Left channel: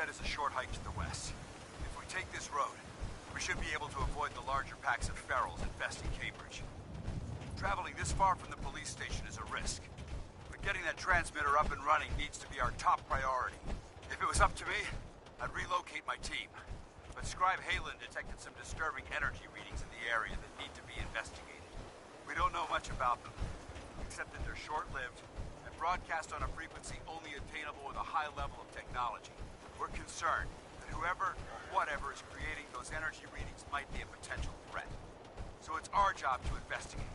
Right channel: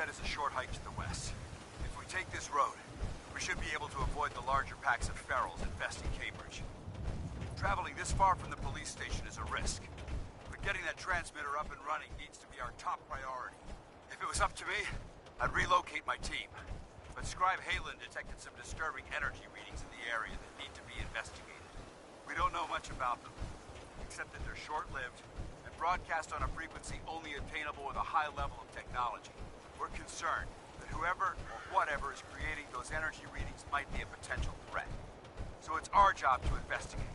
shed is a short hike to the west. If we take this road, we should be able to avoid the larger packs of ferals infesting Cambridge. Traveling this far from the police station is a risk, but getting that transmitter up and running needs to be our top priority. If it was up to me, I'd relocate my team. But Scribe Halen detected some disturbing energy readings in the area that need to be investigated. We don't know much about them, except that they're short-lived and broadcast on a frequency only attainable with a high level of technology. We're concerned that whoever or whatever is creating those energy readings might be a potential threat. So it's our job to investigate.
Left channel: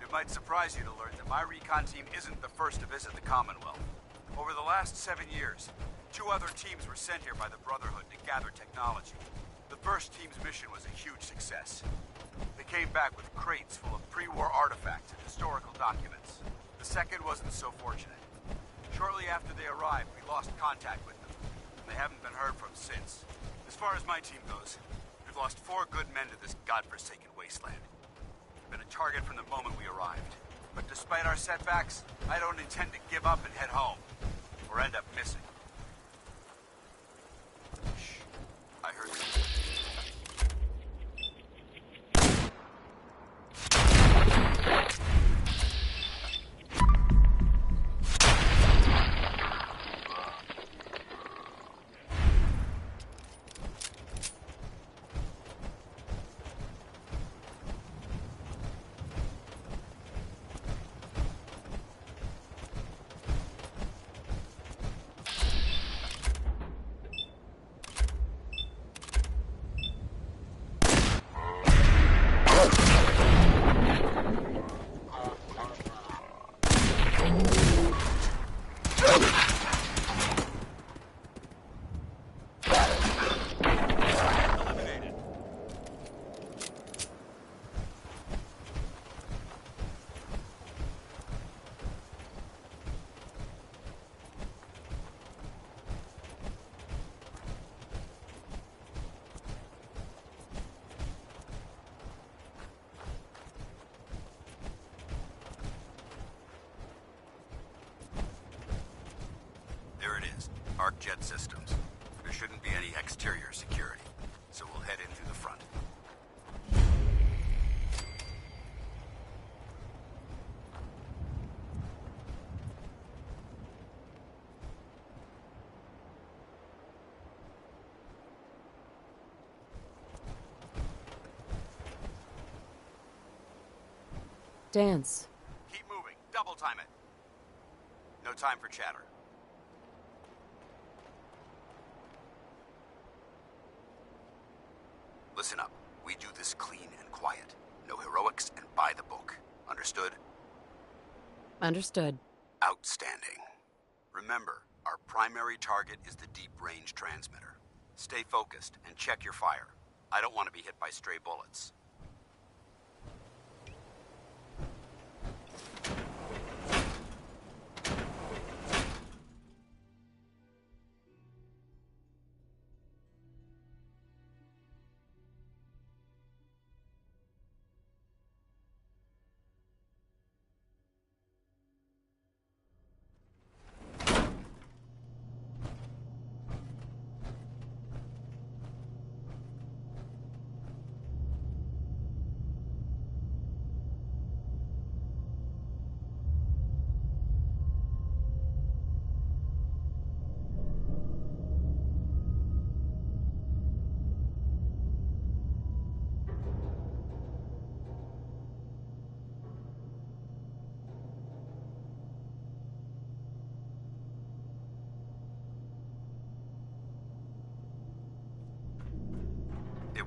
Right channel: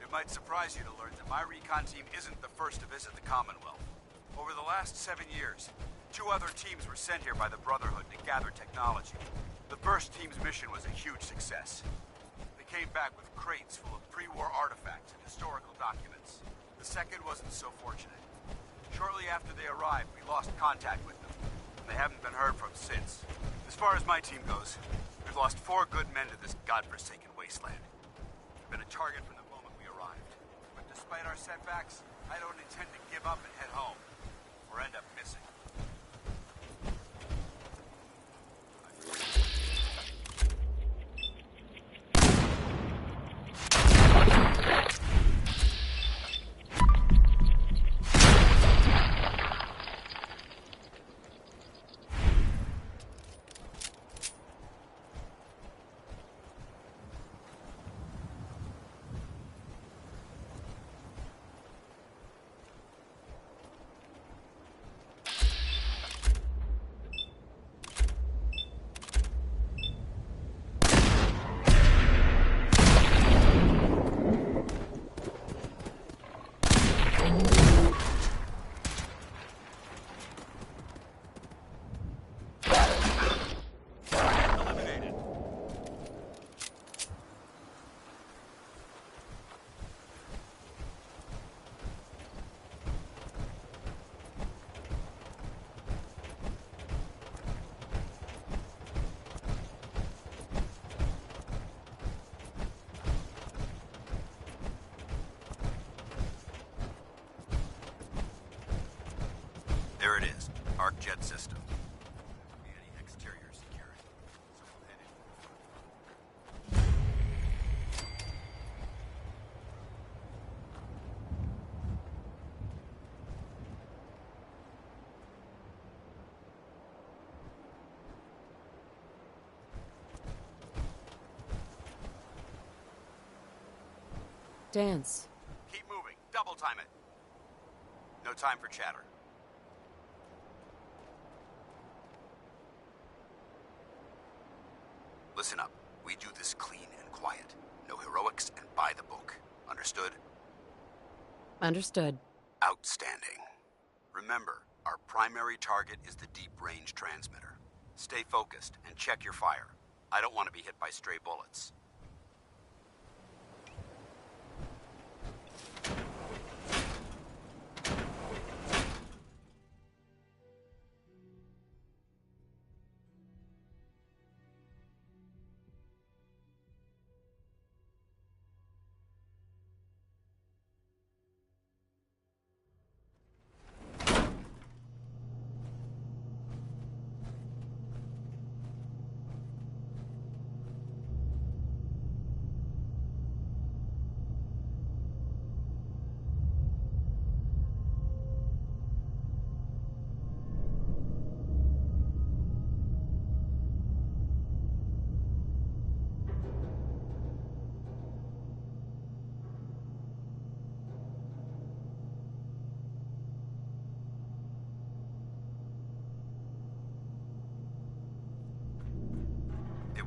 It might surprise you to learn that my recon team isn't the first to visit the Commonwealth. Over the last 7 years, 2 other teams were sent here by the Brotherhood to gather technology. The first team's mission was a huge success. They came back with crates full of pre-war artifacts and historical documents. The second wasn't so fortunate. Shortly after they arrived, we lost contact with them, and they haven't been heard from since. As far as my team goes, we've lost 4 good men to this godforsaken wasteland. We've been a target from the moment we arrived. But despite our setbacks, I don't intend to give up and head home, or end up missing. Shh. I heard you. There it is, Arc Jet Systems. There shouldn't be any exterior security, so we'll head in through the front. Dance. Keep moving. Double time it. No time for chatter. Listen up. We do this clean and quiet. No heroics and by the book. Understood? Understood. Outstanding. Remember, our primary target is the deep-range transmitter. Stay focused and check your fire. I don't want to be hit by stray bullets.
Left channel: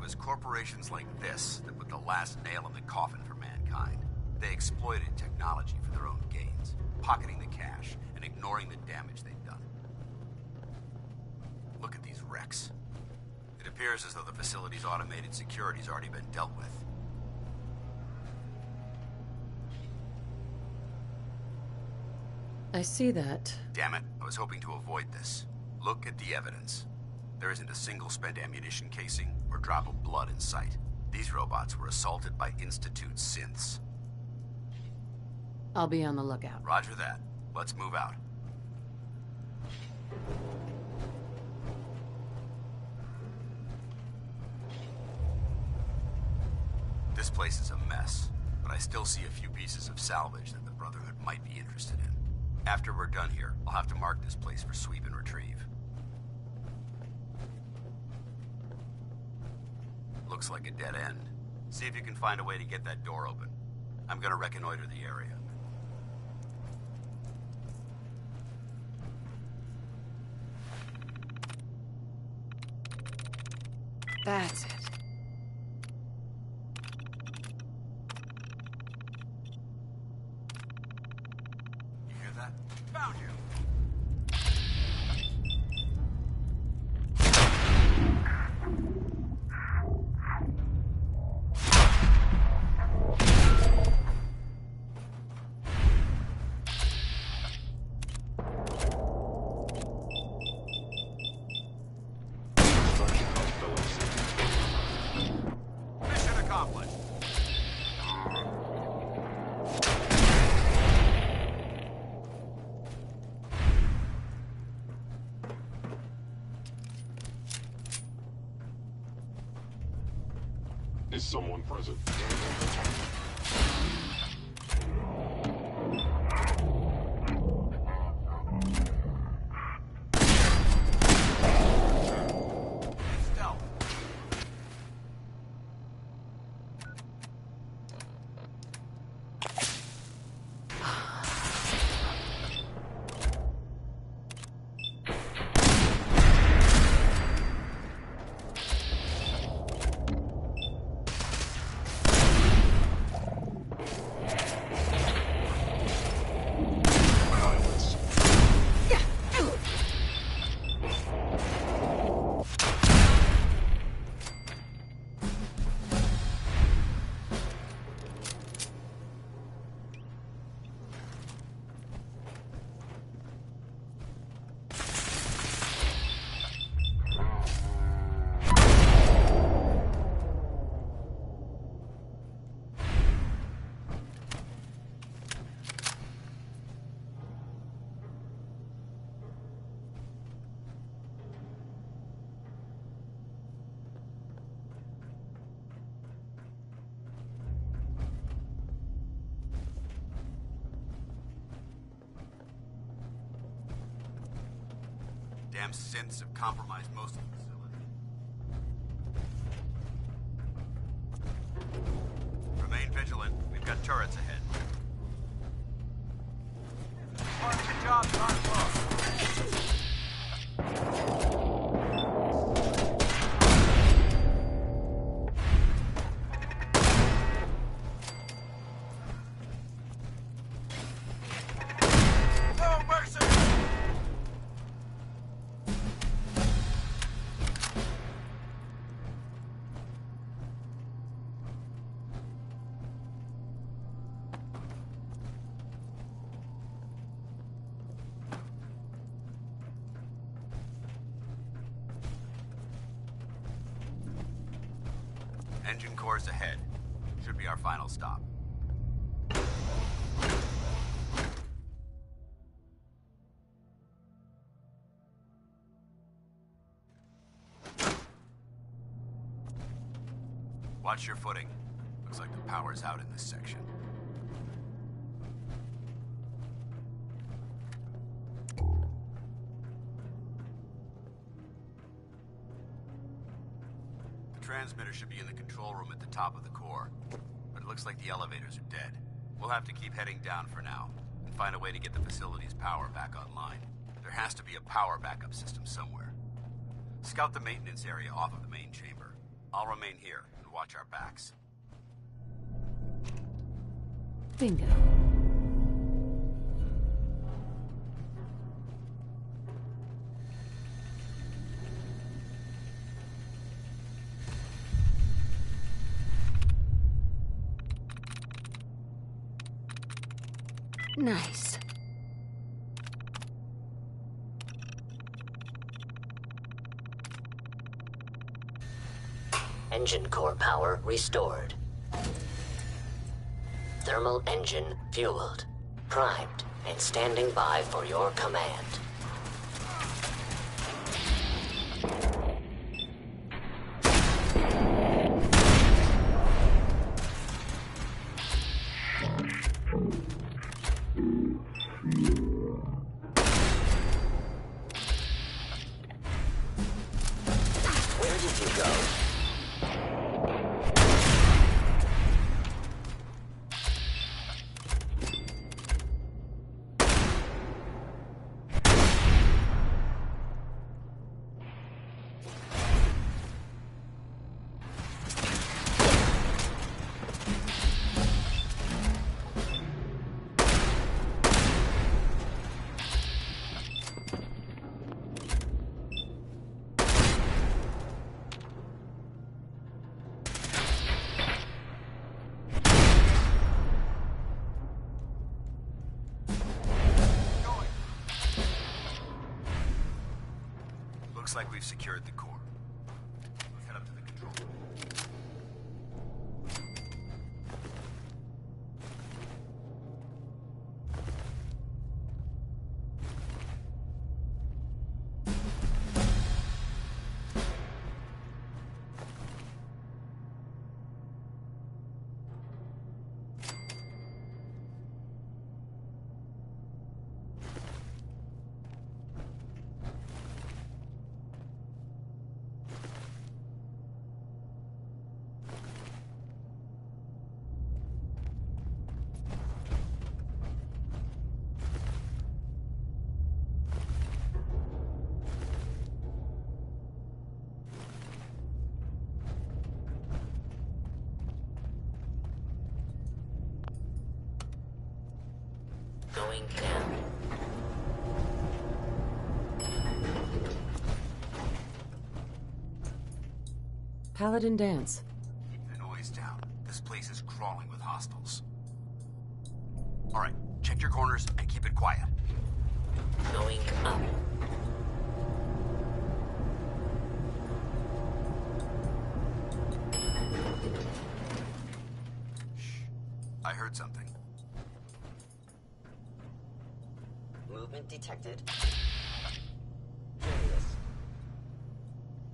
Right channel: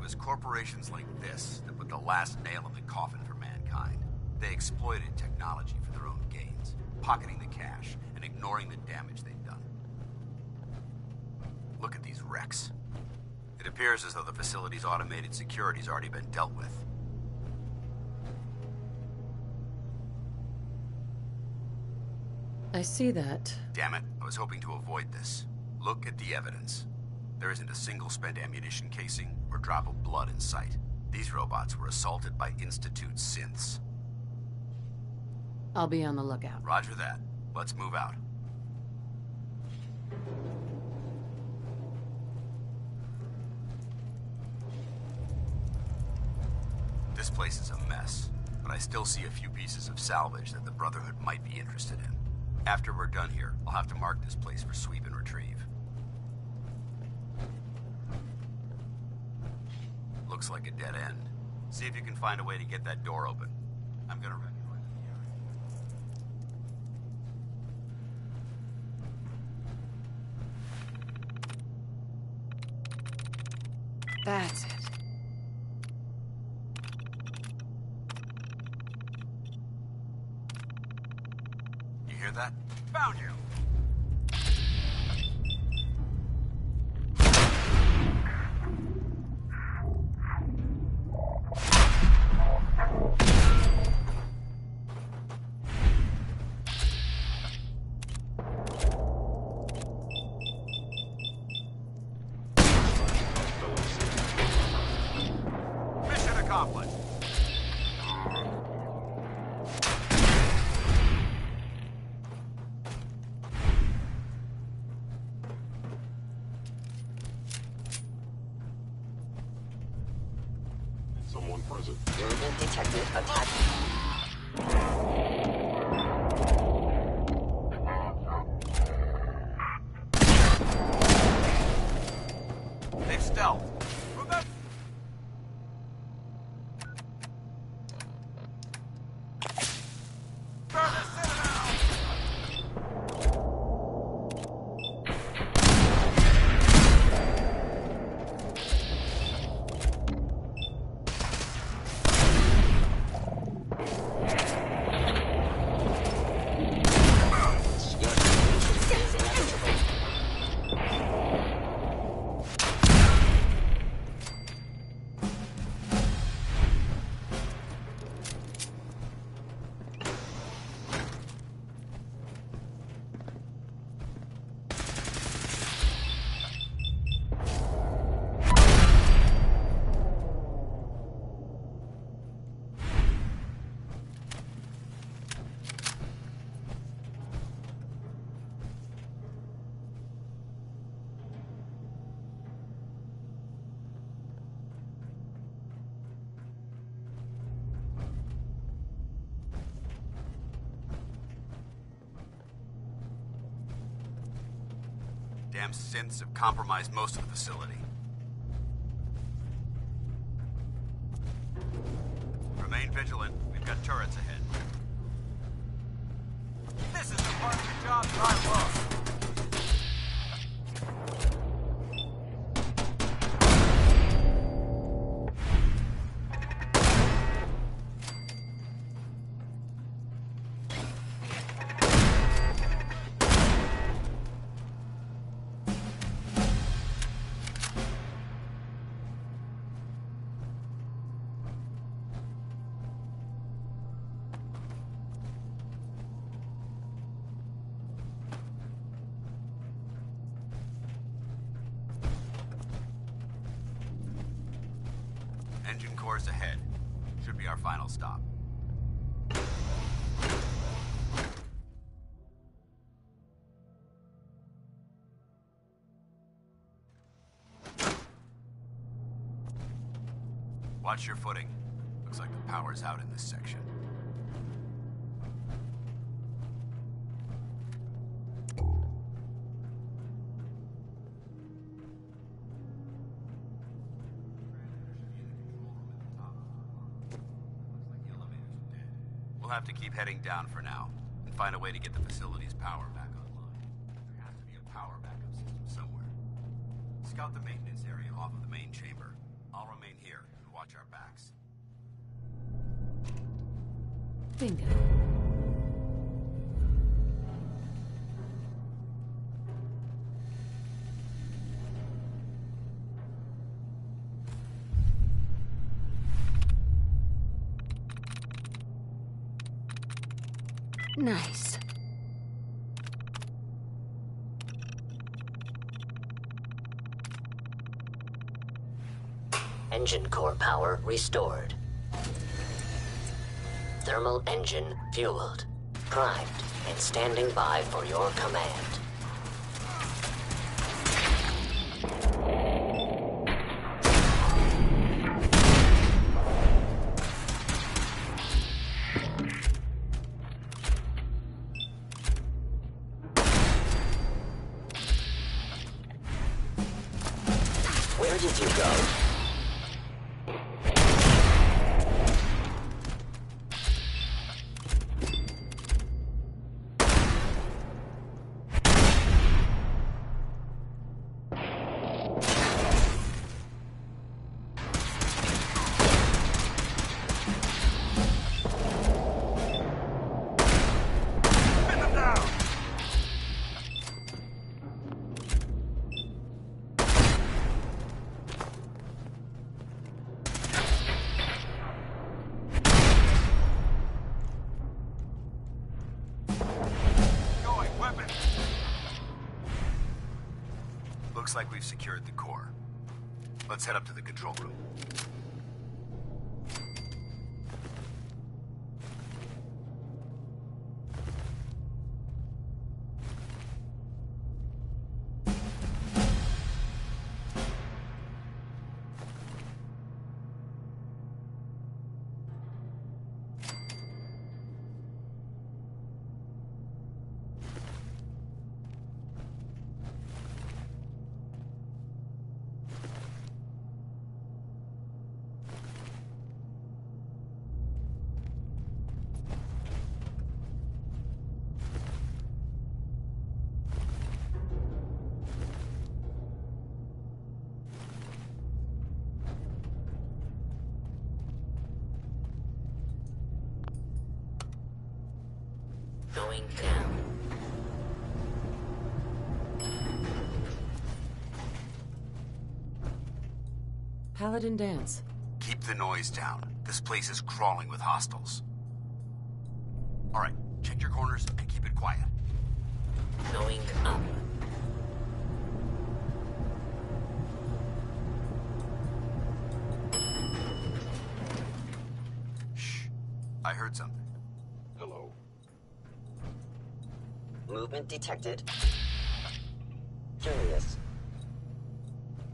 was corporations like this that put the last nail in the coffin for mankind. They exploited technology for their own gains, pocketing the cash and ignoring the damage they'd done. Look at these wrecks. It appears as though the facility's automated security's already been dealt with. I see that. Damn it, I was hoping to avoid this. Look at the evidence. There isn't a single spent ammunition casing or drop of blood in sight. These robots were assaulted by Institute synths. I'll be on the lookout. Roger that. Let's move out. This place is a mess, but I still see a few pieces of salvage that the Brotherhood might be interested in. After we're done here, I'll have to mark this place for sweep and retrieve. Looks like a dead end. See if you can find a way to get that door open. I'm gonna reconnoiter the area. That's it. You hear that? Found you! Mission accomplished. Is someone present? They've stealthed. Move out. Damn synths have compromised most of the facility. Remain vigilant. We've got turrets ahead. This is the part of the job that I love. Engine cores ahead. Should be our final stop. Watch your footing. Looks like the power's out in this section. The transmitter should be in the control room at the top of the core, but it looks like the elevators are dead. We'll have to keep heading down for now, and find a way to get the facility's power back online. There has to be a power backup system somewhere. Scout the maintenance area off of the main chamber. I'll remain here and watch our backs. Bingo. Nice. Engine core power restored. Thermal engine fueled, primed, and standing by for your command. Where did you go? Looks like we've secured the core. Let's head up to the control room. Going down. Paladin dance. Keep the noise down. This place is crawling with hostiles. All right, check your corners and keep it quiet. Going up. Shh. I heard something. Hello. Movement detected. Curious.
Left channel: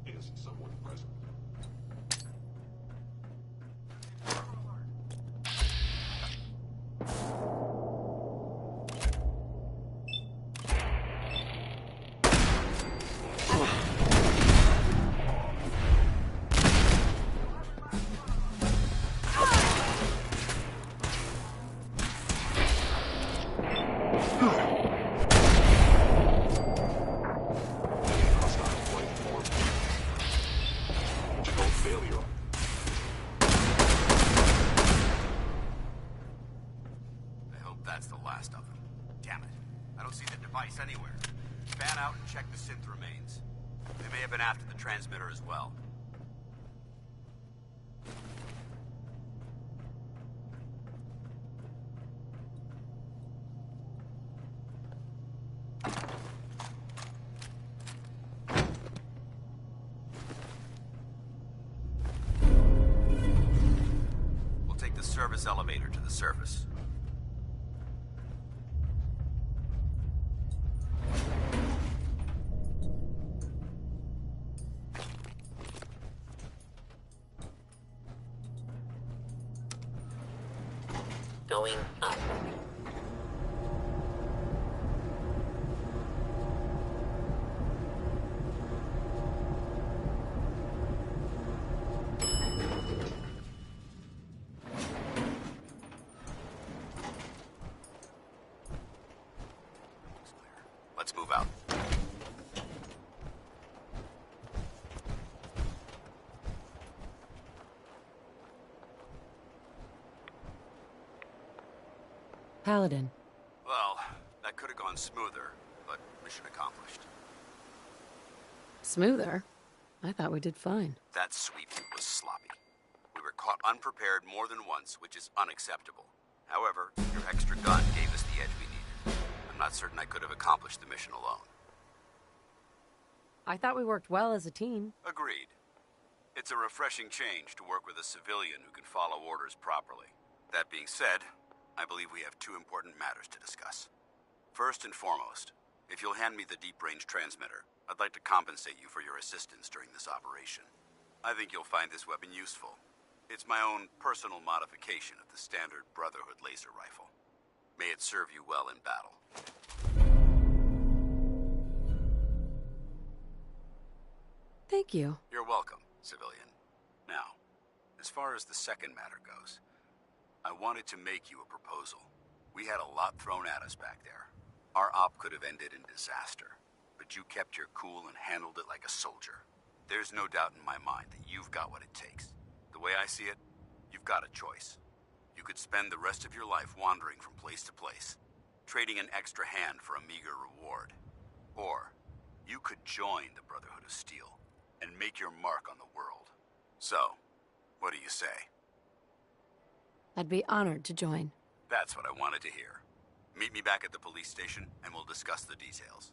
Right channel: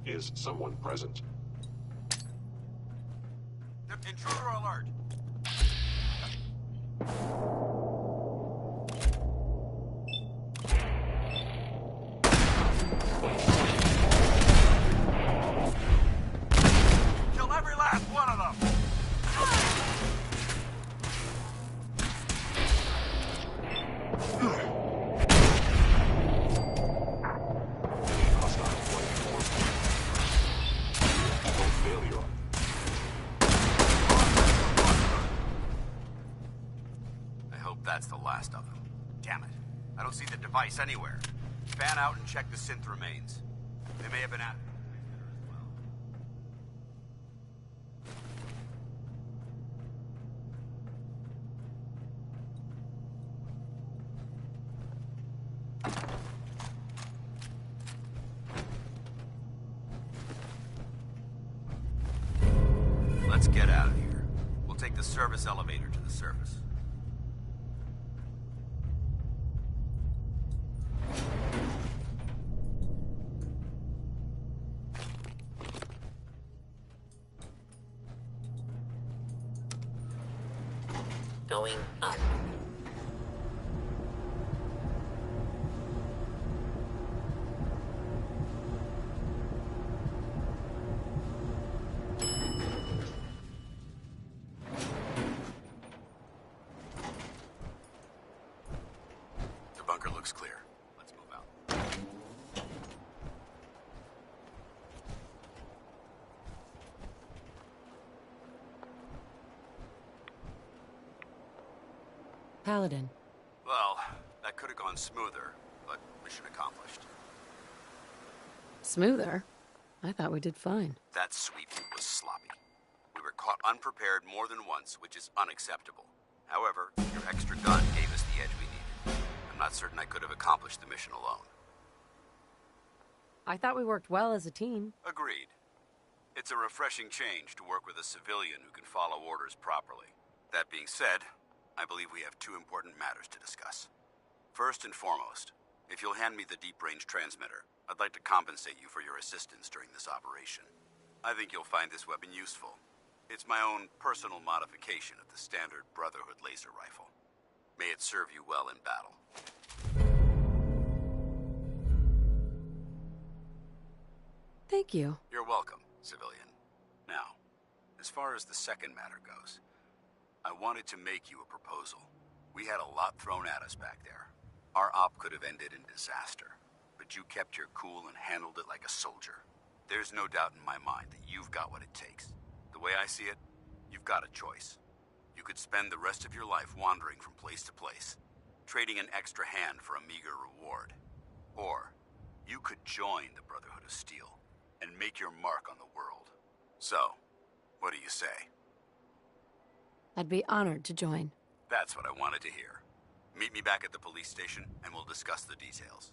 Is someone present? Intruder alert! Kill every last one of them! Hostile flight form. No failure. I hope that's the last of them. Damn it. I don't see the device anywhere. Fan out and check the synth remains. They may have been after the transmitter as well. Let's get out of here. We'll take the service elevator to the surface. Going up. The bunker looks clear. Let's move out. Paladin. Well, that could have gone smoother, but mission accomplished. Smoother? I thought we did fine. That sweep was sloppy. We were caught unprepared more than once, which is unacceptable. However, your extra gun gave us the edge we needed. I'm not certain I could have accomplished the mission alone. I thought we worked well as a team. Agreed. It's a refreshing change to work with a civilian who can follow orders properly. That being said, I believe we have two important matters to discuss. First and foremost, if you'll hand me the deep-range transmitter, I'd like to compensate you for your assistance during this operation. I think you'll find this weapon useful. It's my own personal modification of the standard Brotherhood laser rifle. May it serve you well in battle. Thank you. You're welcome, civilian. Now, as far as the second matter goes, I wanted to make you a proposal. We had a lot thrown at us back there. Our op could have ended in disaster, but you kept your cool and handled it like a soldier. There's no doubt in my mind that you've got what it takes. The way I see it, you've got a choice. You could spend the rest of your life wandering from place to place, trading an extra hand for a meager reward. Or, you could join the Brotherhood of Steel and make your mark on the world. So, what do you say? I'd be honored to join. That's what I wanted to hear. Meet me back at the police station, and we'll discuss the details.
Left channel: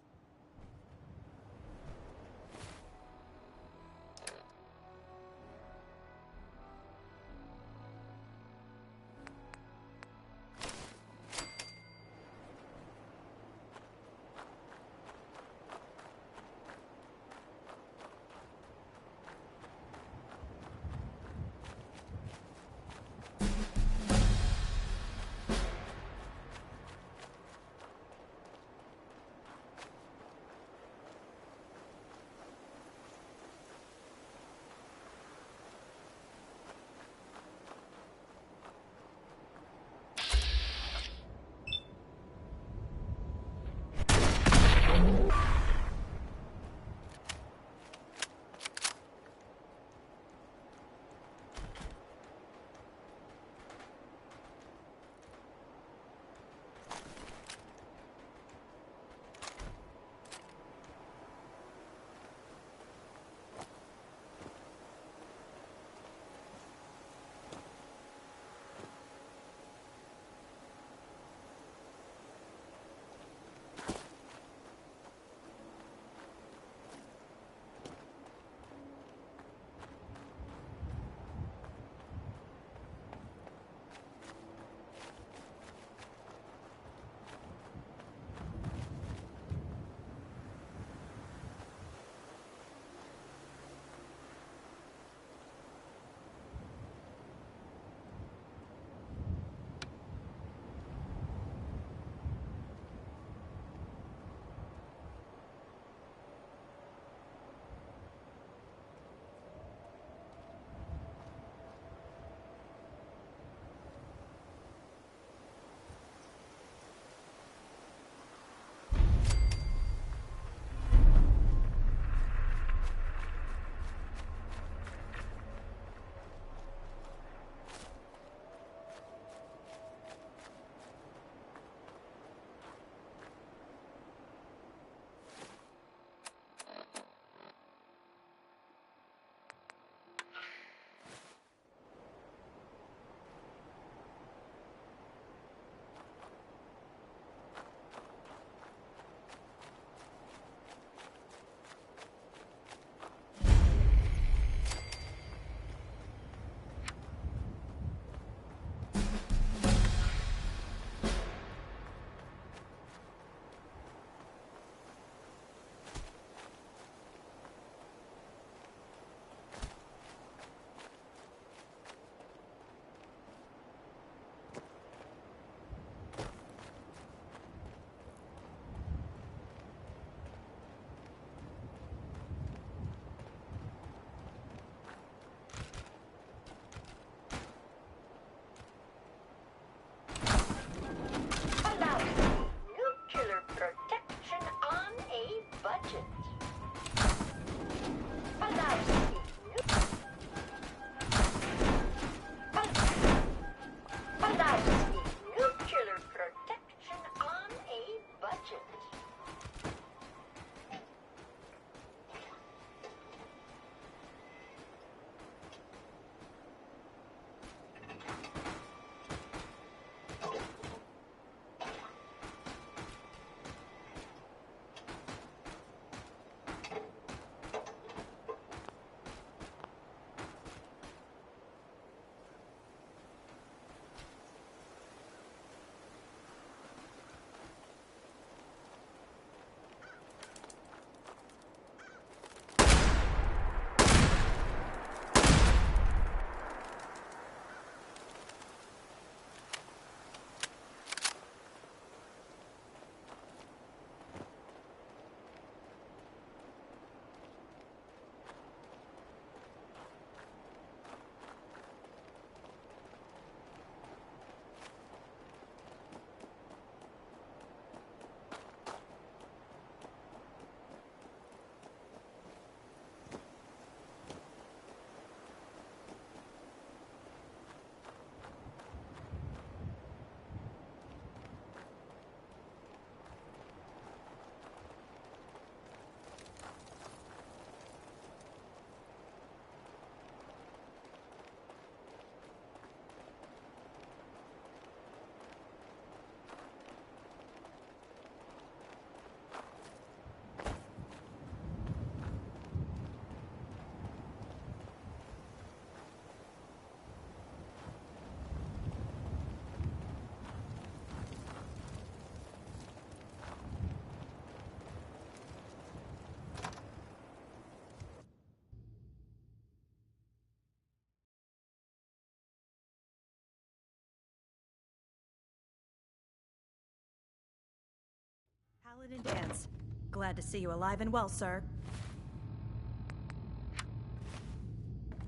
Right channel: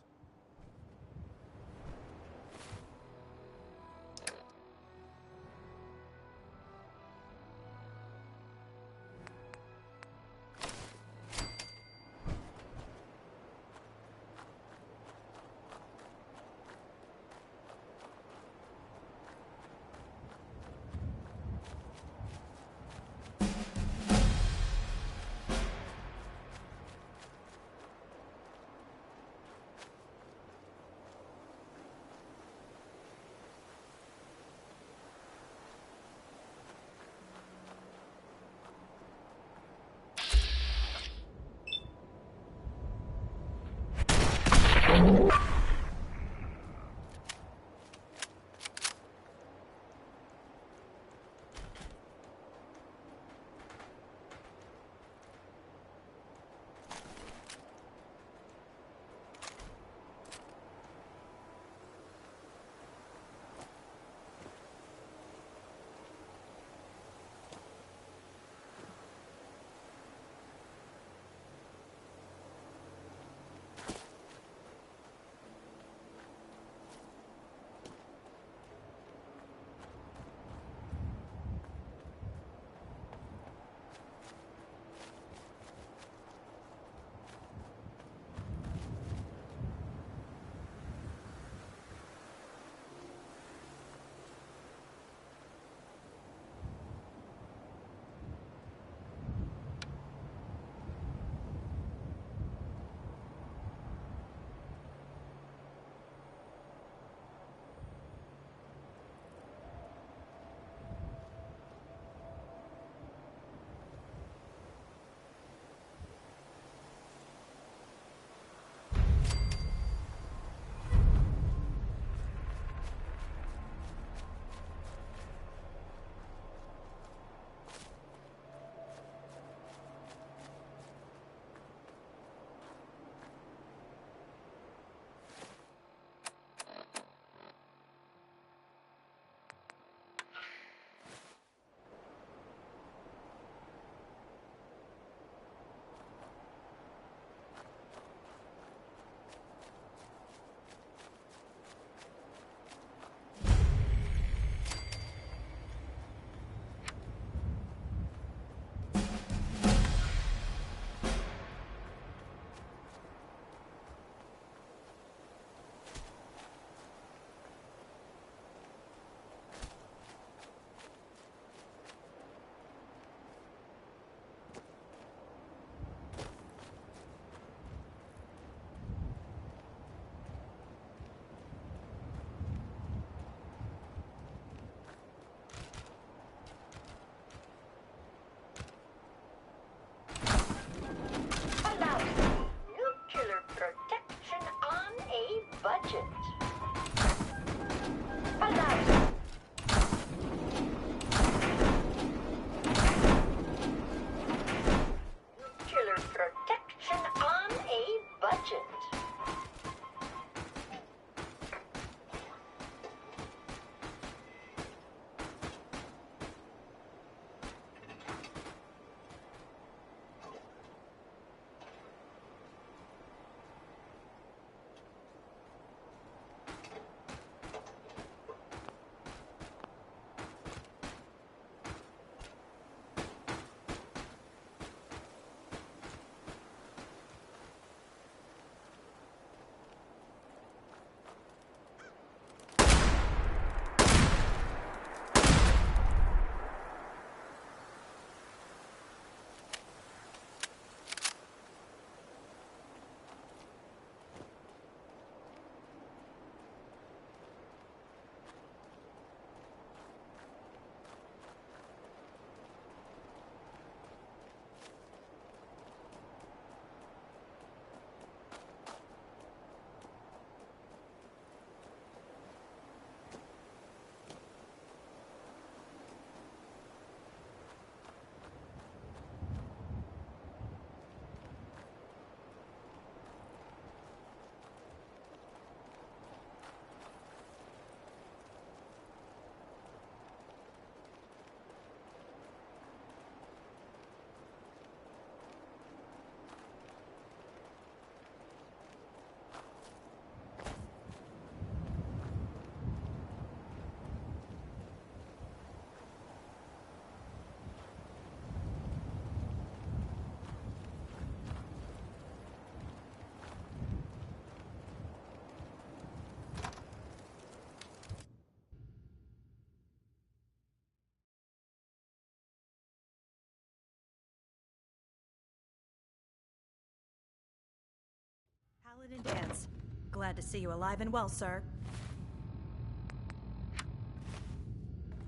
Paladin Dance. Glad to see you alive and well, sir.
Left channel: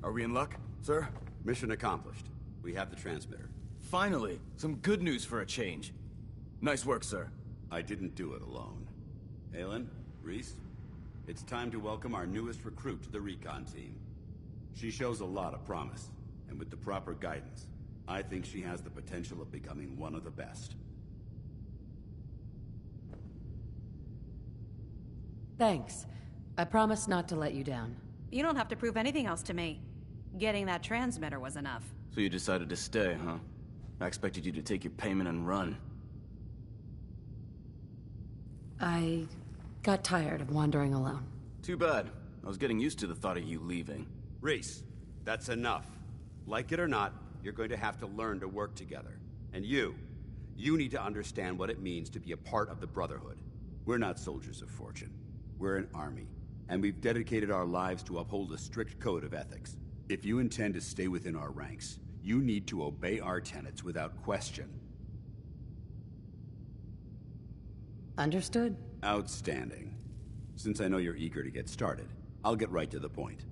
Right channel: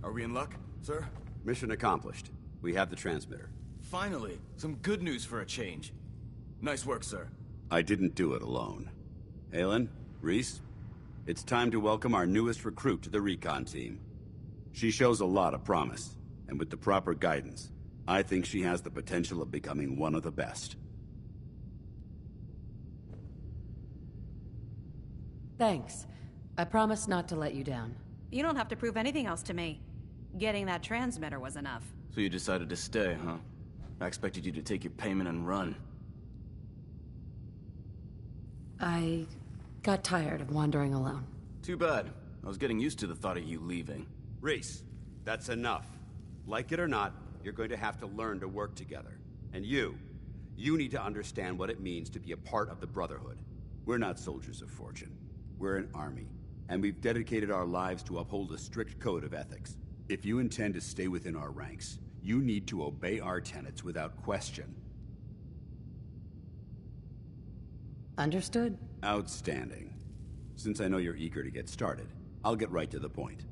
Are we in luck, sir? Mission accomplished. We have the transmitter. Finally, some good news for a change. Nice work, sir. I didn't do it alone. Halen, Reese, it's time to welcome our newest recruit to the recon team. She shows a lot of promise, and with the proper guidance, I think she has the potential of becoming one of the best. Thanks. I promise not to let you down. You don't have to prove anything else to me. Getting that transmitter was enough. So you decided to stay, huh? I expected you to take your payment and run. I got tired of wandering alone. Too bad. I was getting used to the thought of you leaving. Reese, that's enough. Like it or not, you're going to have to learn to work together. And you need to understand what it means to be a part of the Brotherhood. We're not soldiers of fortune. We're an army, and we've dedicated our lives to uphold a strict code of ethics. If you intend to stay within our ranks, you need to obey our tenets without question. Understood? Outstanding. Since I know you're eager to get started, I'll get right to the point.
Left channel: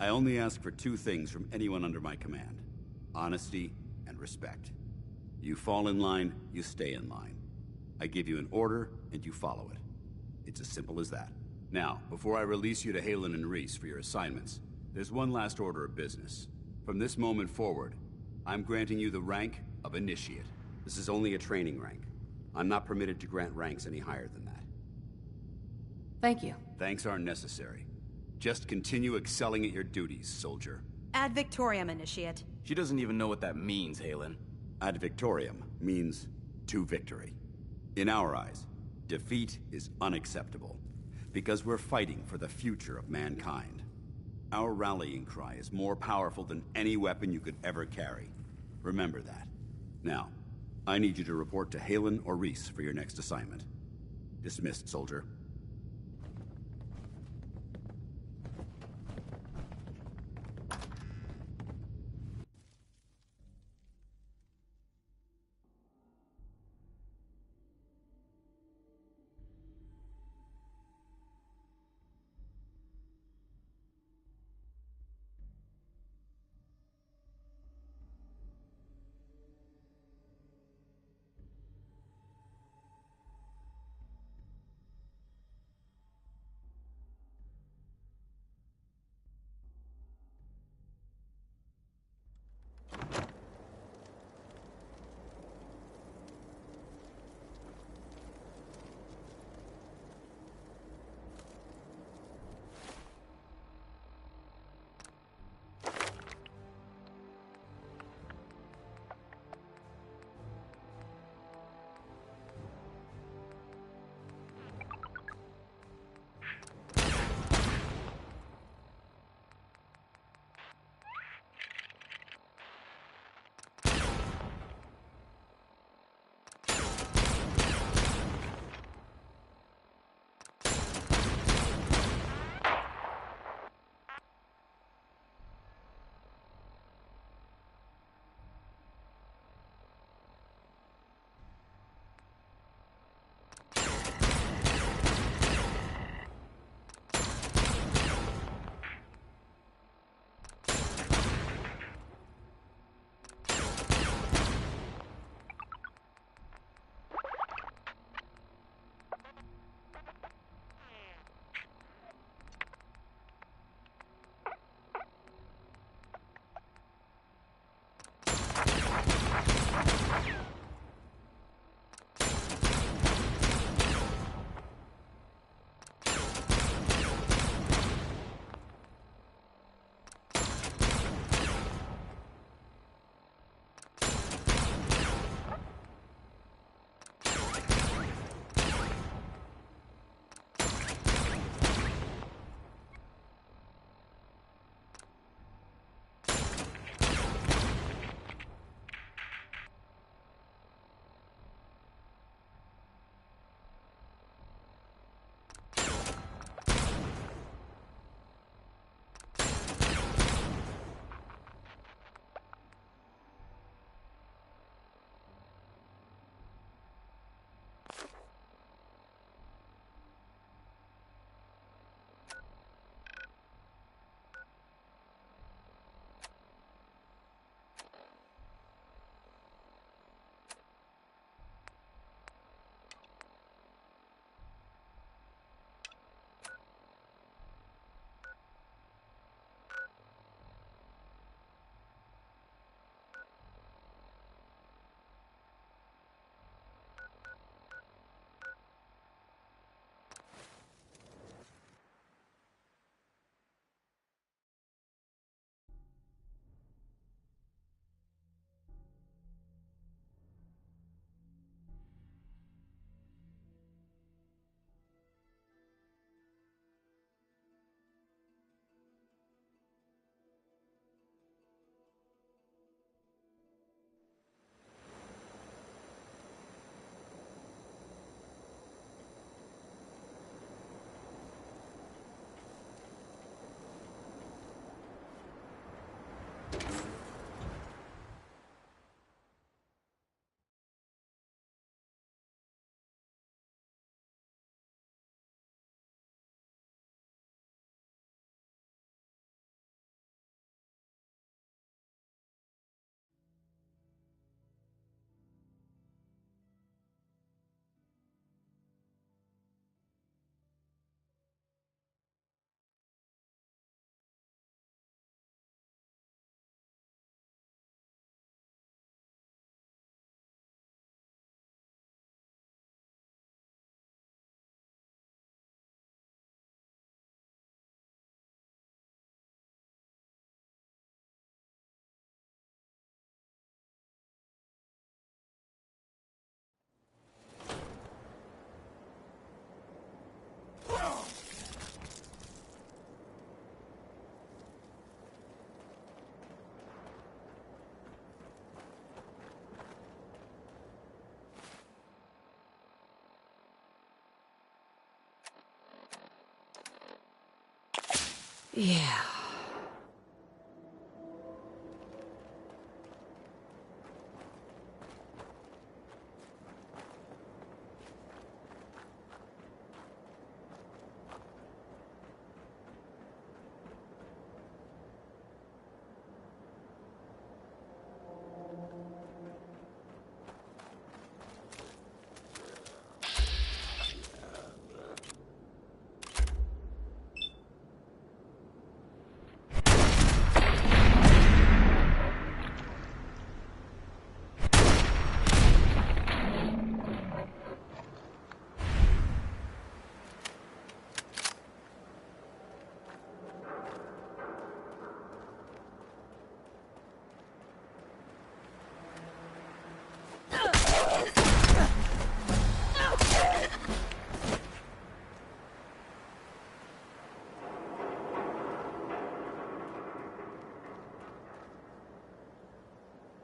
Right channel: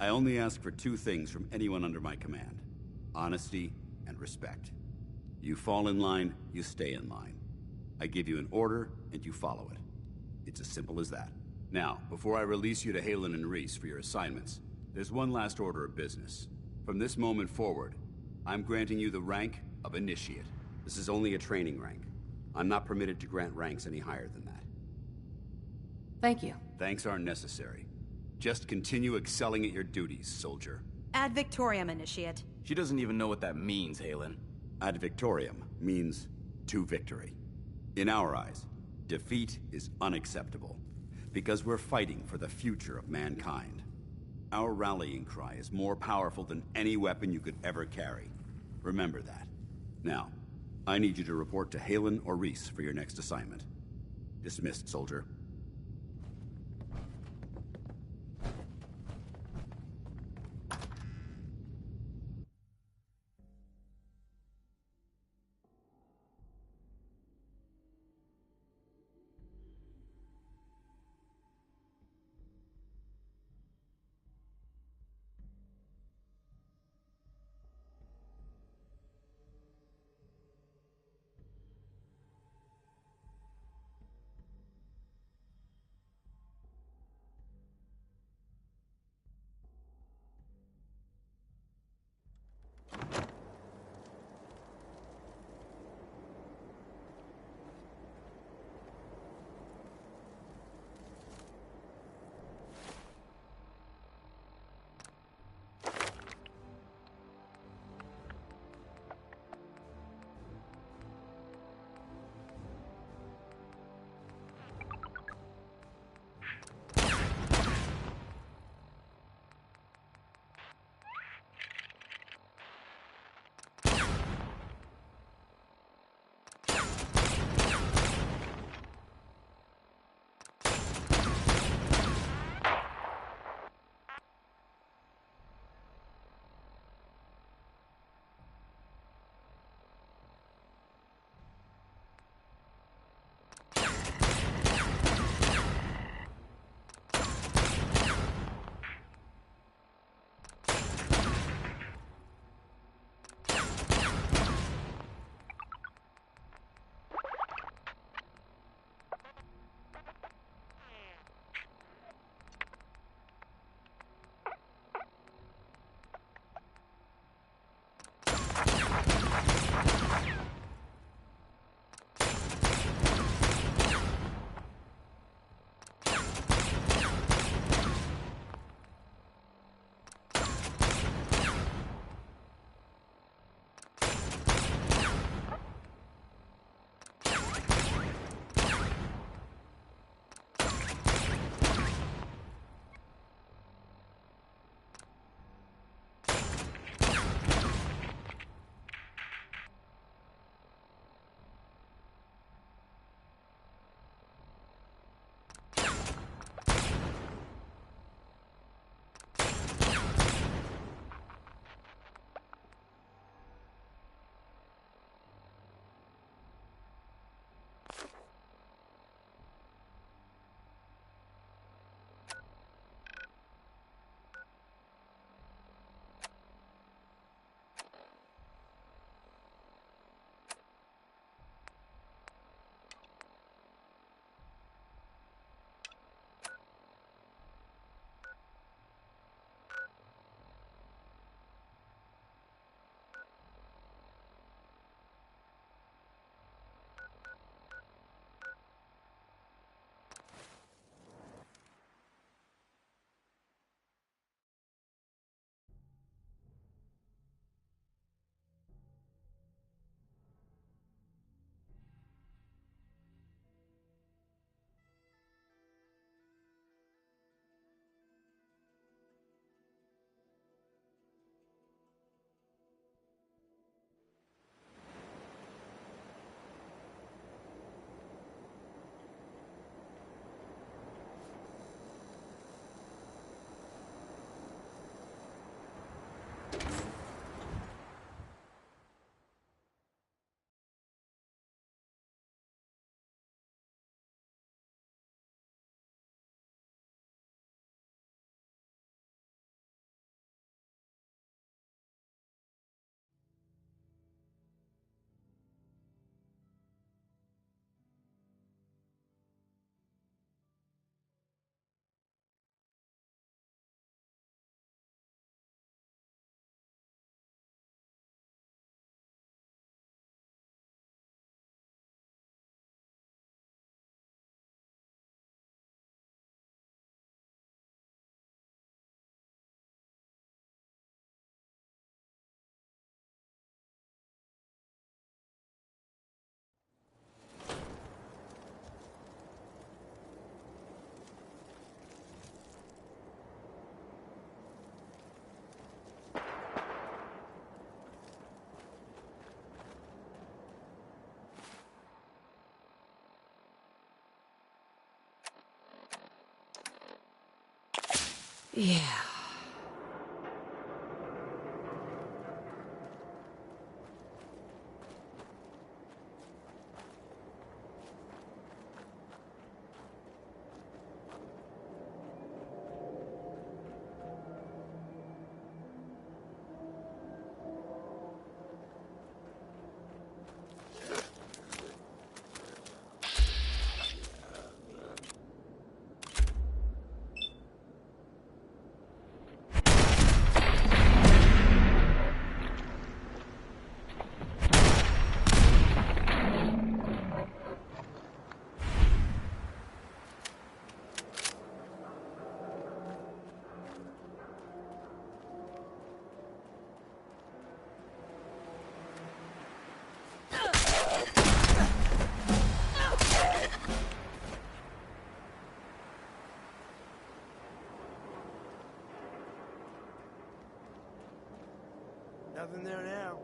I only ask for two things from anyone under my command: honesty and respect. You fall in line, you stay in line. I give you an order, and you follow it. It's as simple as that. Now, before I release you to Halen and Reese for your assignments, there's one last order of business. From this moment forward, I'm granting you the rank of Initiate. This is only a training rank. I'm not permitted to grant ranks any higher than that. Thank you. Thanks aren't necessary. Just continue excelling at your duties, soldier. Ad Victoriam, Initiate. She doesn't even know what that means, Halen. Ad Victoriam means to victory. In our eyes, defeat is unacceptable, because we're fighting for the future of mankind. Our rallying cry is more powerful than any weapon you could ever carry. Remember that. Now, I need you to report to Halen or Reese for your next assignment. Dismissed, soldier. Yeah. Nothing there now.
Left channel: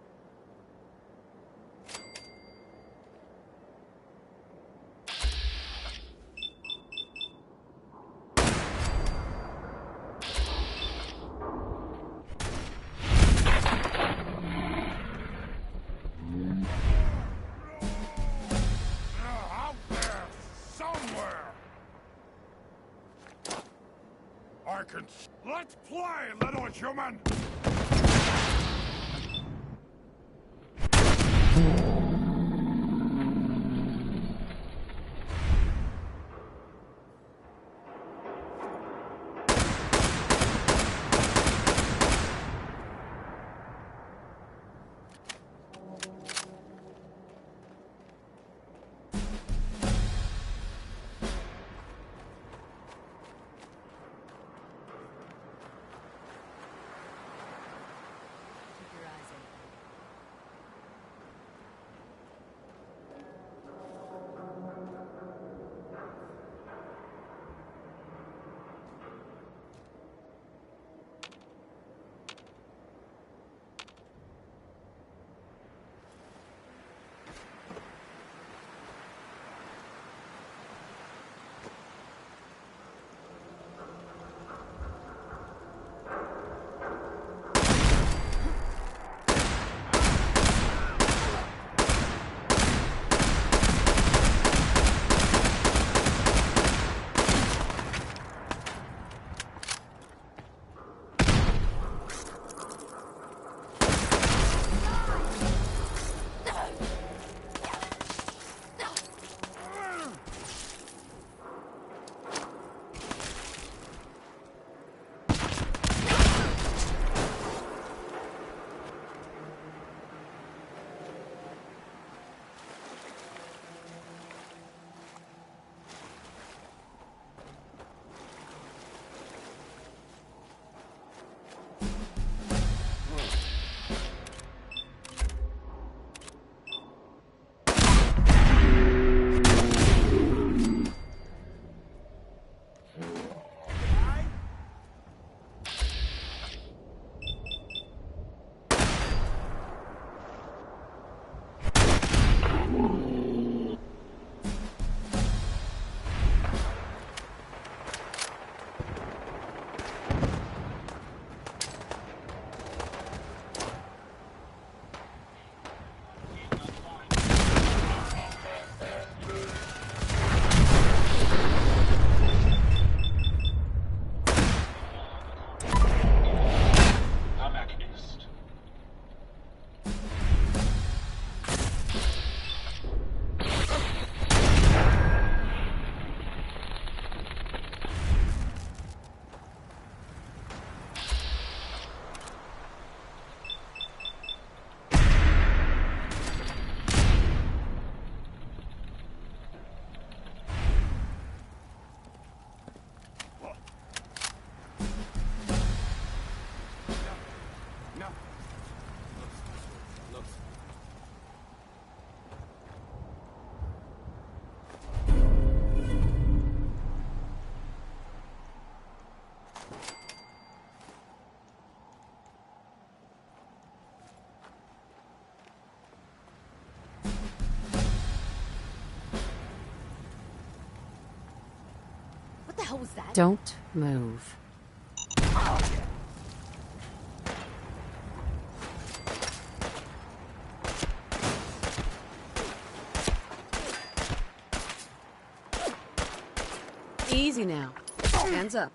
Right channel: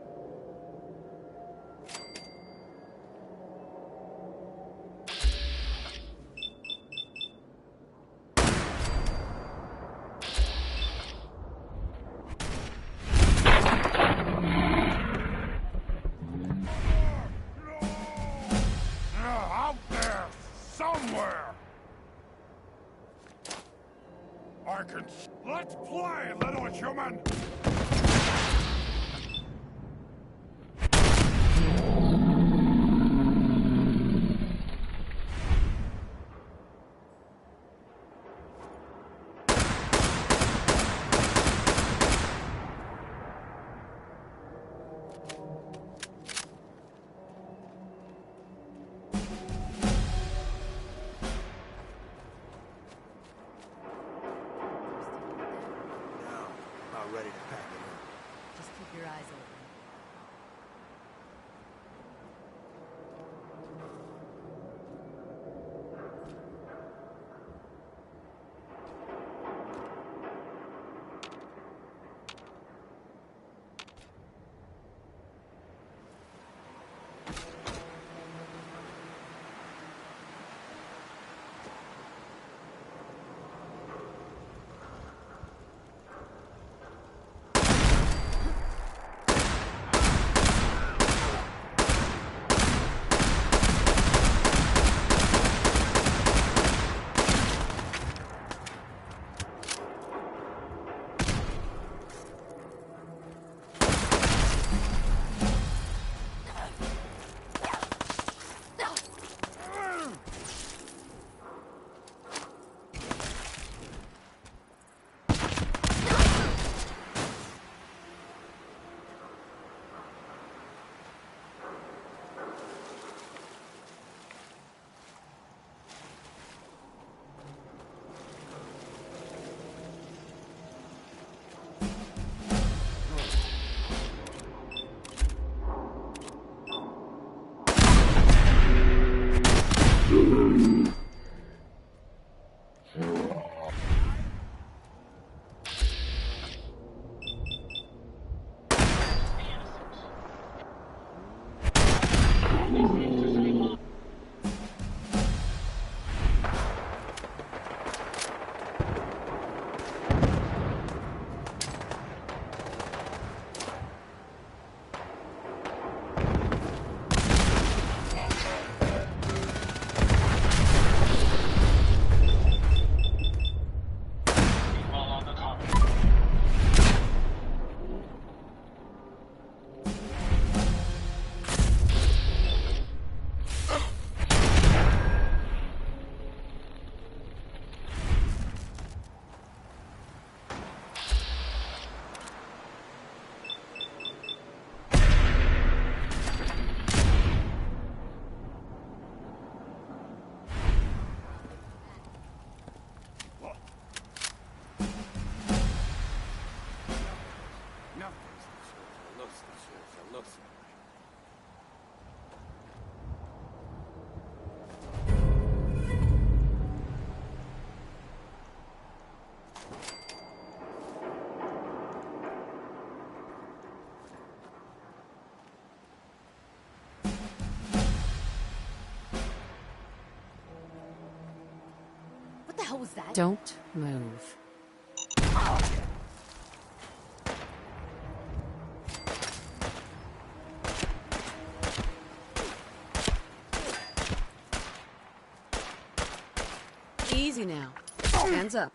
Out there, somewhere! I can... Let's play, little human! Not ready to pack. Just keep your eyes open. What the hell was that? Don't move. Easy now. Hands up.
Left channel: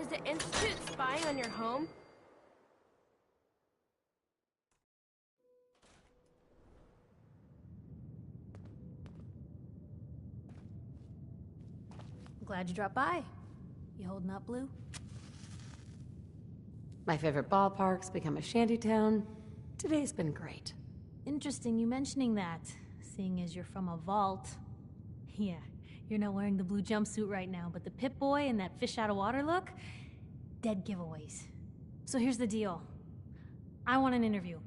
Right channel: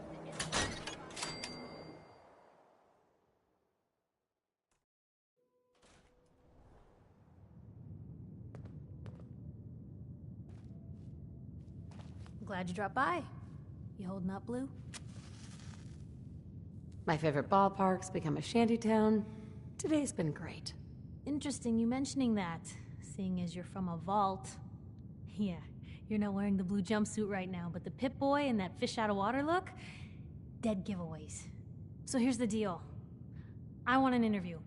Is the Institute spying on your home? Glad you dropped by. You holding up, Blue? My favorite ballpark's become a shantytown. Today's been great. Interesting you mentioning that, seeing as you're from a vault. Yeah, you're not wearing the blue jumpsuit right now, but the Pip-Boy and that fish out of water look? Dead giveaways. So here's the deal. I want an interview.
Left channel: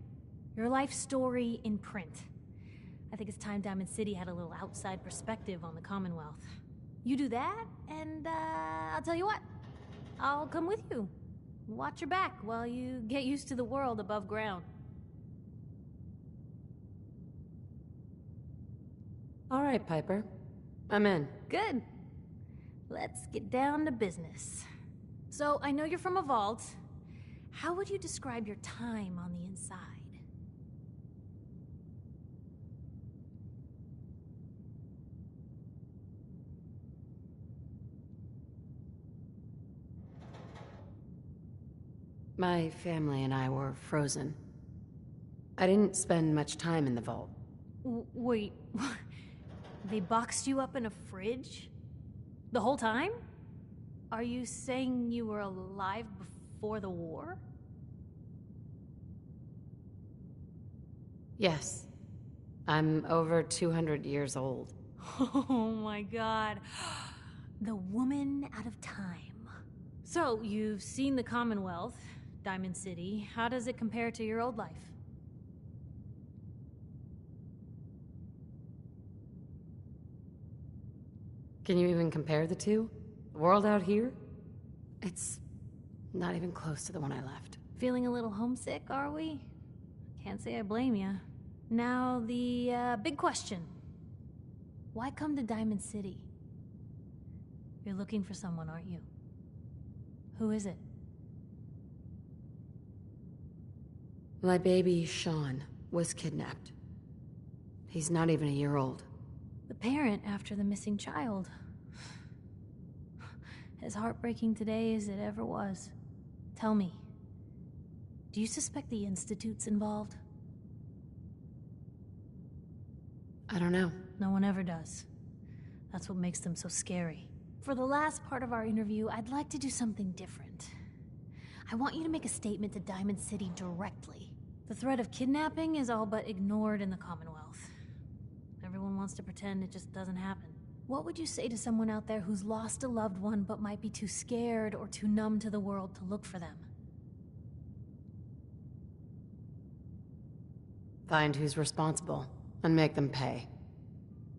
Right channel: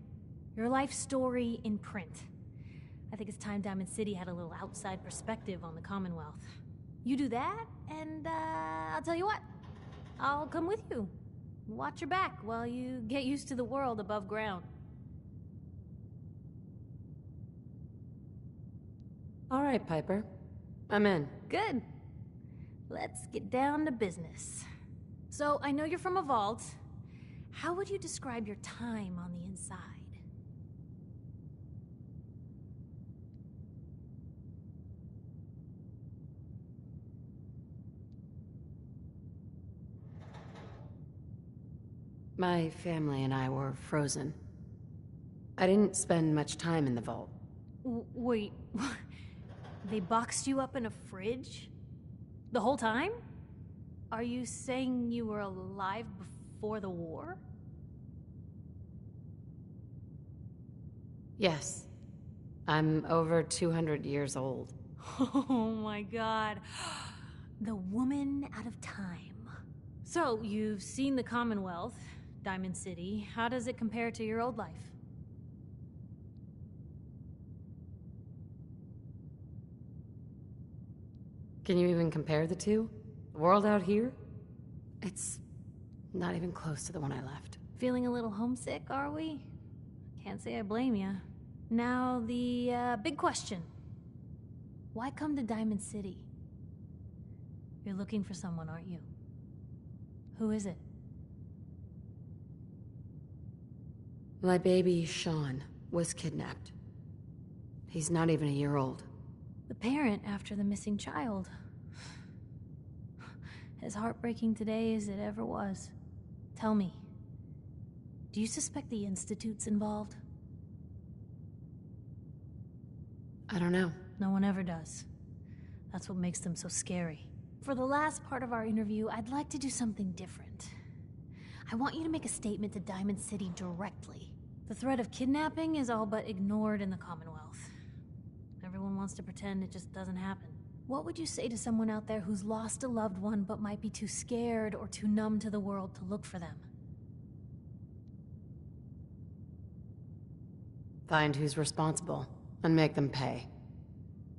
Your life story in print. I think it's time Diamond City had a little outside perspective on the Commonwealth. You do that, and I'll tell you what. I'll come with you. Watch your back while you get used to the world above ground. All right, Piper. I'm in. Good. Let's get down to business. So, I know you're from a vault. How would you describe your time on the inside? My family and I were frozen. I didn't spend much time in the vault. Wait, they boxed you up in a fridge? The whole time? Are you saying you were alive before the war? Yes. I'm over 200 years old. Oh my god. The woman out of time. So, you've seen the Commonwealth, Diamond City. How does it compare to your old life? Can you even compare the two? The world out here? It's not even close to the one I left. Feeling a little homesick, are we? Can't say I blame you. Now, the big question. Why come to Diamond City? You're looking for someone, aren't you? Who is it? My baby, Sean, was kidnapped. He's not even a year old. The parent after the missing child. As heartbreaking today as it ever was. Tell me, do you suspect the Institute's involved? I don't know. No one ever does. That's what makes them so scary. For the last part of our interview, I'd like to do something different. I want you to make a statement to Diamond City directly. The threat of kidnapping is all but ignored in the Commonwealth. Everyone wants to pretend it just doesn't happen. What would you say to someone out there who's lost a loved one but might be too scared or too numb to the world to look for them? Find who's responsible and make them pay.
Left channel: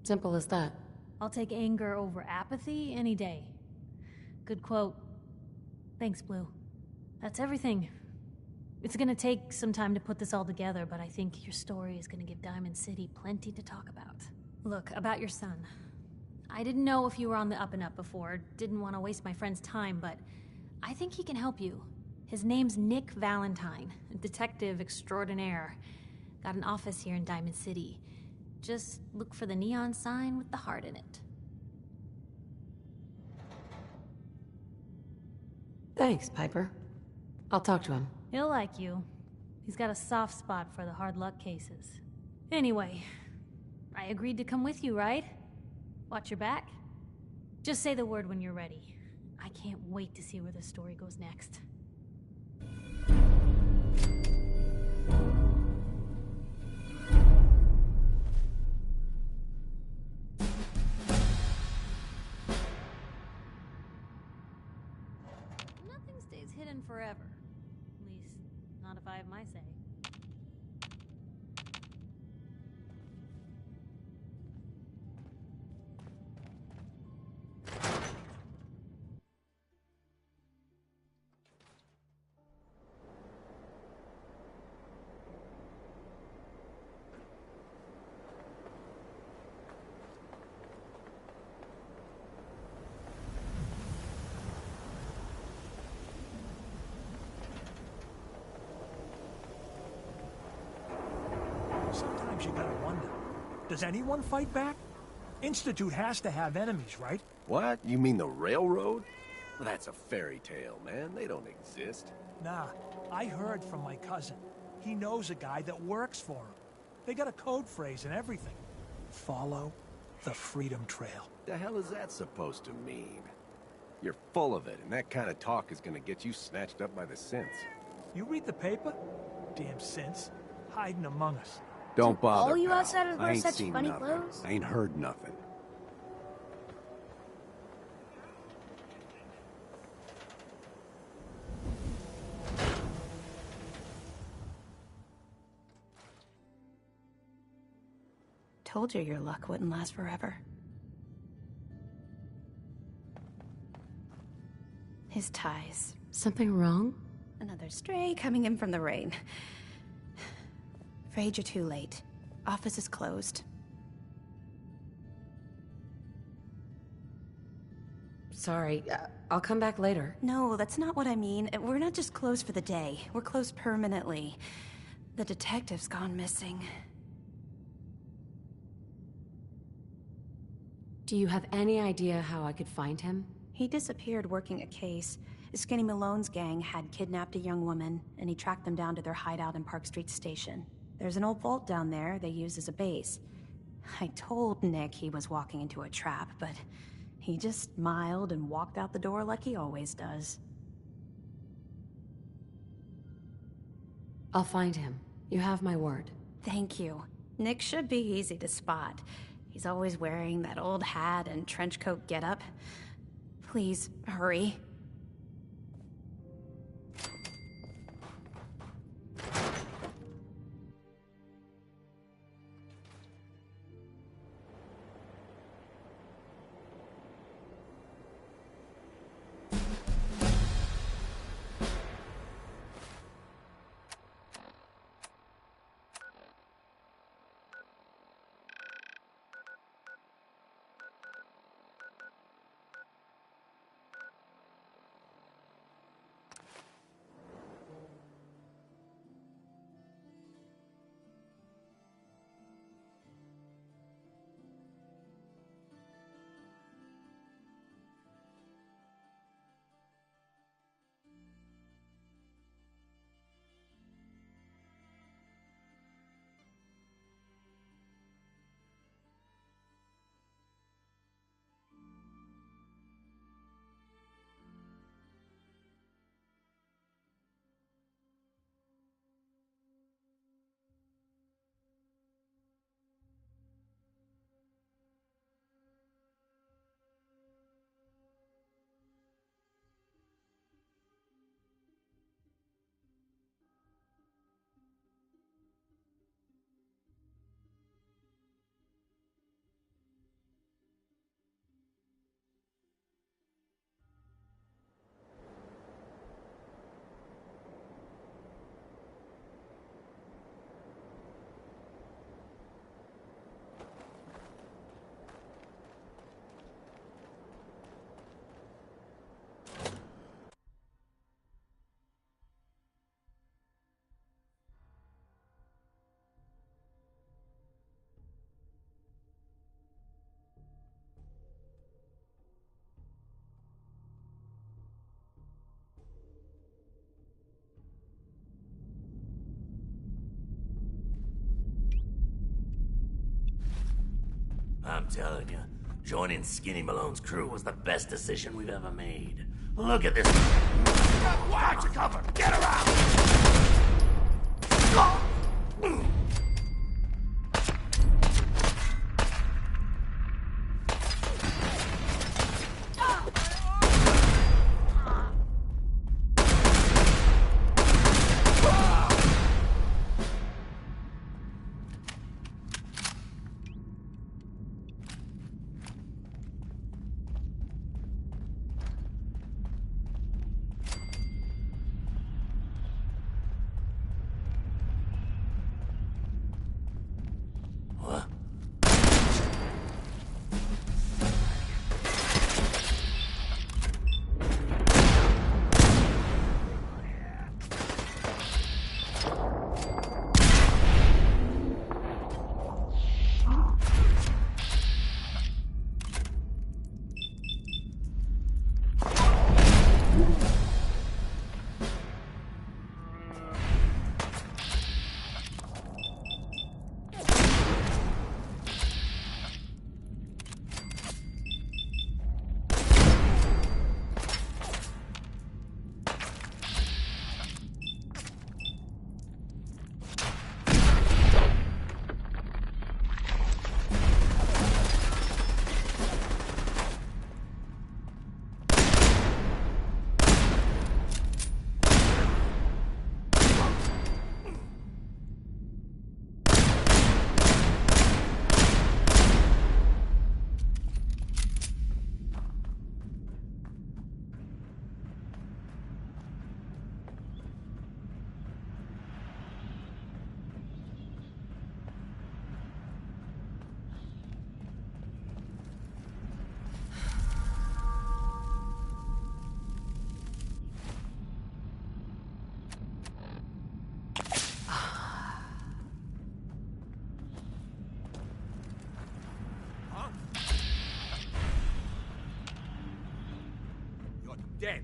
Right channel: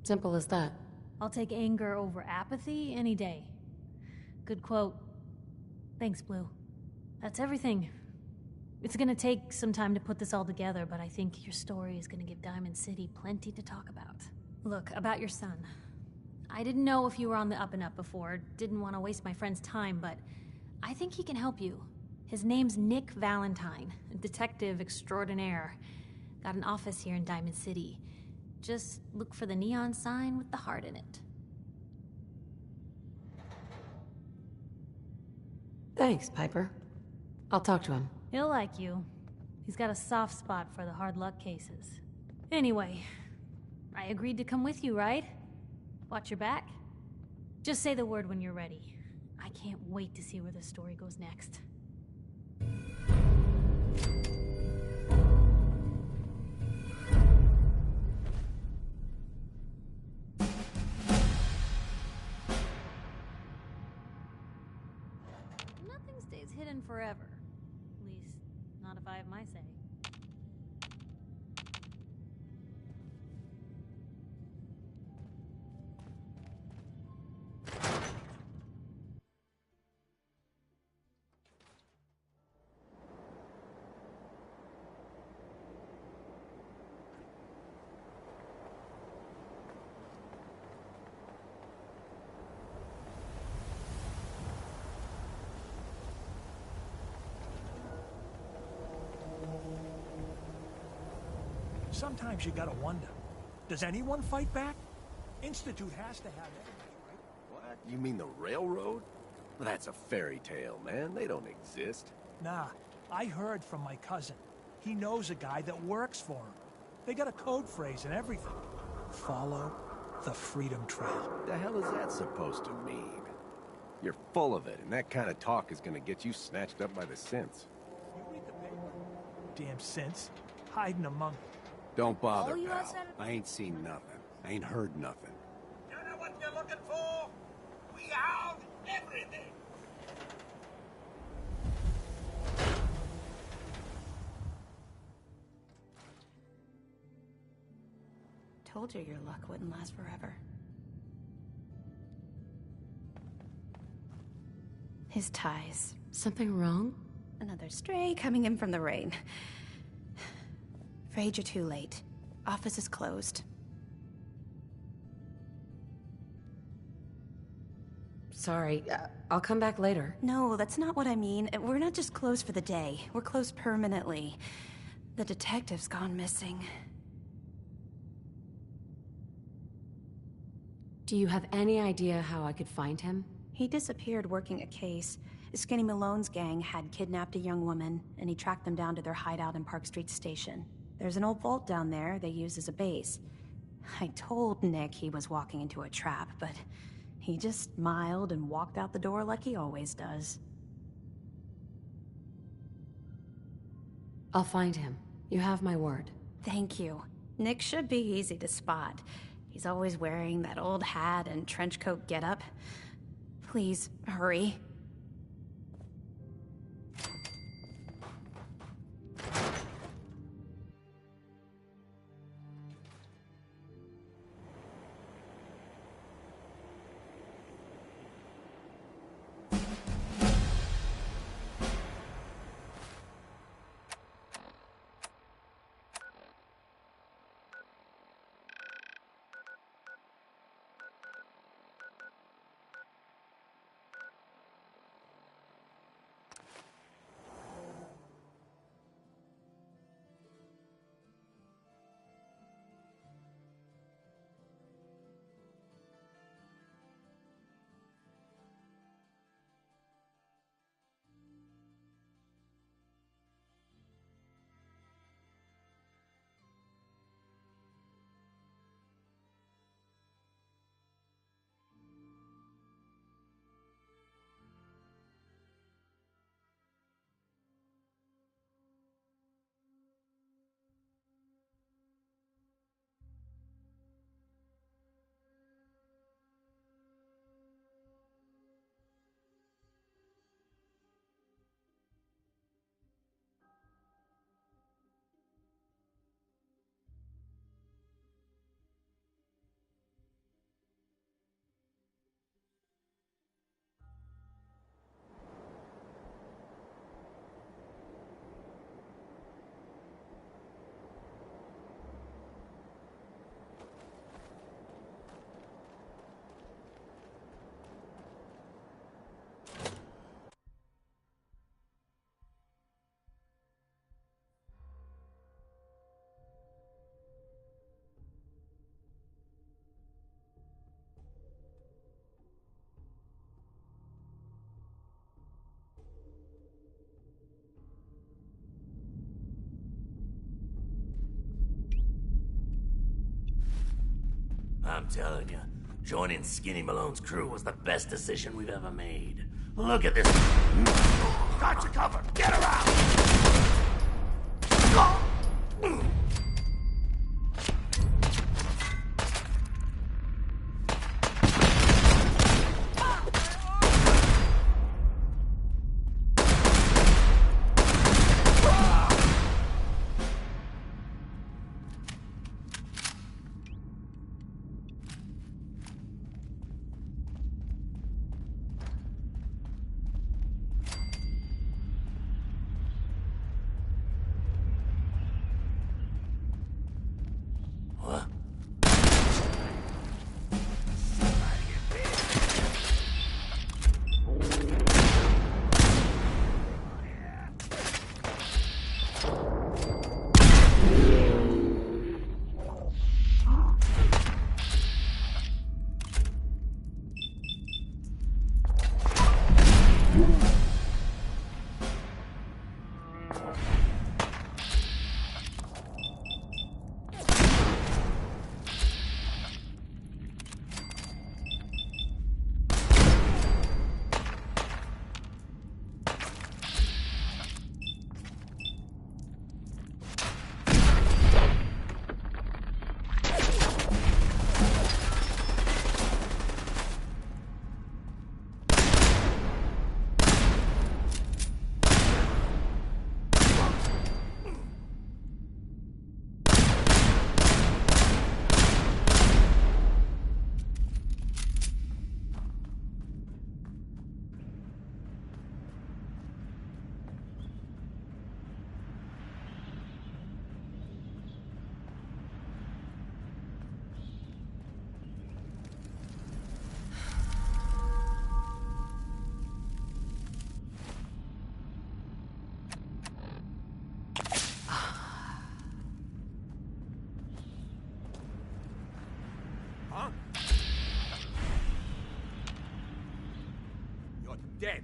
Simple as that. I'll take anger over apathy any day. Good quote. Thanks, Blue. That's everything. It's gonna take some time to put this all together, but I think your story is gonna give Diamond City plenty to talk about. Look, about your son. I didn't know if you were on the up and up before, didn't want to waste my friend's time, but I think he can help you. His name's Nick Valentine, detective extraordinaire. Got an office here in Diamond City. Just look for the neon sign with the heart in it. Thanks, Piper. I'll talk to him. He'll like you. He's got a soft spot for the hard luck cases. Anyway, I agreed to come with you, right? Watch your back. Just say the word when you're ready. I can't wait to see where the story goes next. Nothing stays hidden forever. At least, not if I have my say. Sometimes you gotta wonder, does anyone fight back? Institute has to have enemies, right? What? You mean the railroad? That's a fairy tale, man. They don't exist. Nah, I heard from my cousin. He knows a guy that works for him. They got a code phrase and everything. Follow the Freedom Trail. The hell is that supposed to mean? You're full of it, and that kind of talk is gonna get you snatched up by the synths. You read the paper? Damn synths, hiding among us. Don't bother, All you pal. outsiders I wear ain't such seen funny nothing. clothes? I ain't heard nothing. You know what you're looking for? We have everything. Told you your luck wouldn't last forever. His ties. Something wrong? Another stray coming in from the rain. Afraid you're too late. Office is closed. Sorry, I'll come back later. No, that's not what I mean. We're not just closed for the day. We're closed permanently. The detective's gone missing. Do you have any idea how I could find him? He disappeared working a case. Skinny Malone's gang had kidnapped a young woman, and he tracked them down to their hideout in Park Street Station. There's an old vault down there they use as a base. I told Nick he was walking into a trap, but he just smiled and walked out the door like he always does. I'll find him. You have my word. Thank you. Nick should be easy to spot. He's always wearing that old hat and trench coat getup. Please, hurry. I'm telling you, joining Skinny Malone's crew was the best decision we've ever made. Look at this. Got your cover. Get around. Dead.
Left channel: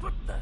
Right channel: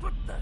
What the?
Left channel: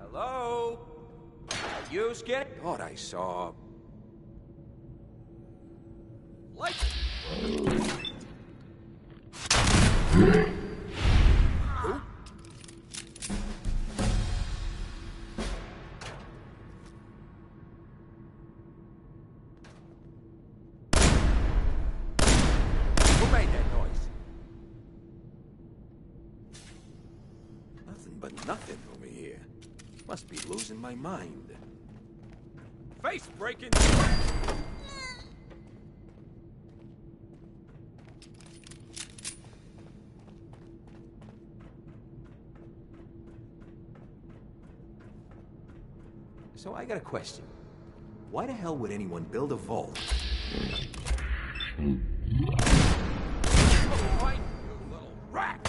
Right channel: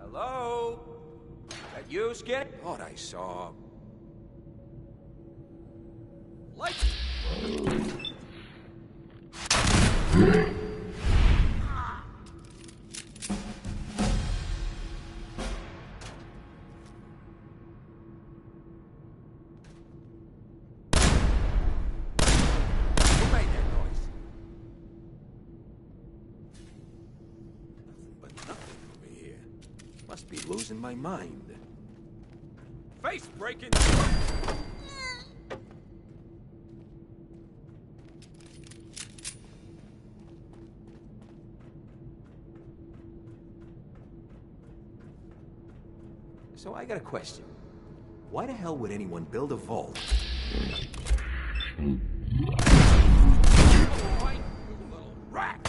Hello? Are you scared? Thought I saw... Light! Who made that noise? Nothing but nothing over here. Must be losing my mind. Face breaking! So I got a question. Why the hell would anyone build a vault? Oh, fine, you little rat!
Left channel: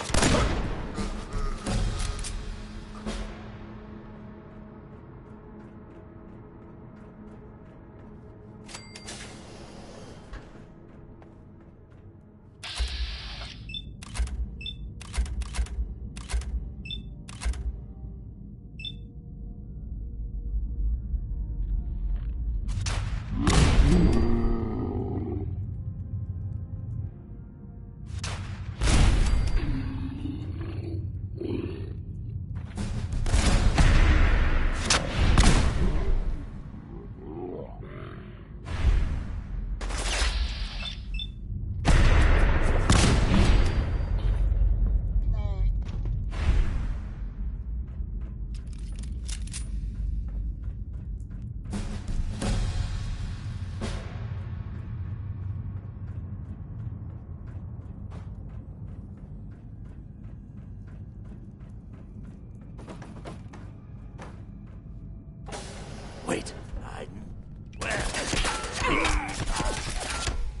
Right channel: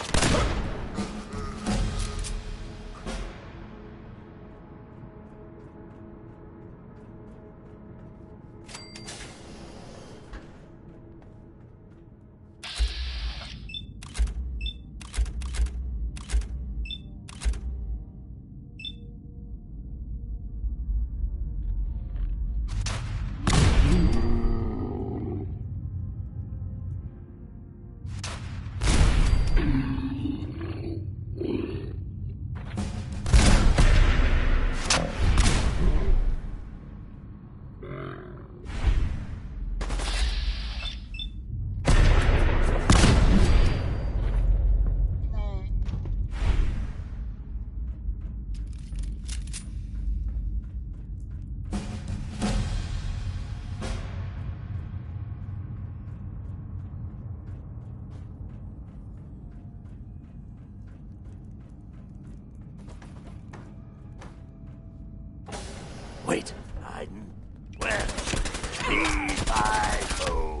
Wait, hiding? Where? He's my foe.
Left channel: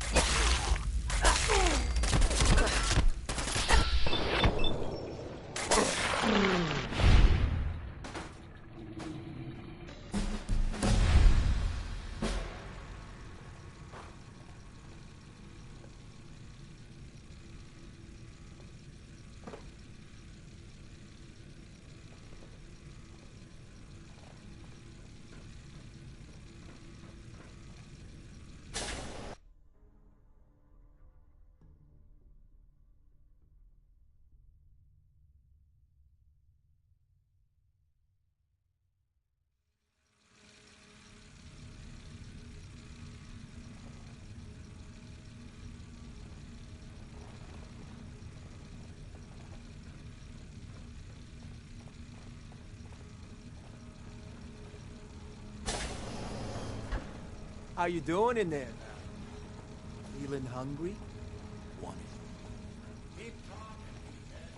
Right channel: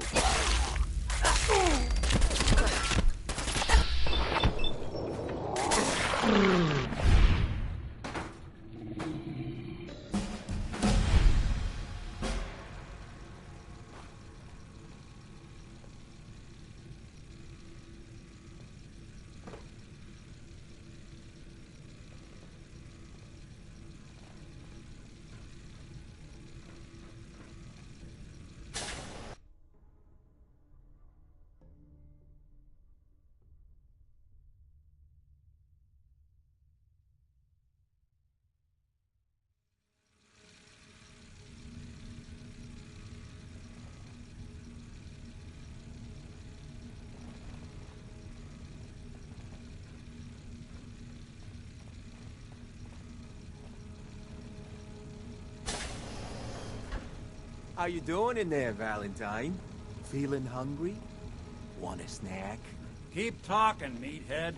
How you doing in there, Valentine? Feeling hungry? Want a snack? Keep talking, meathead.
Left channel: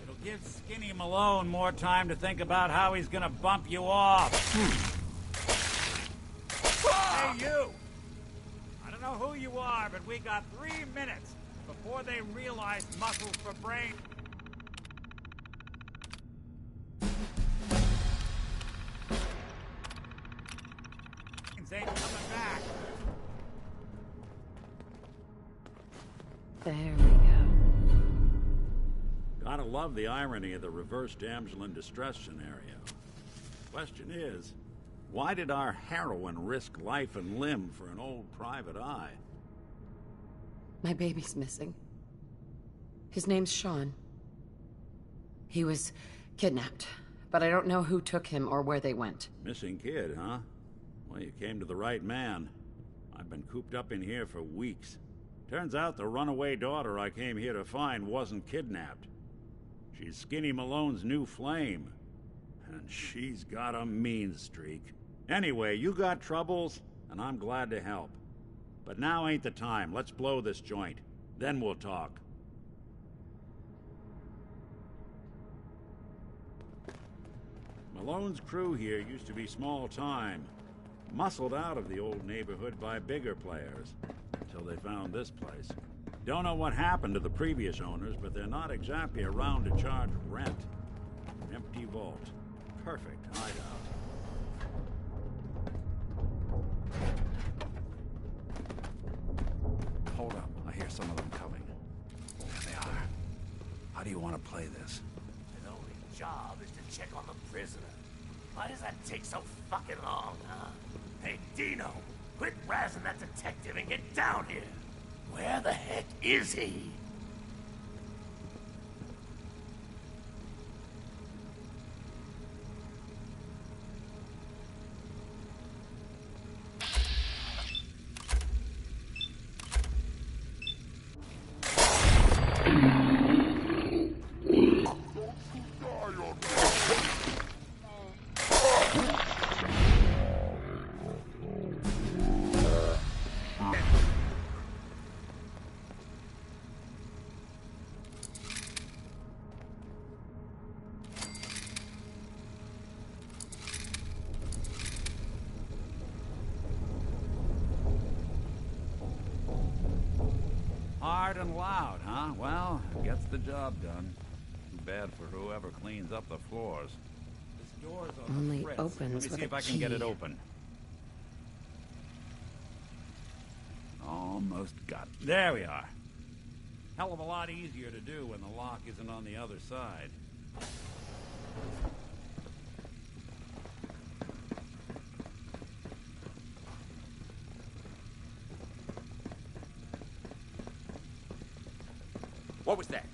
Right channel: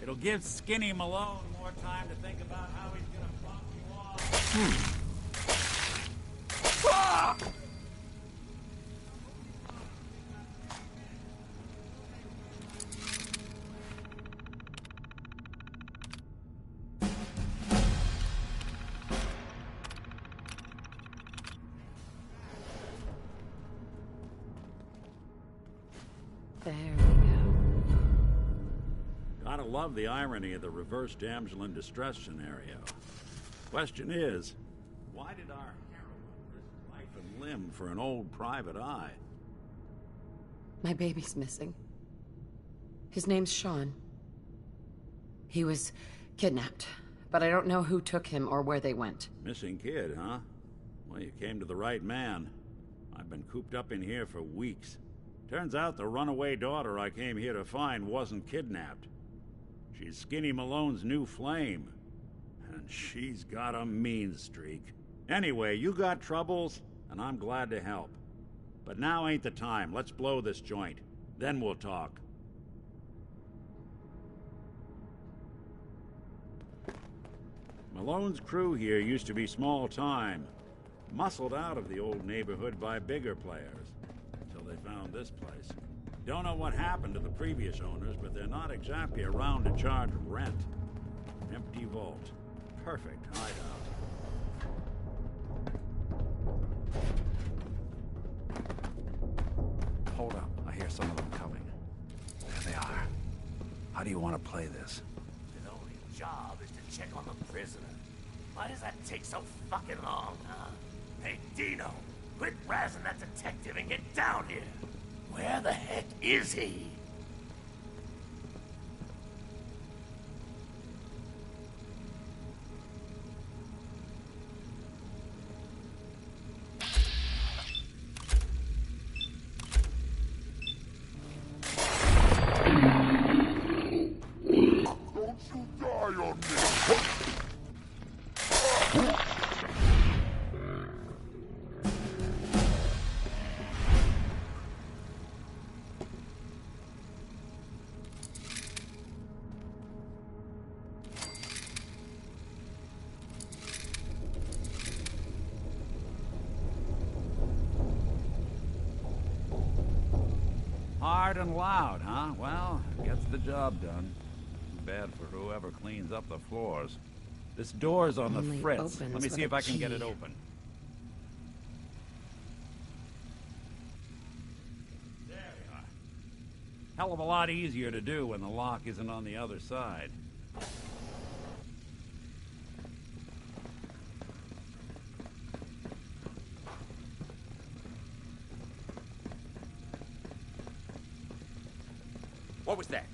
It'll give Skinny Malone more time to think about how he's gonna bump you off. Hey, you! I don't know who you are, but we got 3 minutes before they realize muscles for brain. Ain't coming back. There we go. Gotta love the irony of the reverse damsel in distress scenario. Question is, why did our heroine risk life and limb for an old private eye? My baby's missing. His name's Sean. He was kidnapped, but I don't know who took him or where they went. Missing kid, huh? Well, you came to the right man. I've been cooped up in here for weeks. Turns out the runaway daughter I came here to find wasn't kidnapped. She's Skinny Malone's new flame. And she's got a mean streak. Anyway, you got troubles, and I'm glad to help. But now ain't the time. Let's blow this joint. Then we'll talk. Malone's crew here used to be small time. Muscled out of the old neighborhood by bigger players. Until they found this place. Don't know what happened to the previous owners, but they're not exactly around to charge rent. Empty vault. Perfect hideout. Hold up. I hear some of them coming. There they are. How do you want to play this? His only job is to check on the prisoner. Why does that take so fucking long, huh? Hey, Dino, quit razzing that detective and get down here. Where the heck is he? Hard and loud, huh? Well, it gets the job done. Too bad for whoever cleans up the floors. This door's on Only the fritz. opens Let me with see if a I can get it key. open. Almost got it. There we are. Hell of a lot easier to do when the lock isn't on the other side. What was that?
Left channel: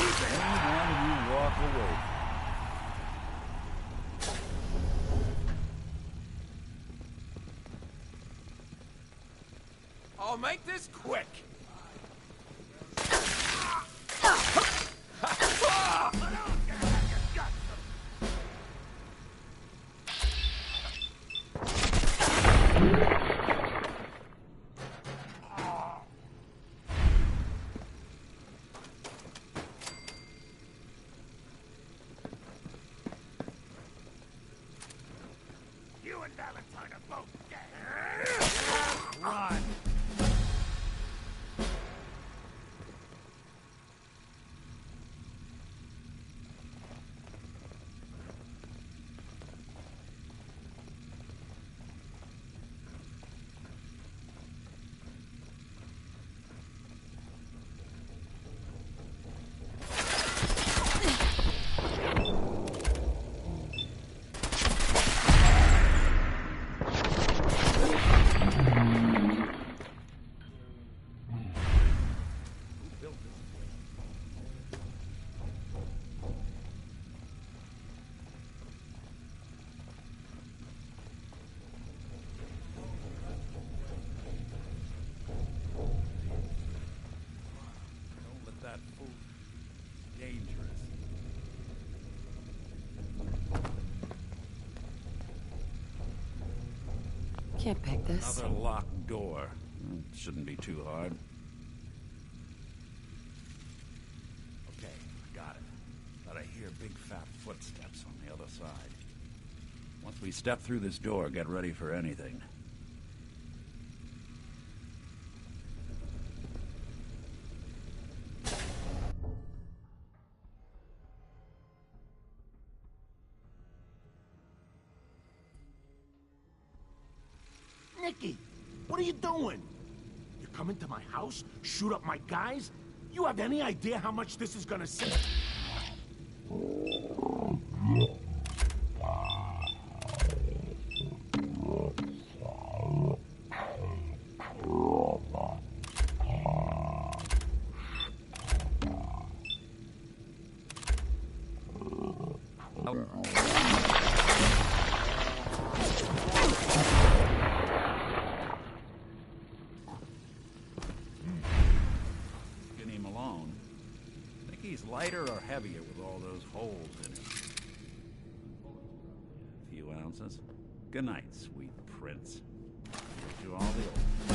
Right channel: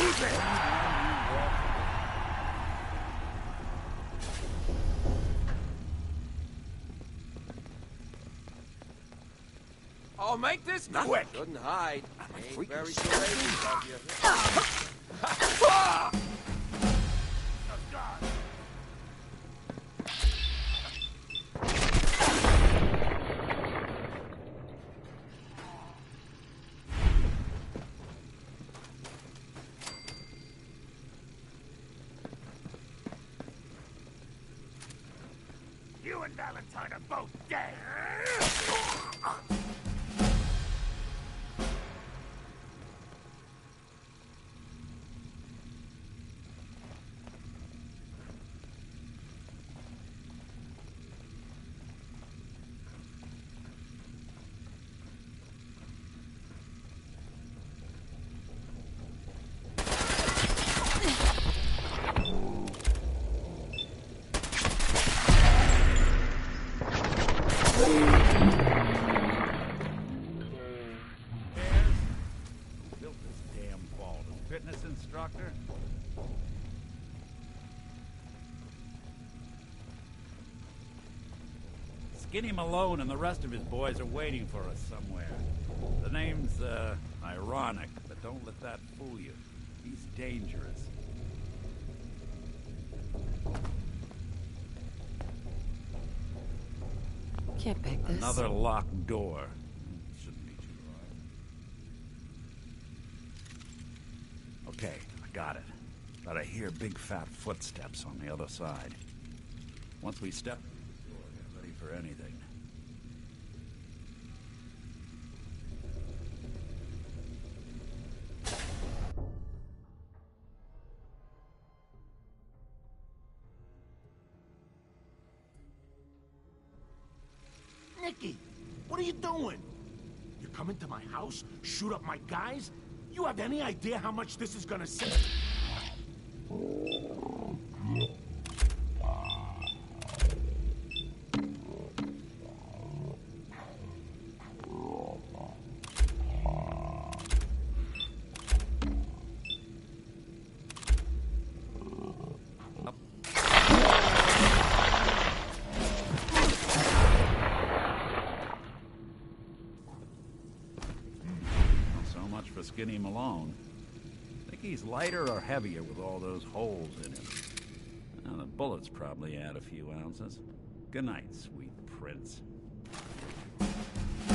Anyone you walk away. I'll make this quick. Couldn't hide. Ain't very Skinny Malone and the rest of his boys are waiting for us somewhere. The name's, ironic, but don't let that fool you. He's dangerous. Can't pick this. Another locked door. Shouldn't be too hard. Okay, I got it. But I hear big fat footsteps on the other side. Once we step through this door, get ready for anything. Nicky, what are you doing? You come into my house, shoot up my guys? You have any idea how much this is gonna save? Skinny Malone. Think he's lighter or heavier with all those holes in him? Now, the bullets probably add a few ounces. Good night, sweet prince. Here's to all the...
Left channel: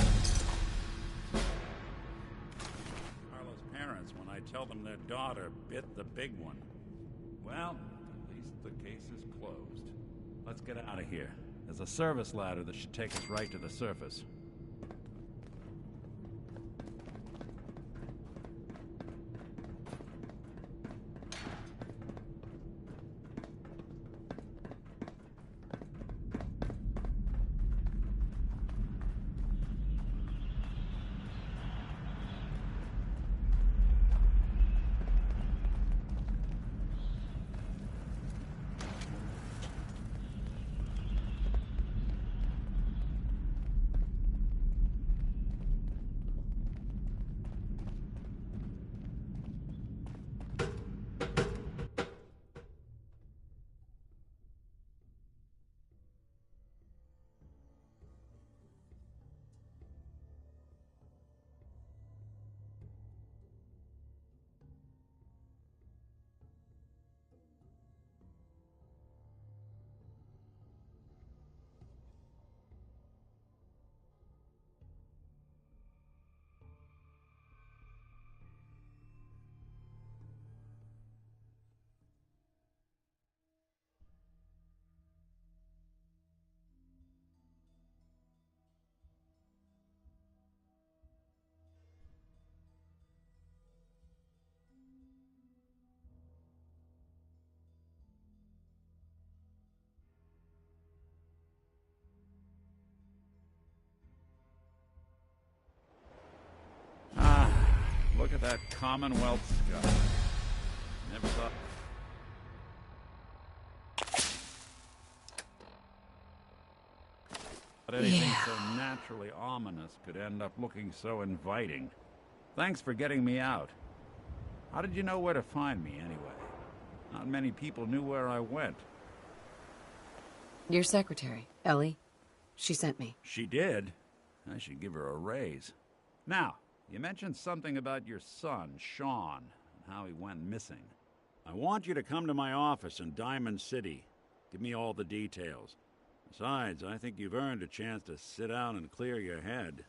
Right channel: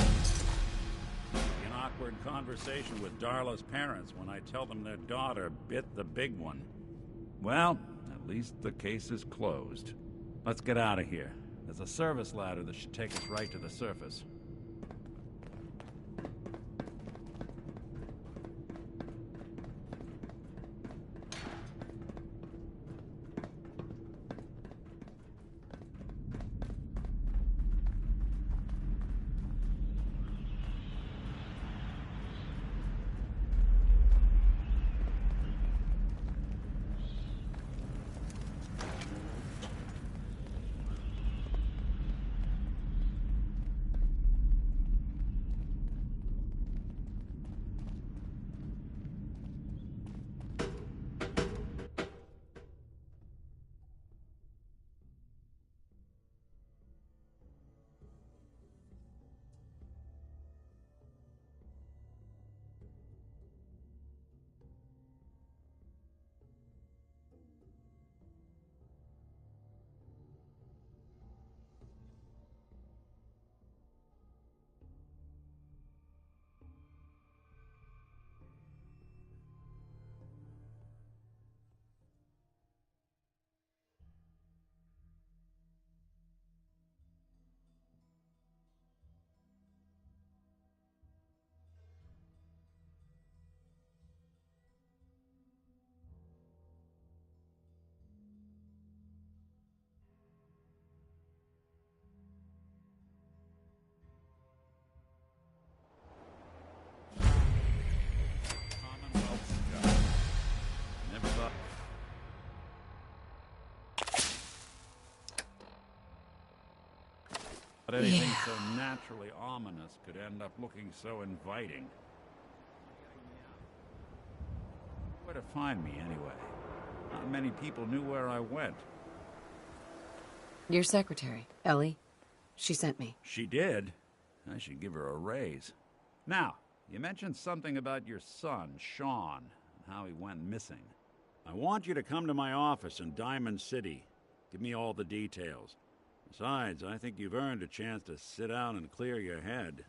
An awkward conversation with Darla's parents when I tell them their daughter bit the big one. Well, at least the case is closed. Let's get out of here. There's a service ladder that should take us right to the surface. Look at that Commonwealth sky. Never thought... But anything so naturally ominous could end up looking so inviting. Thanks for getting me out. How did you know where to find me, anyway? Not many people knew where I went. Your secretary, Ellie. She sent me. She did? I should give her a raise. Now, you mentioned something about your son, Sean, and how he went missing. I want you to come to my office in Diamond City. Give me all the details. Besides, I think you've earned a chance to sit down and clear your head.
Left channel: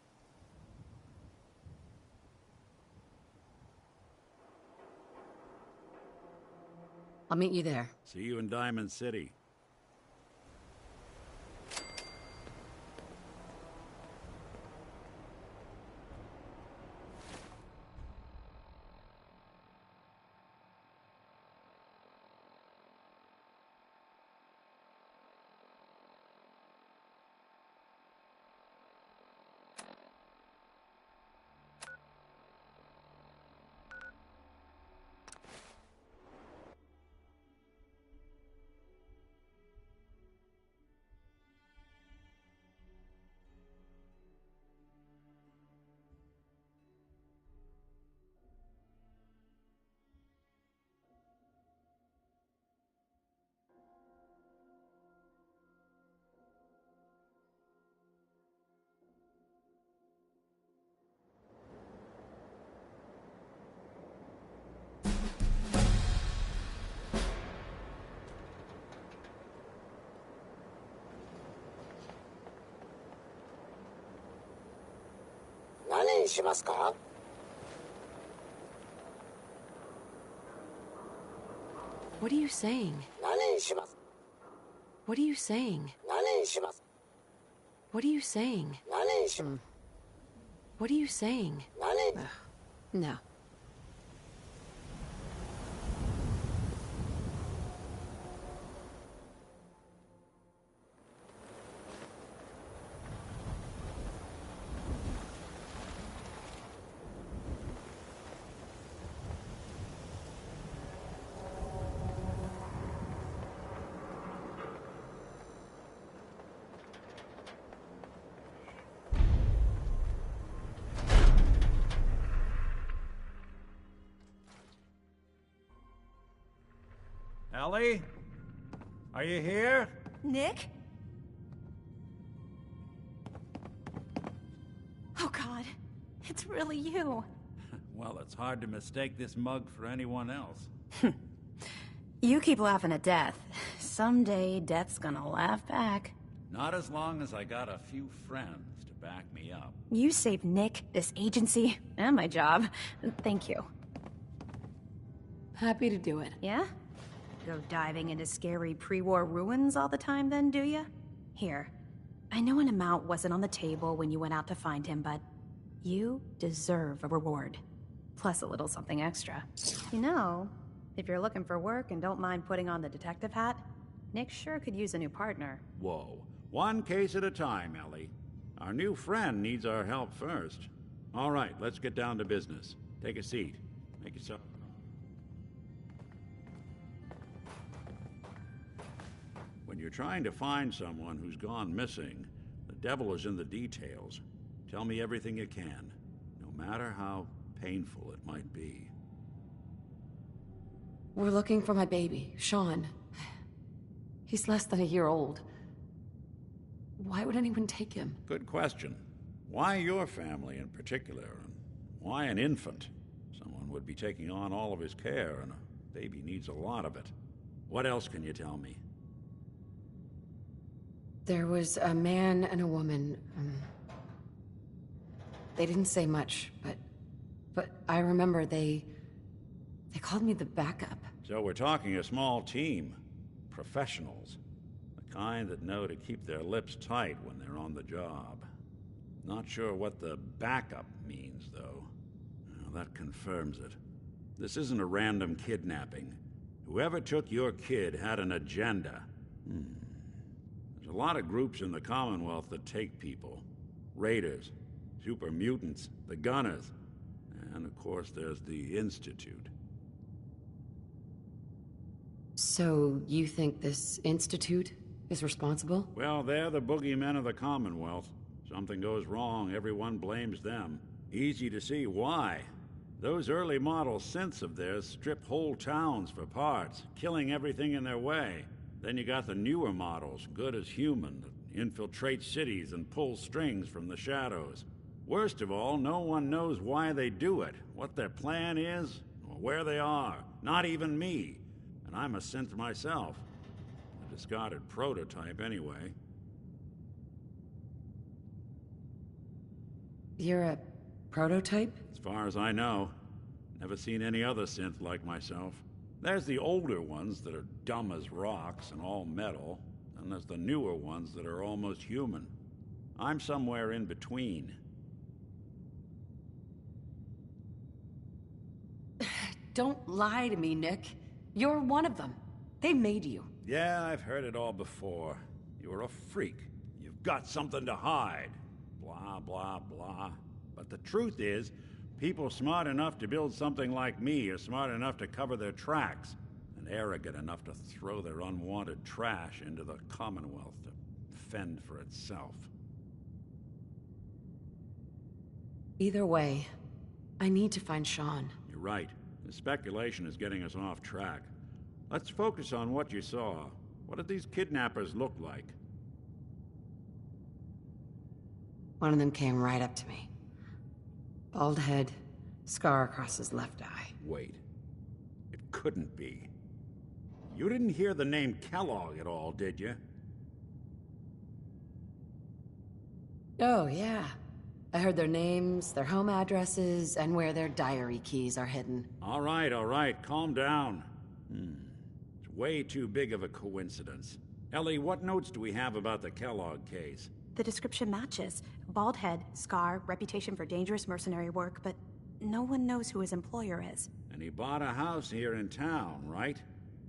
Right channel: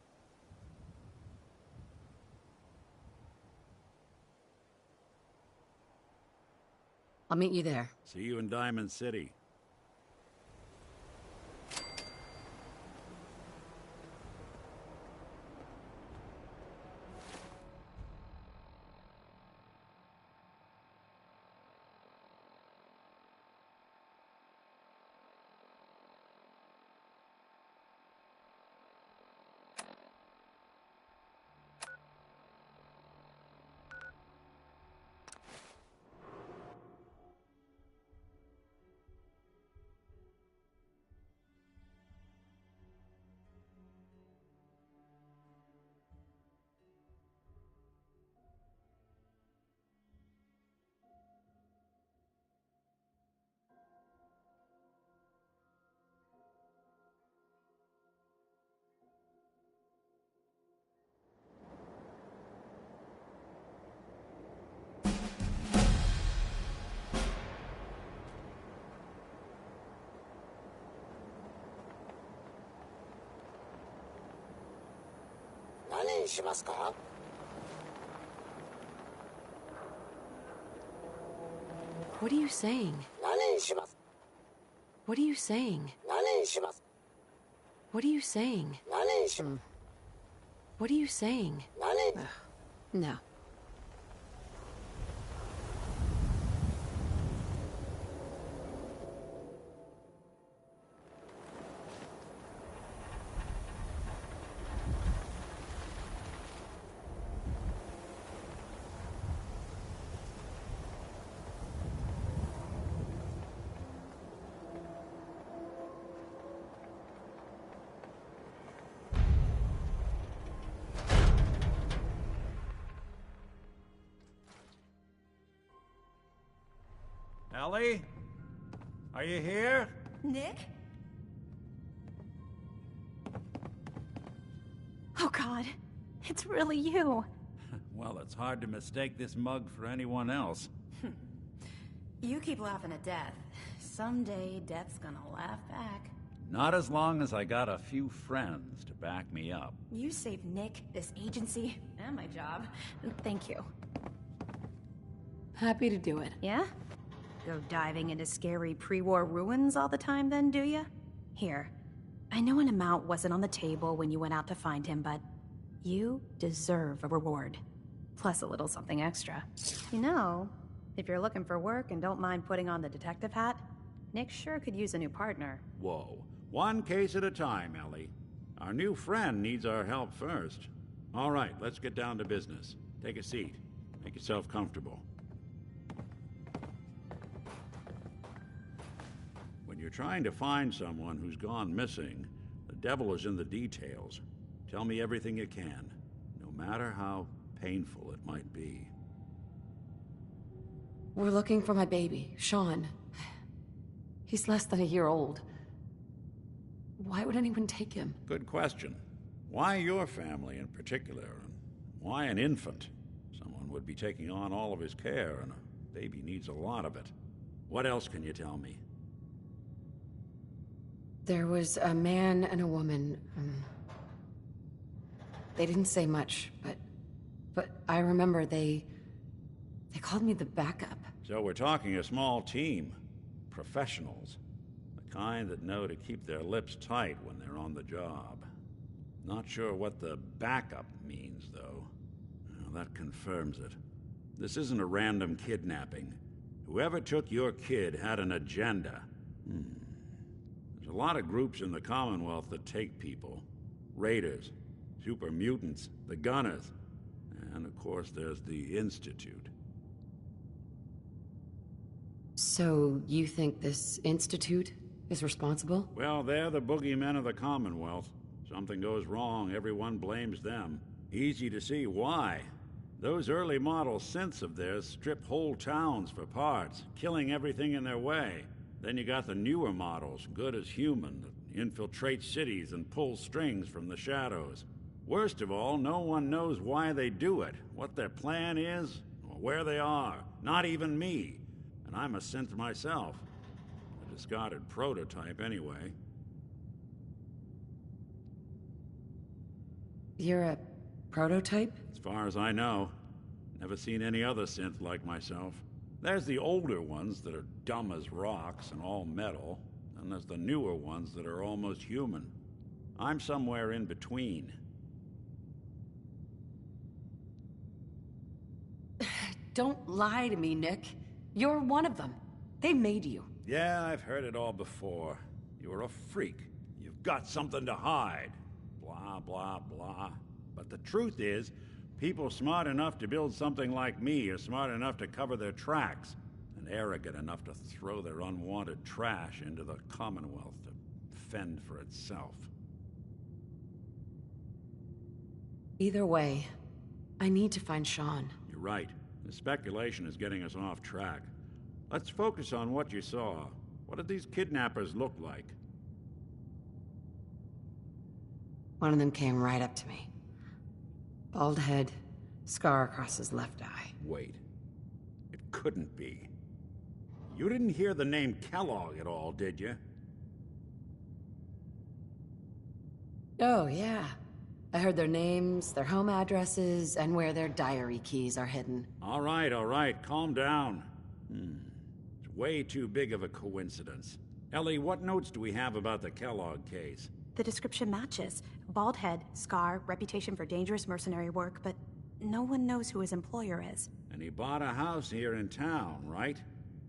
I'll meet you there. See you in Diamond City. 何しますか? What are you saying? 何します? What are you saying? 何します? What are you saying? 何します? What are you saying? 何? No. Ellie? Are you here? Nick? Oh God, it's really you. Well, it's hard to mistake this mug for anyone else. You keep laughing at death. Someday, death's gonna laugh back. Not as long as I got a few friends to back me up. You saved Nick, this agency, and my job. Thank you. Happy to do it. Yeah? Go diving into scary pre-war ruins all the time then, do ya? Here, I know an amount wasn't on the table when you went out to find him, but you deserve a reward. Plus a little something extra. You know, if you're looking for work and don't mind putting on the detective hat, Nick sure could use a new partner. Whoa. One case at a time, Ellie. Our new friend needs our help first. All right, let's get down to business. Take a seat. Make yourself comfortable. When you're trying to find someone who's gone missing, the devil is in the details. Tell me everything you can, no matter how painful it might be. We're looking for my baby, Sean. He's less than a year old. Why would anyone take him? Good question. Why your family in particular? And why an infant? Someone would be taking on all of his care, and a baby needs a lot of it. What else can you tell me? There was a man and a woman. They didn't say much, but I remember they called me the backup. So we're talking a small team. Professionals. The kind that know to keep their lips tight when they're on the job. Not sure what the backup means, though. Well, that confirms it. This isn't a random kidnapping. Whoever took your kid had an agenda. There's a lot of groups in the Commonwealth that take people. Raiders, super mutants, the Gunners, and of course there's the Institute. So you think this Institute is responsible? Well, they're the boogeymen of the Commonwealth. Something goes wrong, everyone blames them. Easy to see why. Those early model synths of theirs strip whole towns for parts, killing everything in their way. Then you got the newer models, good as human, that infiltrate cities and pull strings from the shadows. Worst of all, no one knows why they do it, what their plan is, or where they are. Not even me. And I'm a synth myself. A discarded prototype, anyway. You're a prototype? As far as I know. Never seen any other synth like myself. There's the older ones that are dumb as rocks and all metal, and there's the newer ones that are almost human. I'm somewhere in between. Don't lie to me, Nick. You're one of them. They made you. Yeah, I've heard it all before. You're a freak. You've got something to hide. Blah, blah, blah. But the truth is, people smart enough to build something like me are smart enough to cover their tracks, and arrogant enough to throw their unwanted trash into the Commonwealth to fend for itself. Either way, I need to find Sean. You're right. The speculation is getting us off track. Let's focus on what you saw. What did these kidnappers look like? One of them came right up to me. Bald head, scar across his left eye. Wait. It couldn't be. You didn't hear the name Kellogg at all, did you? Oh, yeah. I heard their names, their home addresses, and where their diary keys are hidden. All right, calm down. It's way too big of a coincidence. Ellie, what notes do we have about the Kellogg case? The description matches. Bald head, scar, reputation for dangerous mercenary work, but no one knows who his employer is. And he bought a house here in town, right?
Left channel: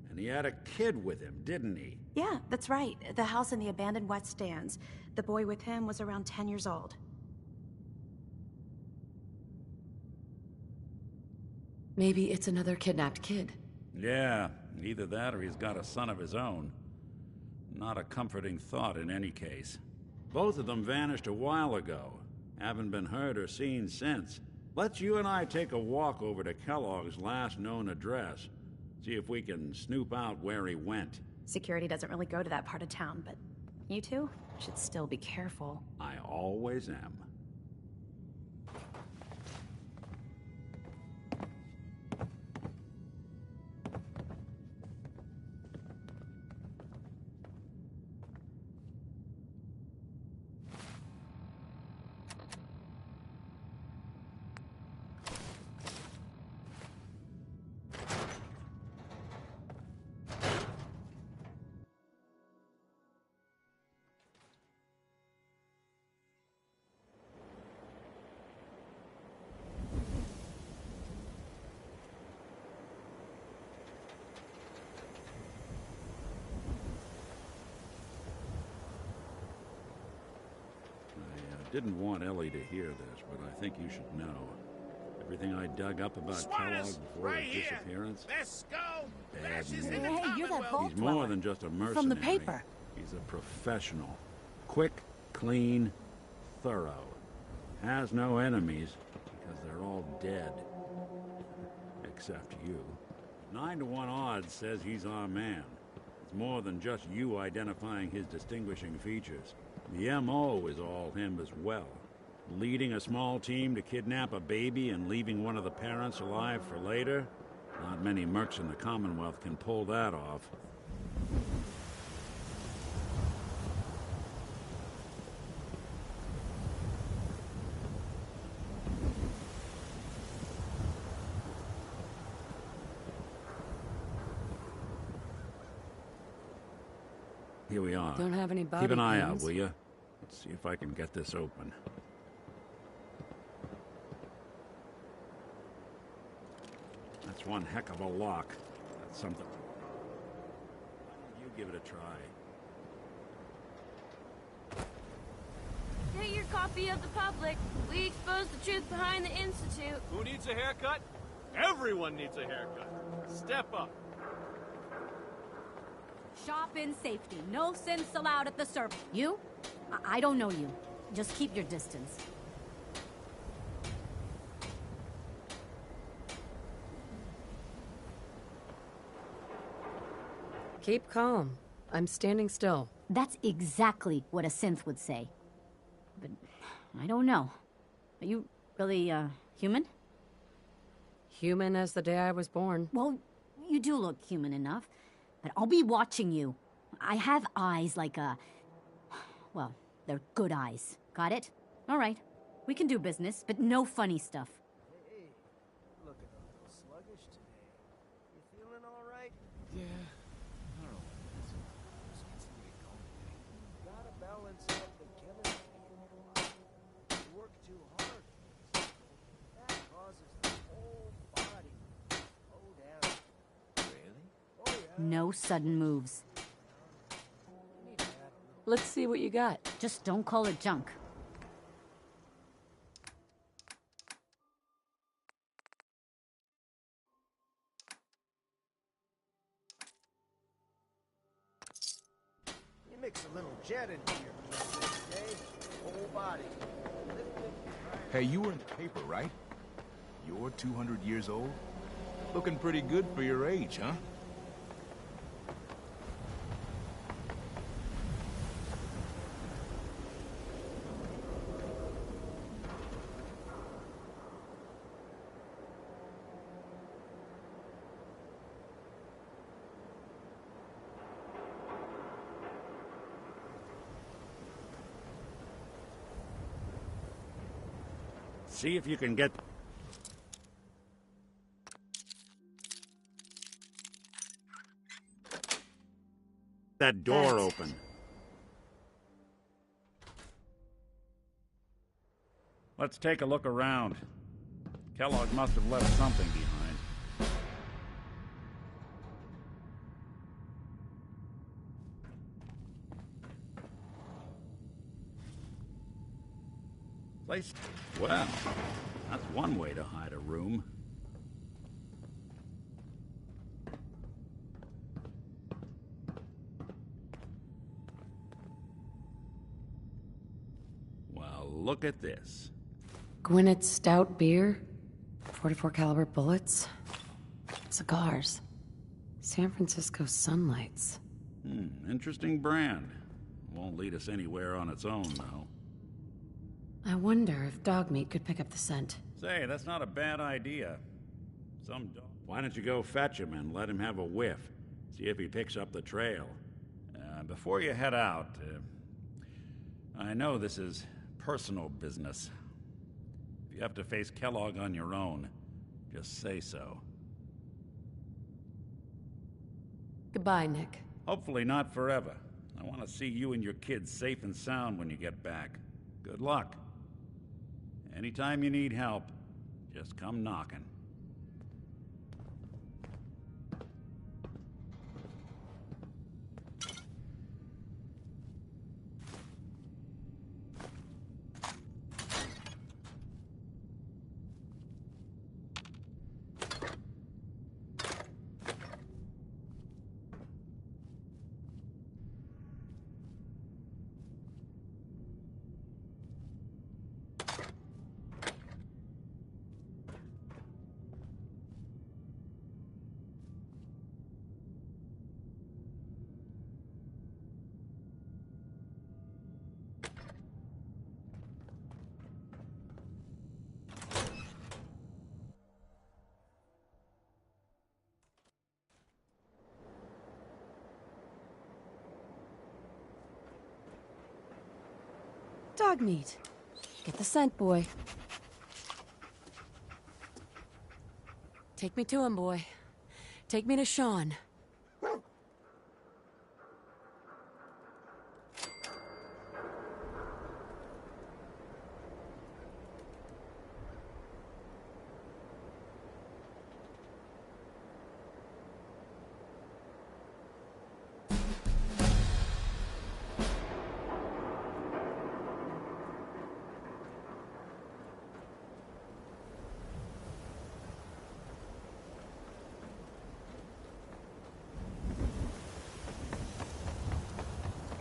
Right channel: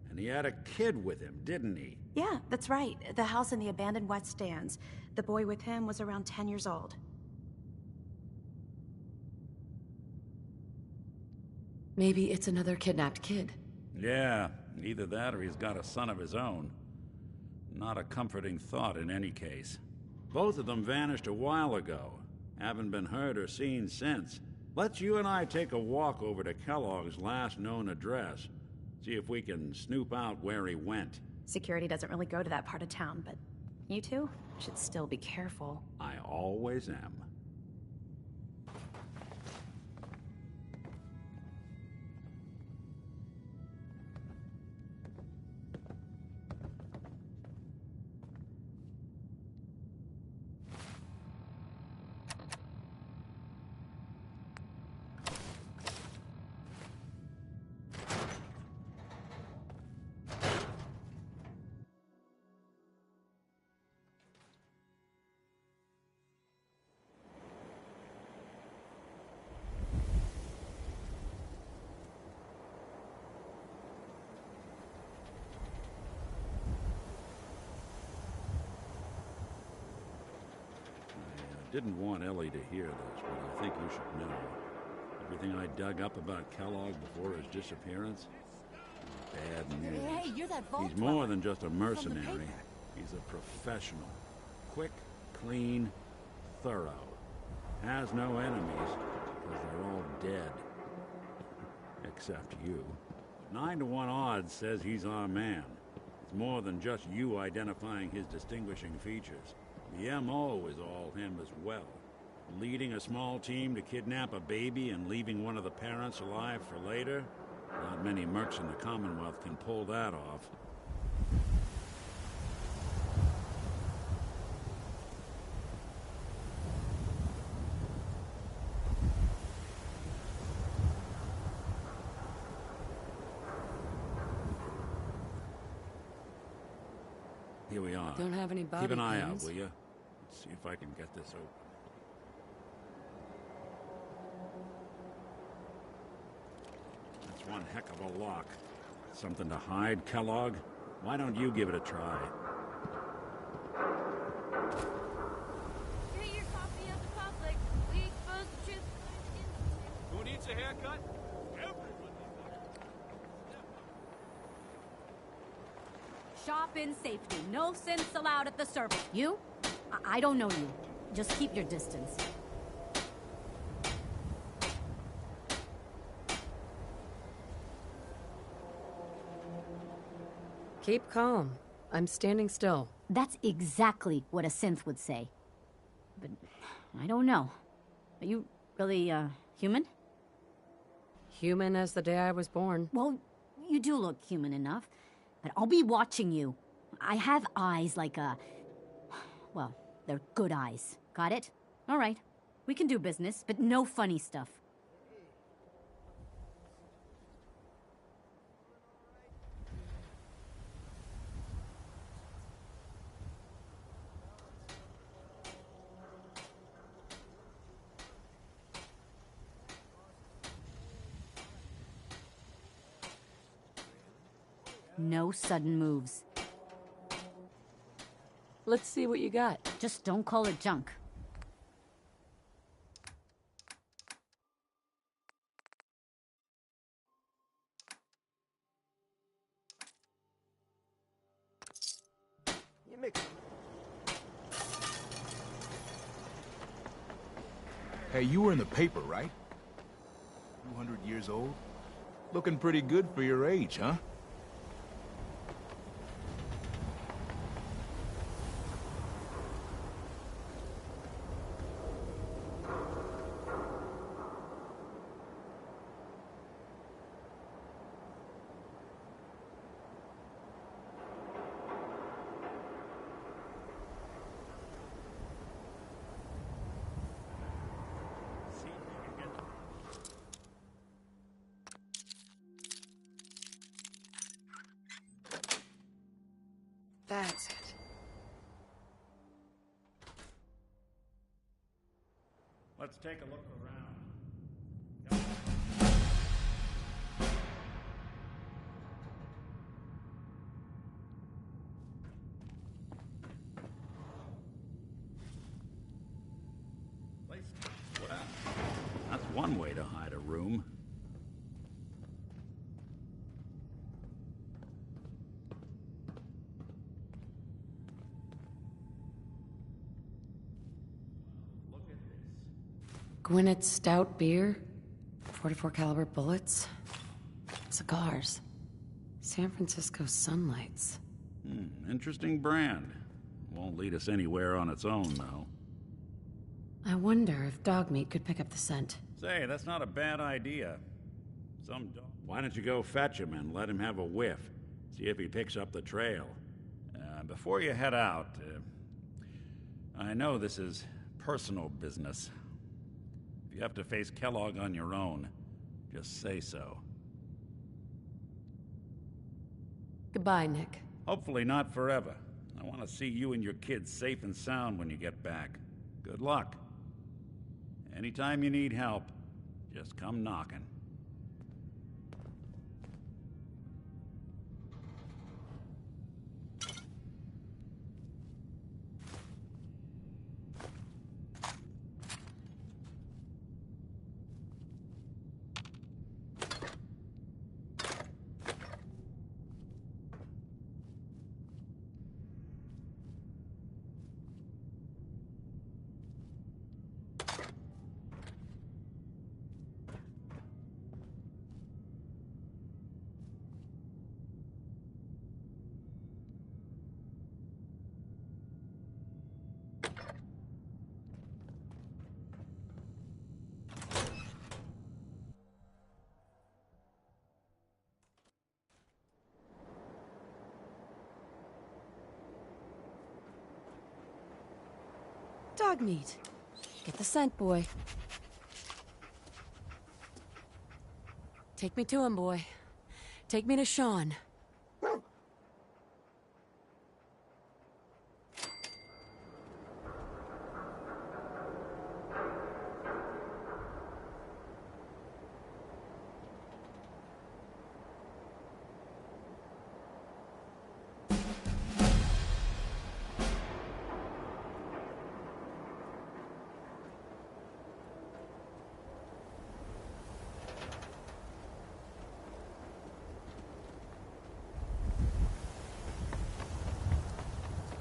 And he had a kid with him, didn't he? Yeah, that's right. The house in the abandoned West Stands. The boy with him was around 10 years old. Maybe it's another kidnapped kid. Yeah, either that or he's got a son of his own. Not a comforting thought in any case. Both of them vanished a while ago. Haven't been heard or seen since. Let's you and I take a walk over to Kellogg's last known address. See if we can snoop out where he went. Security doesn't really go to that part of town, but you two should still be careful. I always am. I didn't want Ellie to hear this, but I think you should know. Everything I dug up about Kellogg before his disappearance, bad news. Hey, you're that vault He's more than just a mercenary. From the paper. He's a professional. Quick, clean, thorough. Has no enemies, because they're all dead. Except you. 9 to 1 odds says he's our man. It's more than just you identifying his distinguishing features. The M.O. is all him as well. Leading a small team to kidnap a baby and leaving one of the parents alive for later? Not many mercs in the Commonwealth can pull that off. Here we are. Don't have any body Keep an eye pins. out, will you? Let's see if I can get this open. That's one heck of a lock. Got something to hide, Kellogg? Why don't you give it a try? Get your copy of the public. We expose the truth behind the Institute. Who needs a haircut? Everyone needs a haircut. Step up. Shop in safety. No synths allowed at the service. You? I don't know you. Just keep your distance. Keep calm. I'm standing still. That's exactly what a synth would say. But I don't know. Are you really, human? Human as the day I was born. Well, you do look human enough. But I'll be watching you. I have eyes like a... Well, they're good eyes. Got it? All right. We can do business, but no funny stuff. Hey, looking a little sluggish today. You feeling all right? Yeah. I don't know. Just get going. Gotta balance out the chemistry. You work too hard. That causes the whole body to slow down. Really? Oh yeah. No sudden moves. Let's see what you got. Just don't call it junk. You mix a little jet in here. Okay? Whole body. Hey, you were in the paper, right? You're 200 years old? Looking pretty good for your age, huh? See if you can get... that door open. Let's take a look around. Kellogg must have left something behind. Place... well, that's one way to hide a room. Well, look at this. Gwinnett Stout beer, 44 caliber bullets, cigars, San Francisco Sunlights. Interesting brand. Won't lead us anywhere on its own, though. I wonder if dog meat could pick up the scent. Say, that's not a bad idea. Some dog... Why don't you go fetch him and let him have a whiff? See if he picks up the trail. Before you head out, I know this is personal business. If you have to face Kellogg on your own, just say so. Goodbye, Nick. Hopefully not forever. I want to see you and your kids safe and sound when you get back. Good luck. Anytime you need help, just come knocking. Dog meat. Get the scent, boy. Take me to him, boy. Take me to Sean.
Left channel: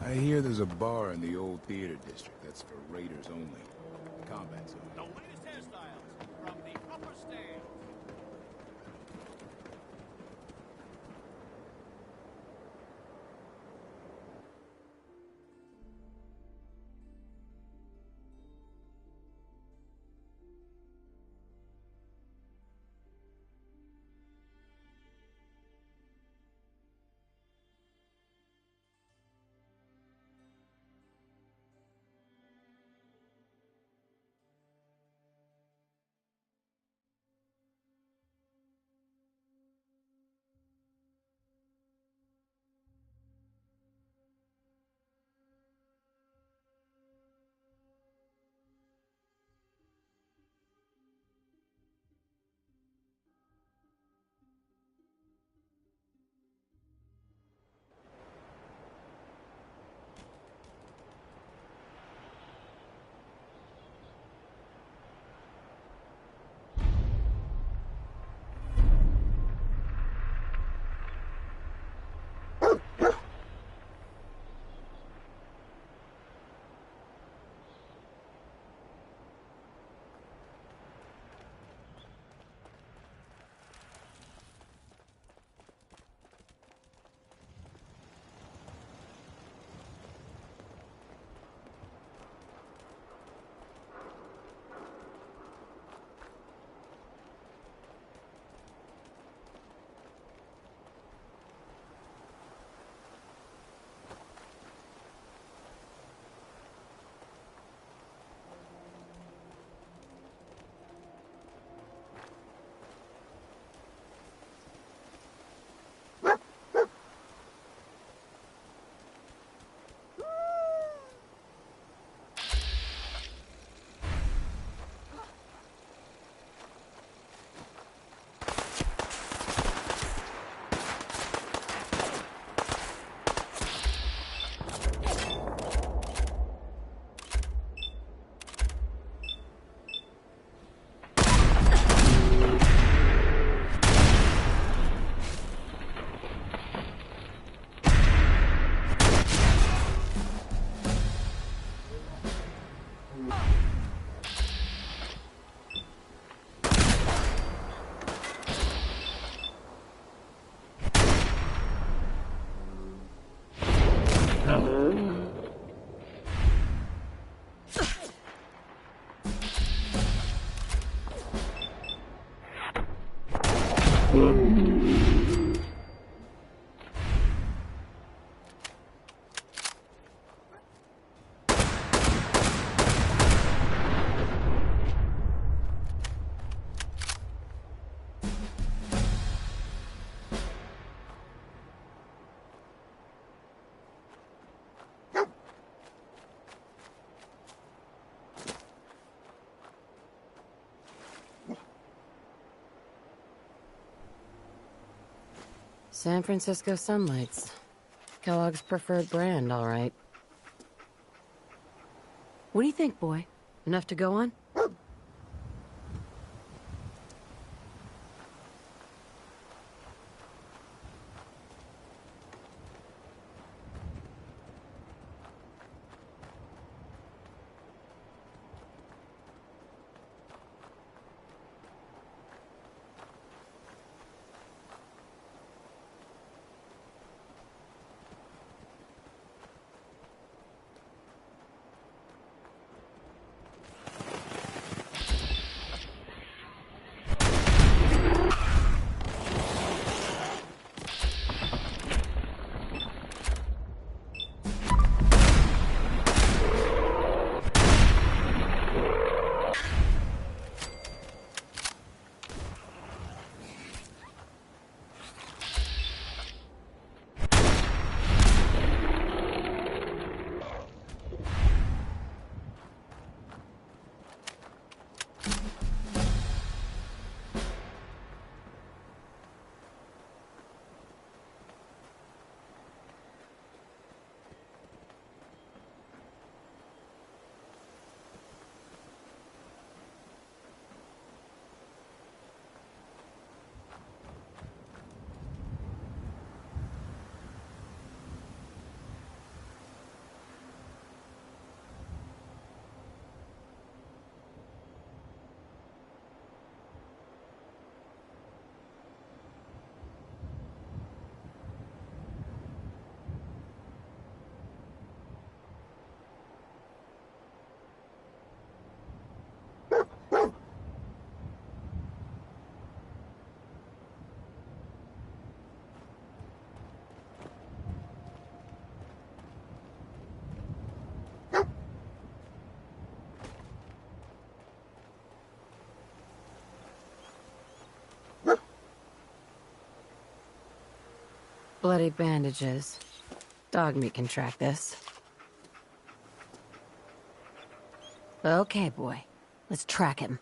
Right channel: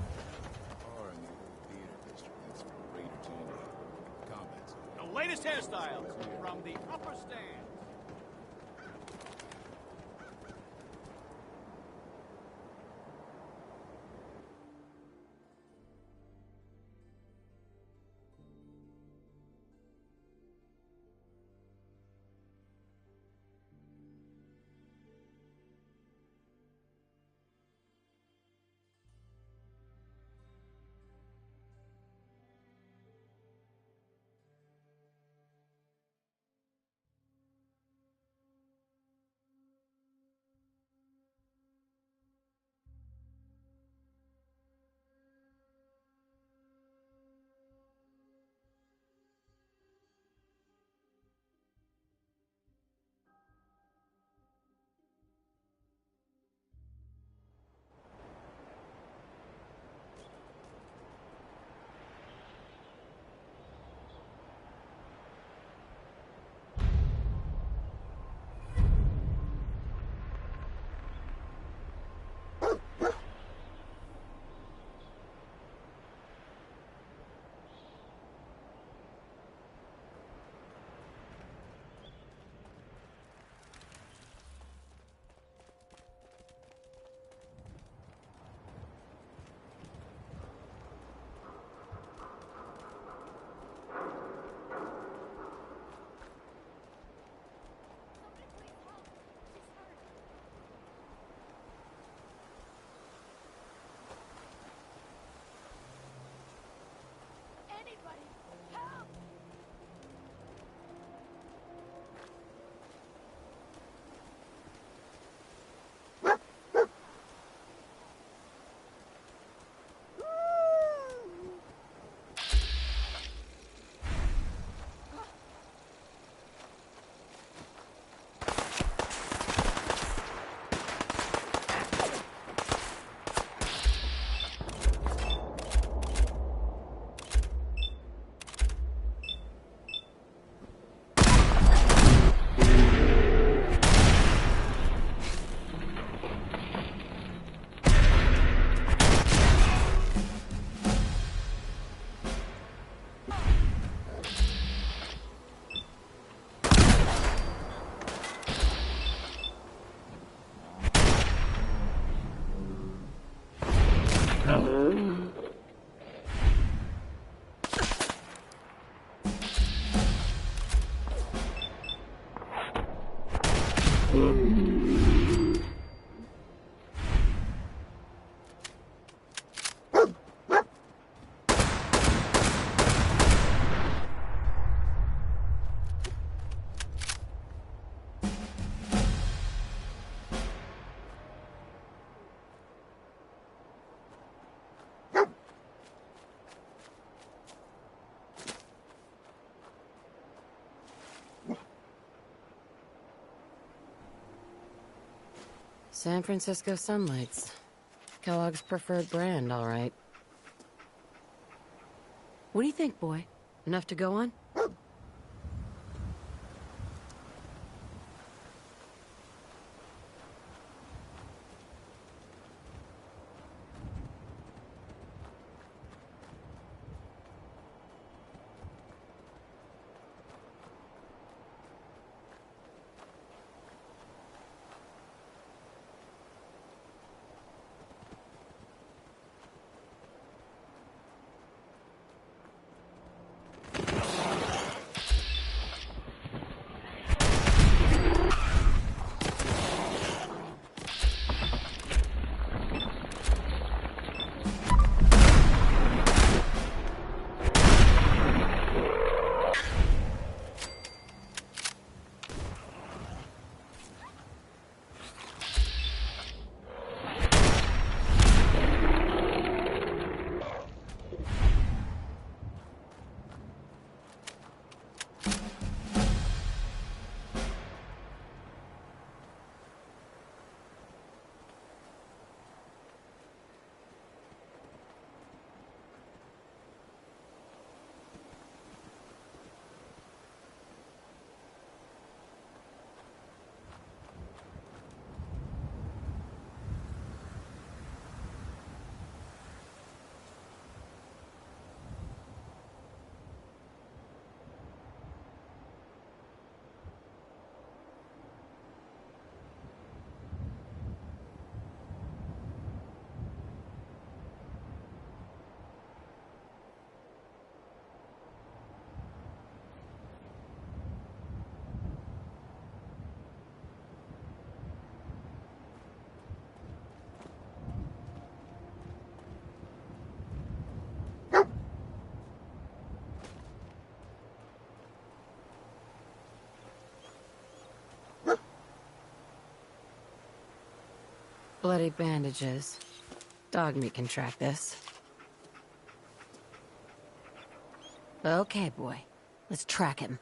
I hear there's a bar in the old theater district that's for raiders only. Combat zone. The latest hairstyles from the upper stands. San Francisco Sunlights. Kellogg's preferred brand, all right. What do you think, boy? Enough to go on? Bloody bandages. Dog meat can track this. Okay, boy. Let's track him.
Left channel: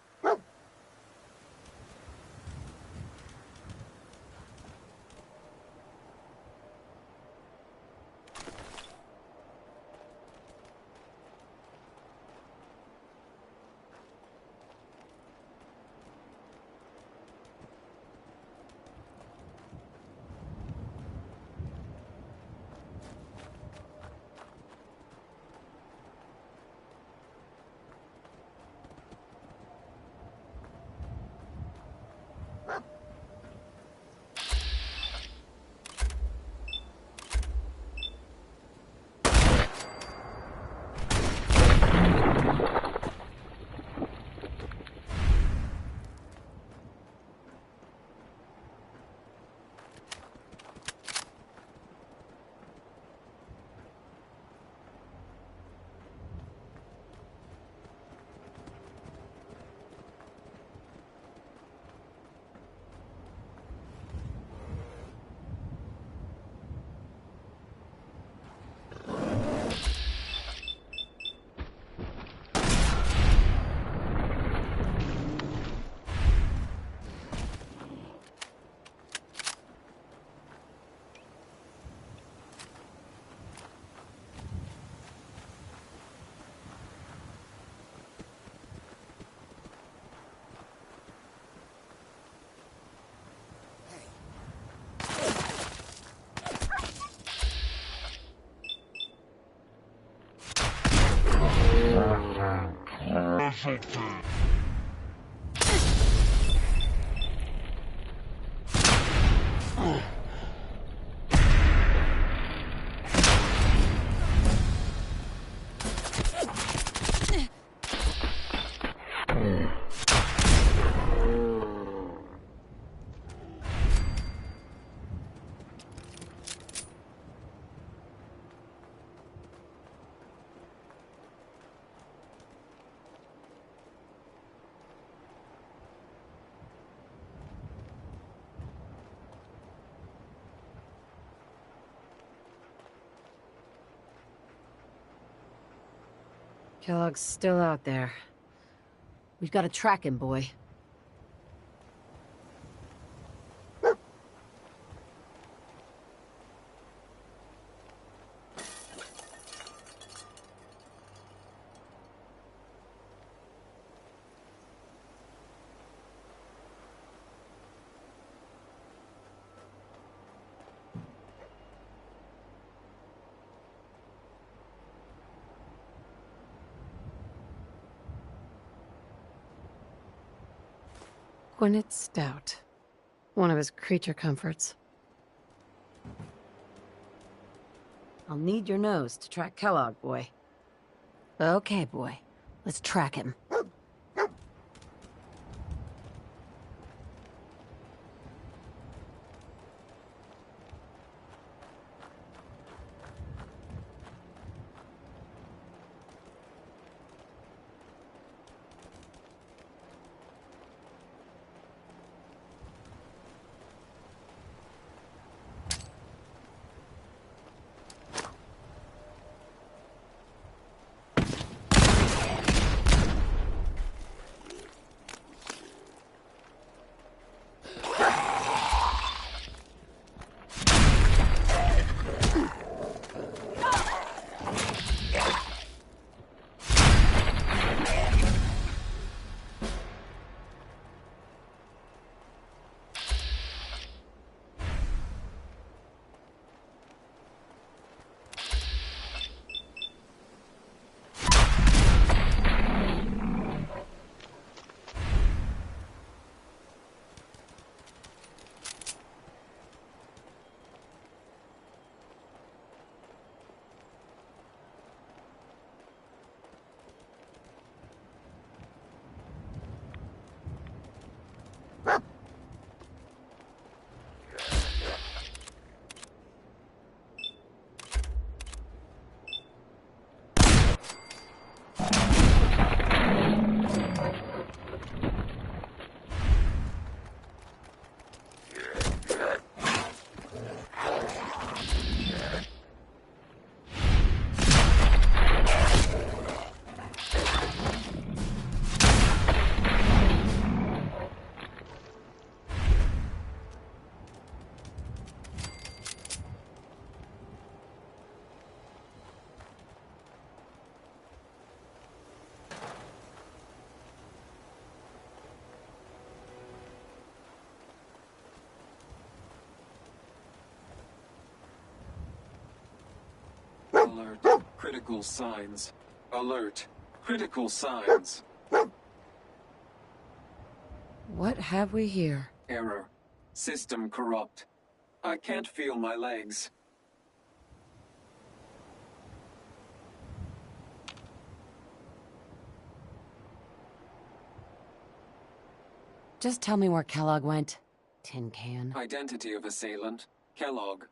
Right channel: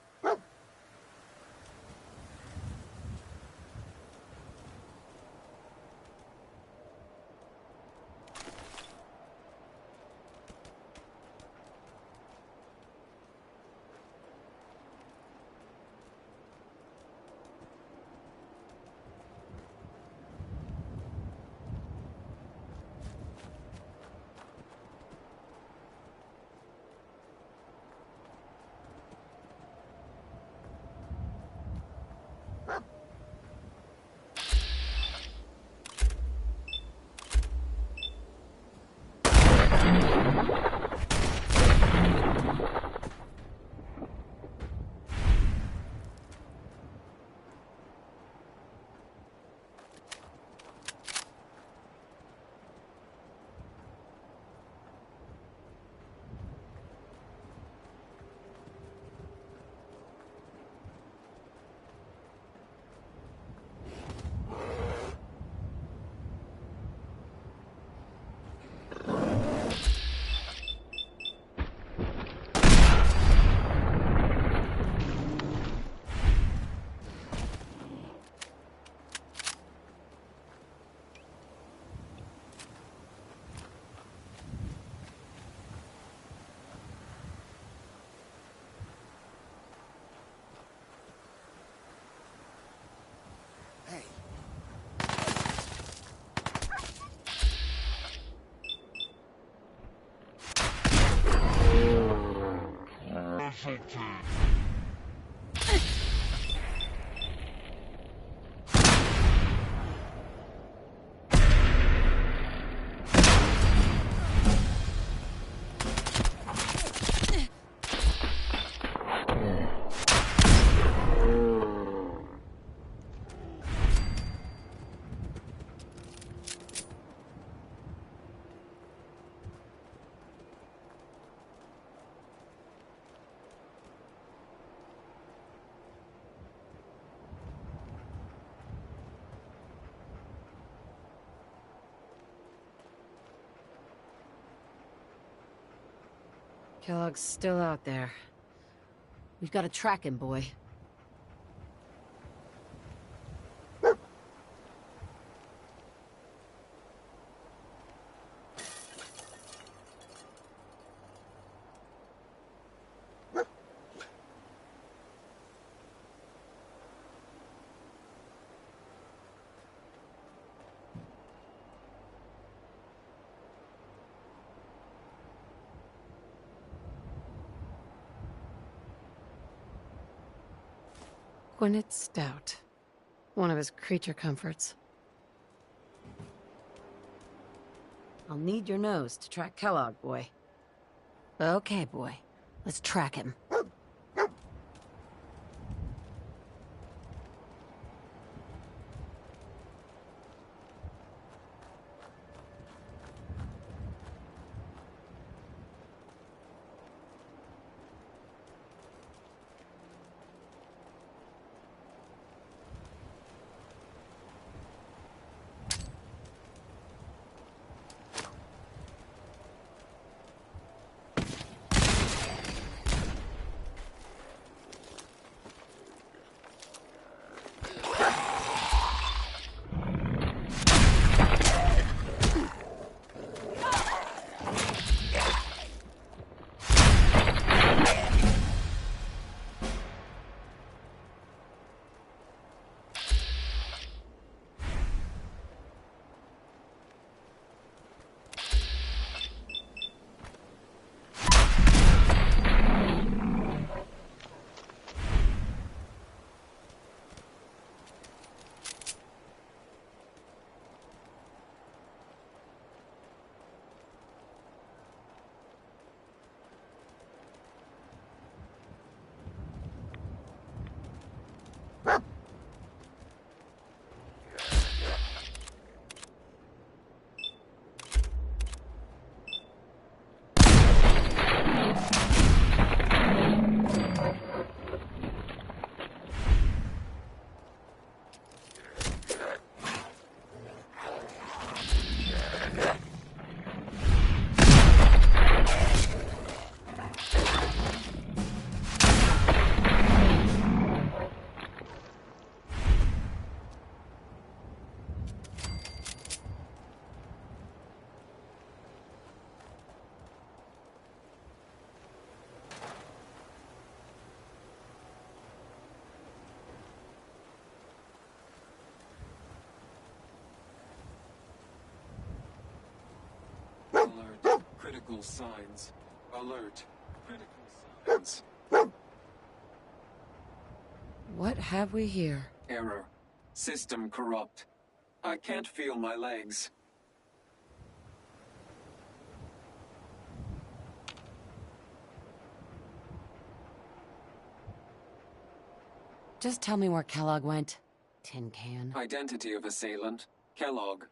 Kellogg's still out there. We've got to track him, boy. Gwyneth Stout. One of his creature comforts. I'll need your nose to track Kellogg, boy. Okay, boy. Let's track him. Alert. Critical signs. Alert. Critical signs. What have we here? Error. System corrupt. I can't feel my legs. Just tell me where Kellogg went. Tin can. Identity of assailant. Kellogg.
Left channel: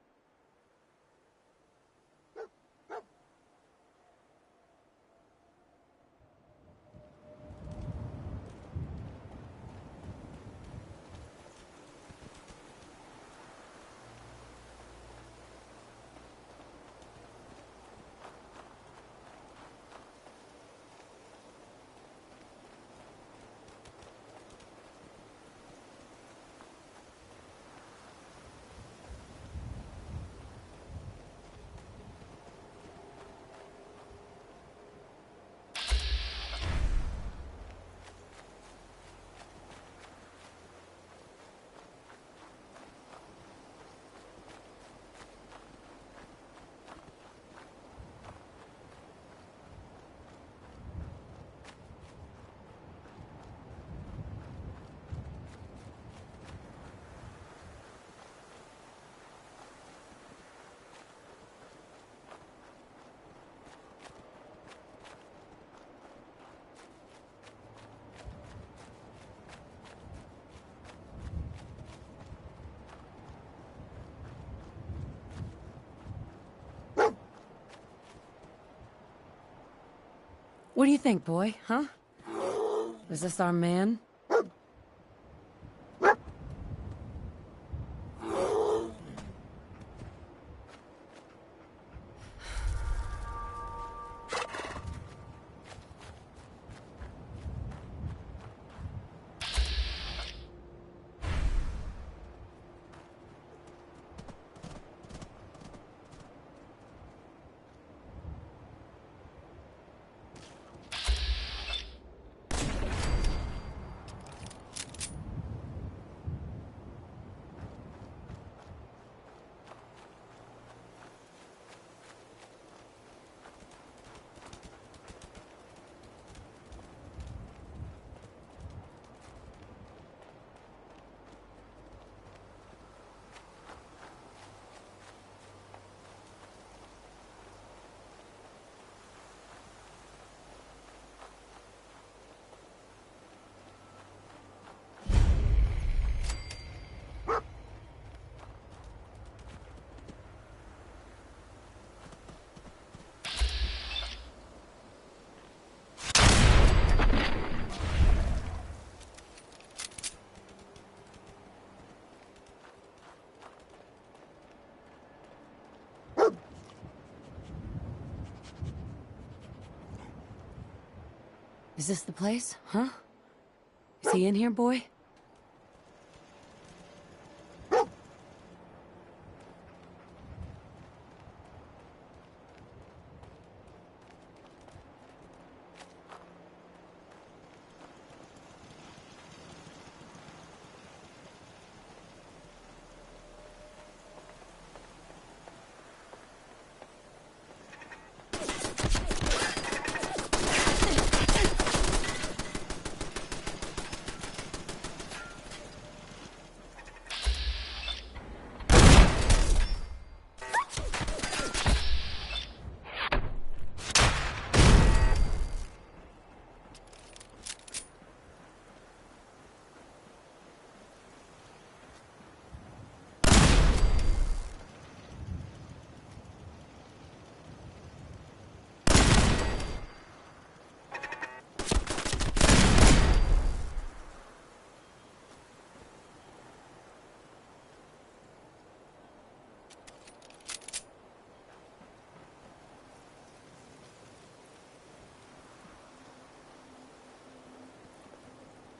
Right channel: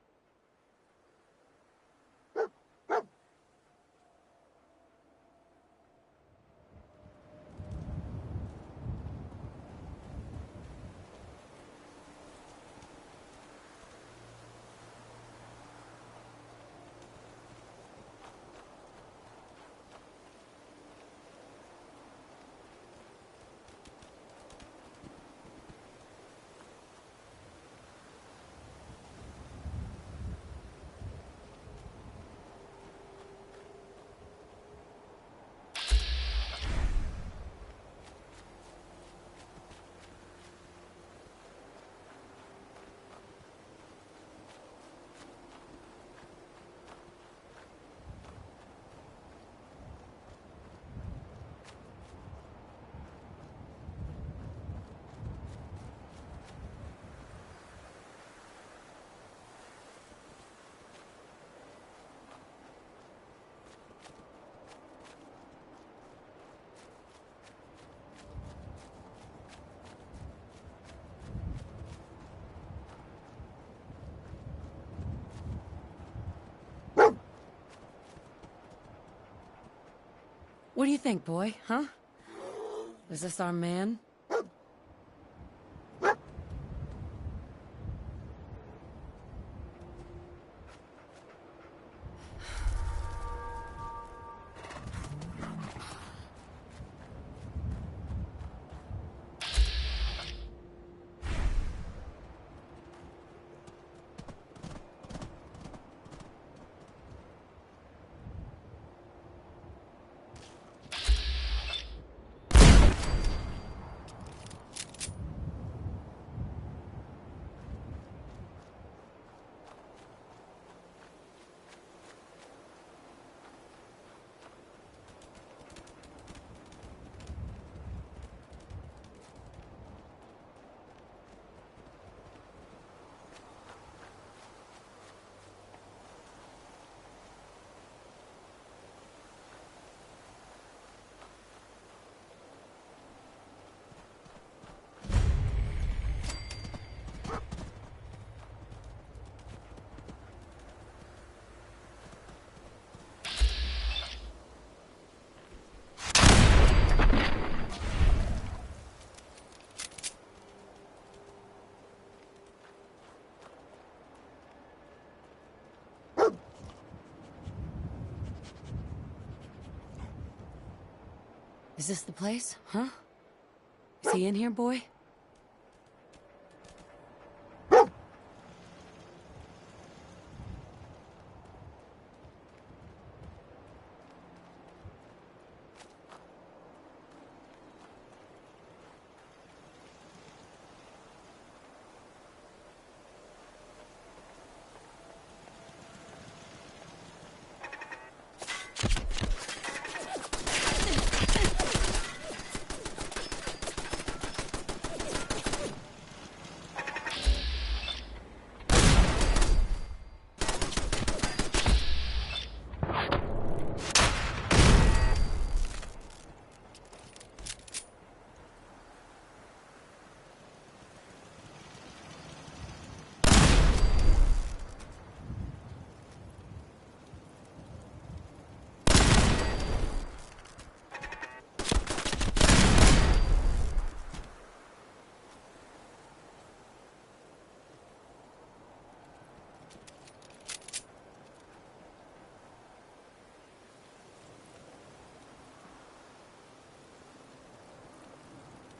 What do you think, boy, huh? Is this our man? Is this the place? Huh? Is he in here, boy?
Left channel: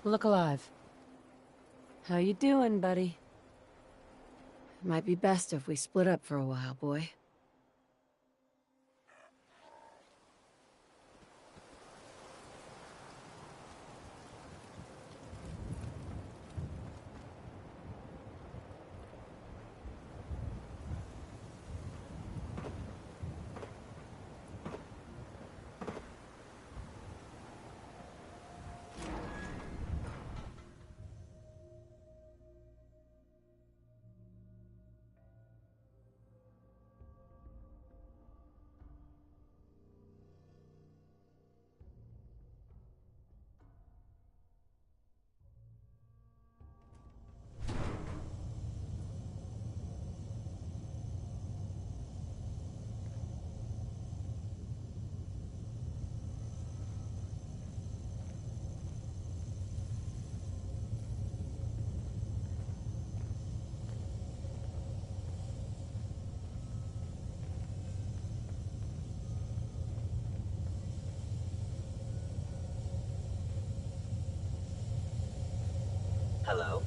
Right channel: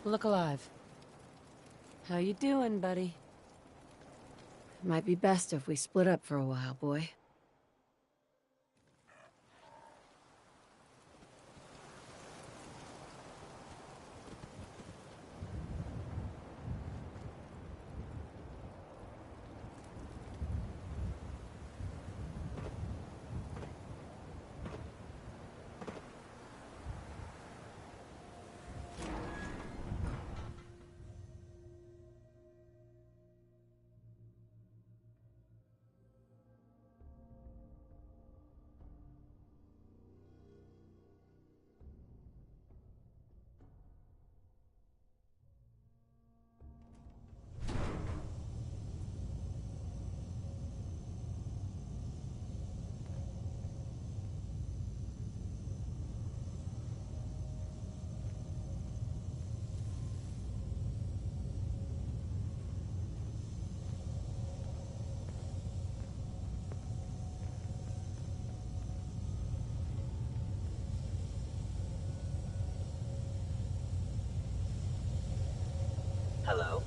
Look alive. How you doing, buddy? It might be best if we split up for a while, boy. Hello?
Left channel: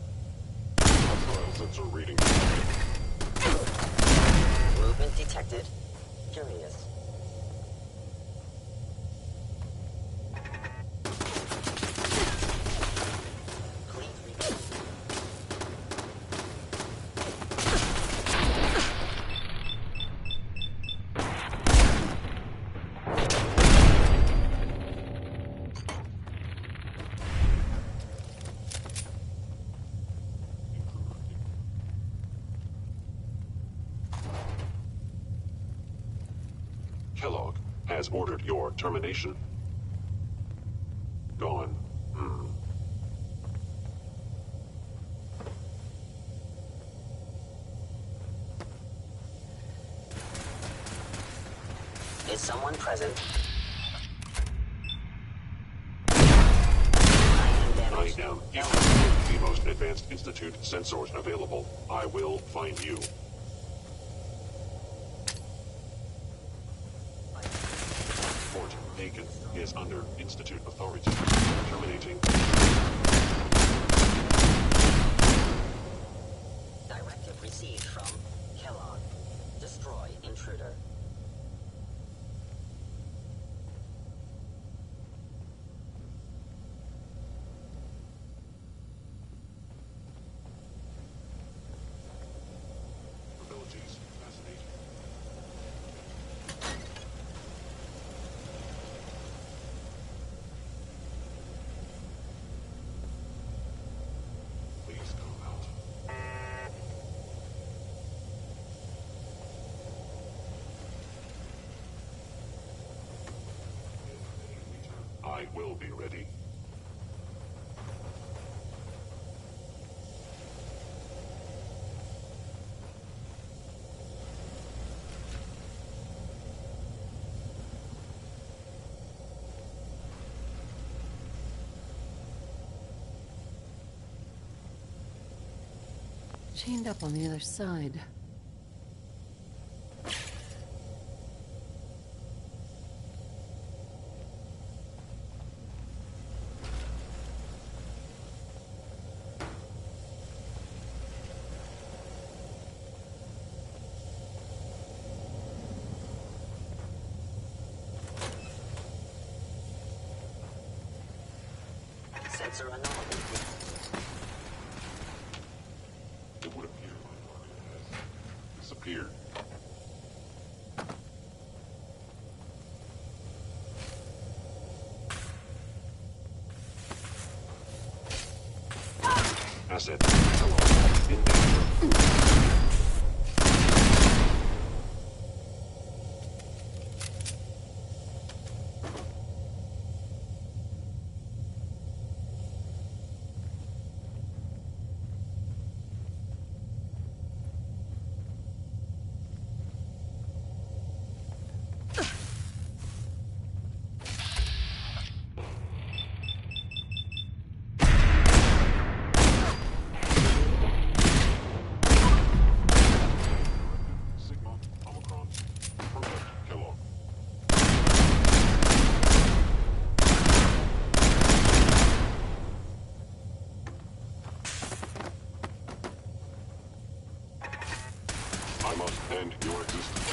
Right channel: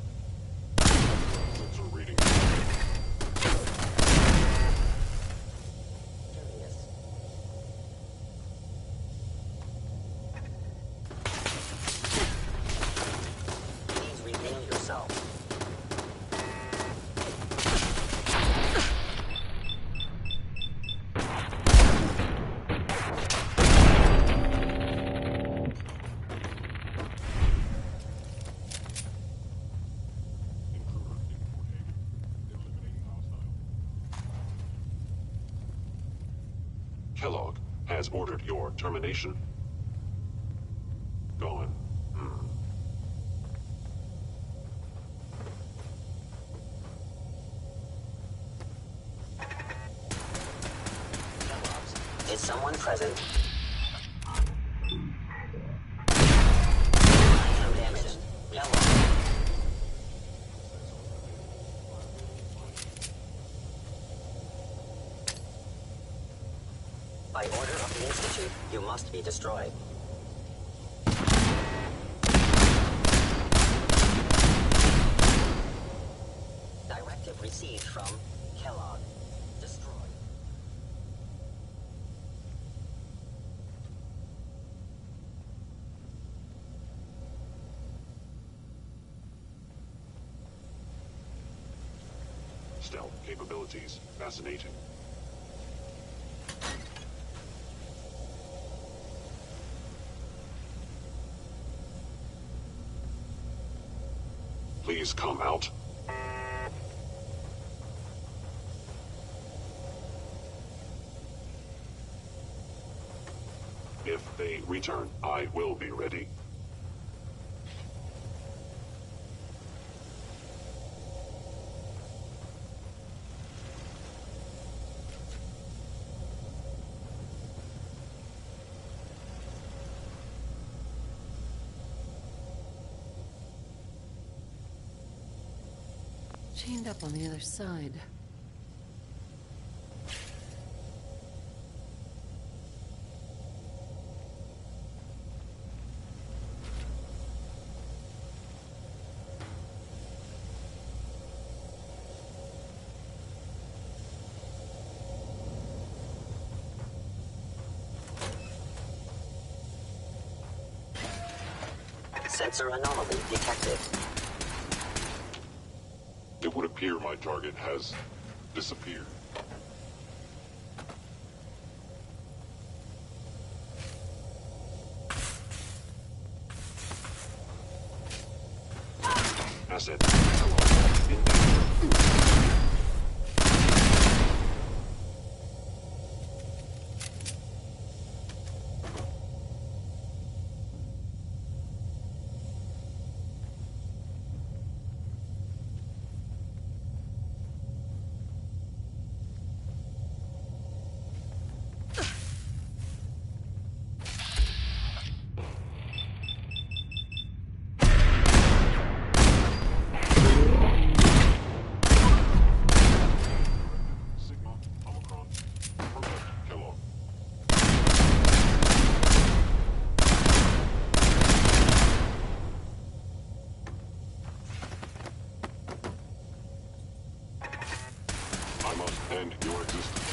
Sensor reading. Movement detected. Curious. Please reveal yourself. Kellogg has ordered your termination. Gone. Is someone present? Writing down. The most advanced Institute sensors available. I will find you. By order of the Institute, you must be destroyed. Is under Institute authority. Terminating. Directive received from Kellogg. Destroy intruder. Stealth capabilities. Fascinating. Please come out. If they return, I will be ready. Chained up on the other side. Sensor anomaly detected. It would appear my target has disappeared. Asset. Hello. In danger. I must end your existence.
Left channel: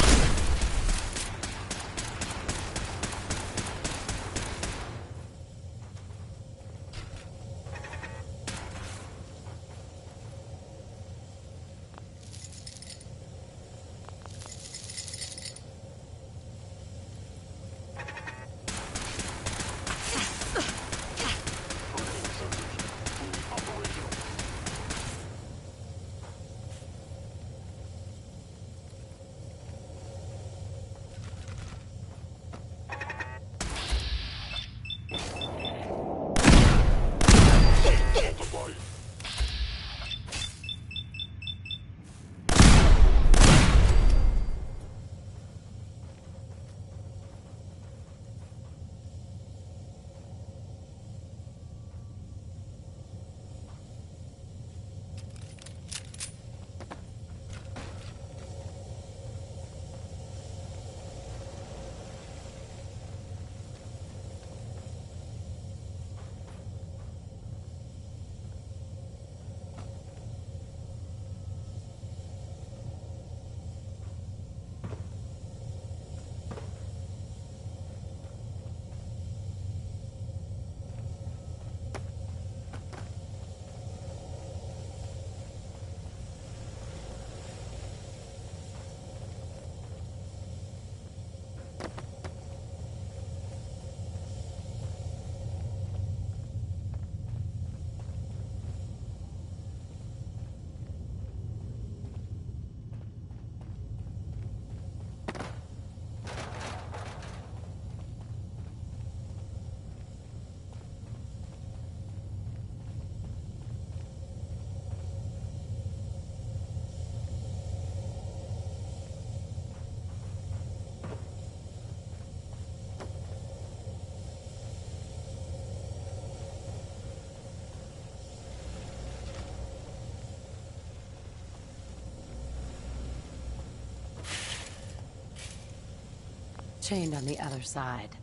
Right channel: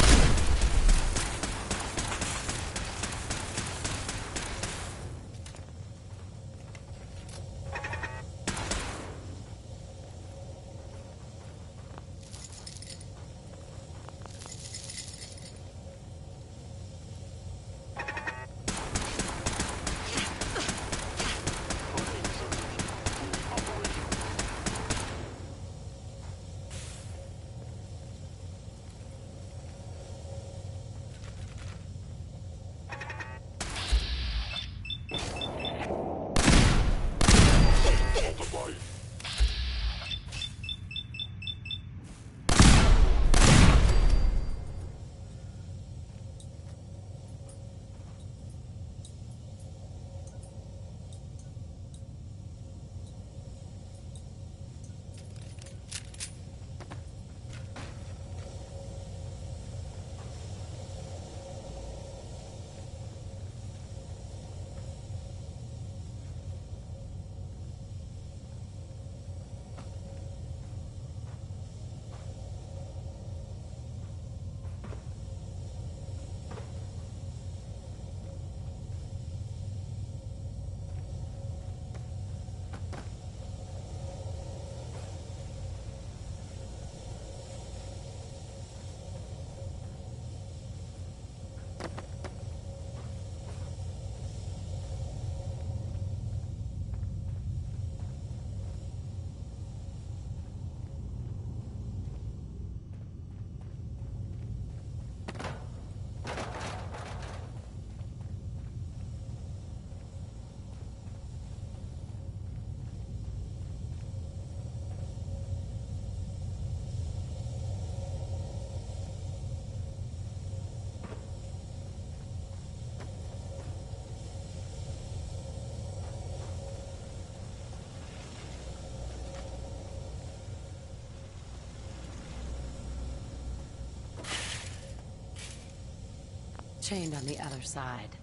Chained on the other side.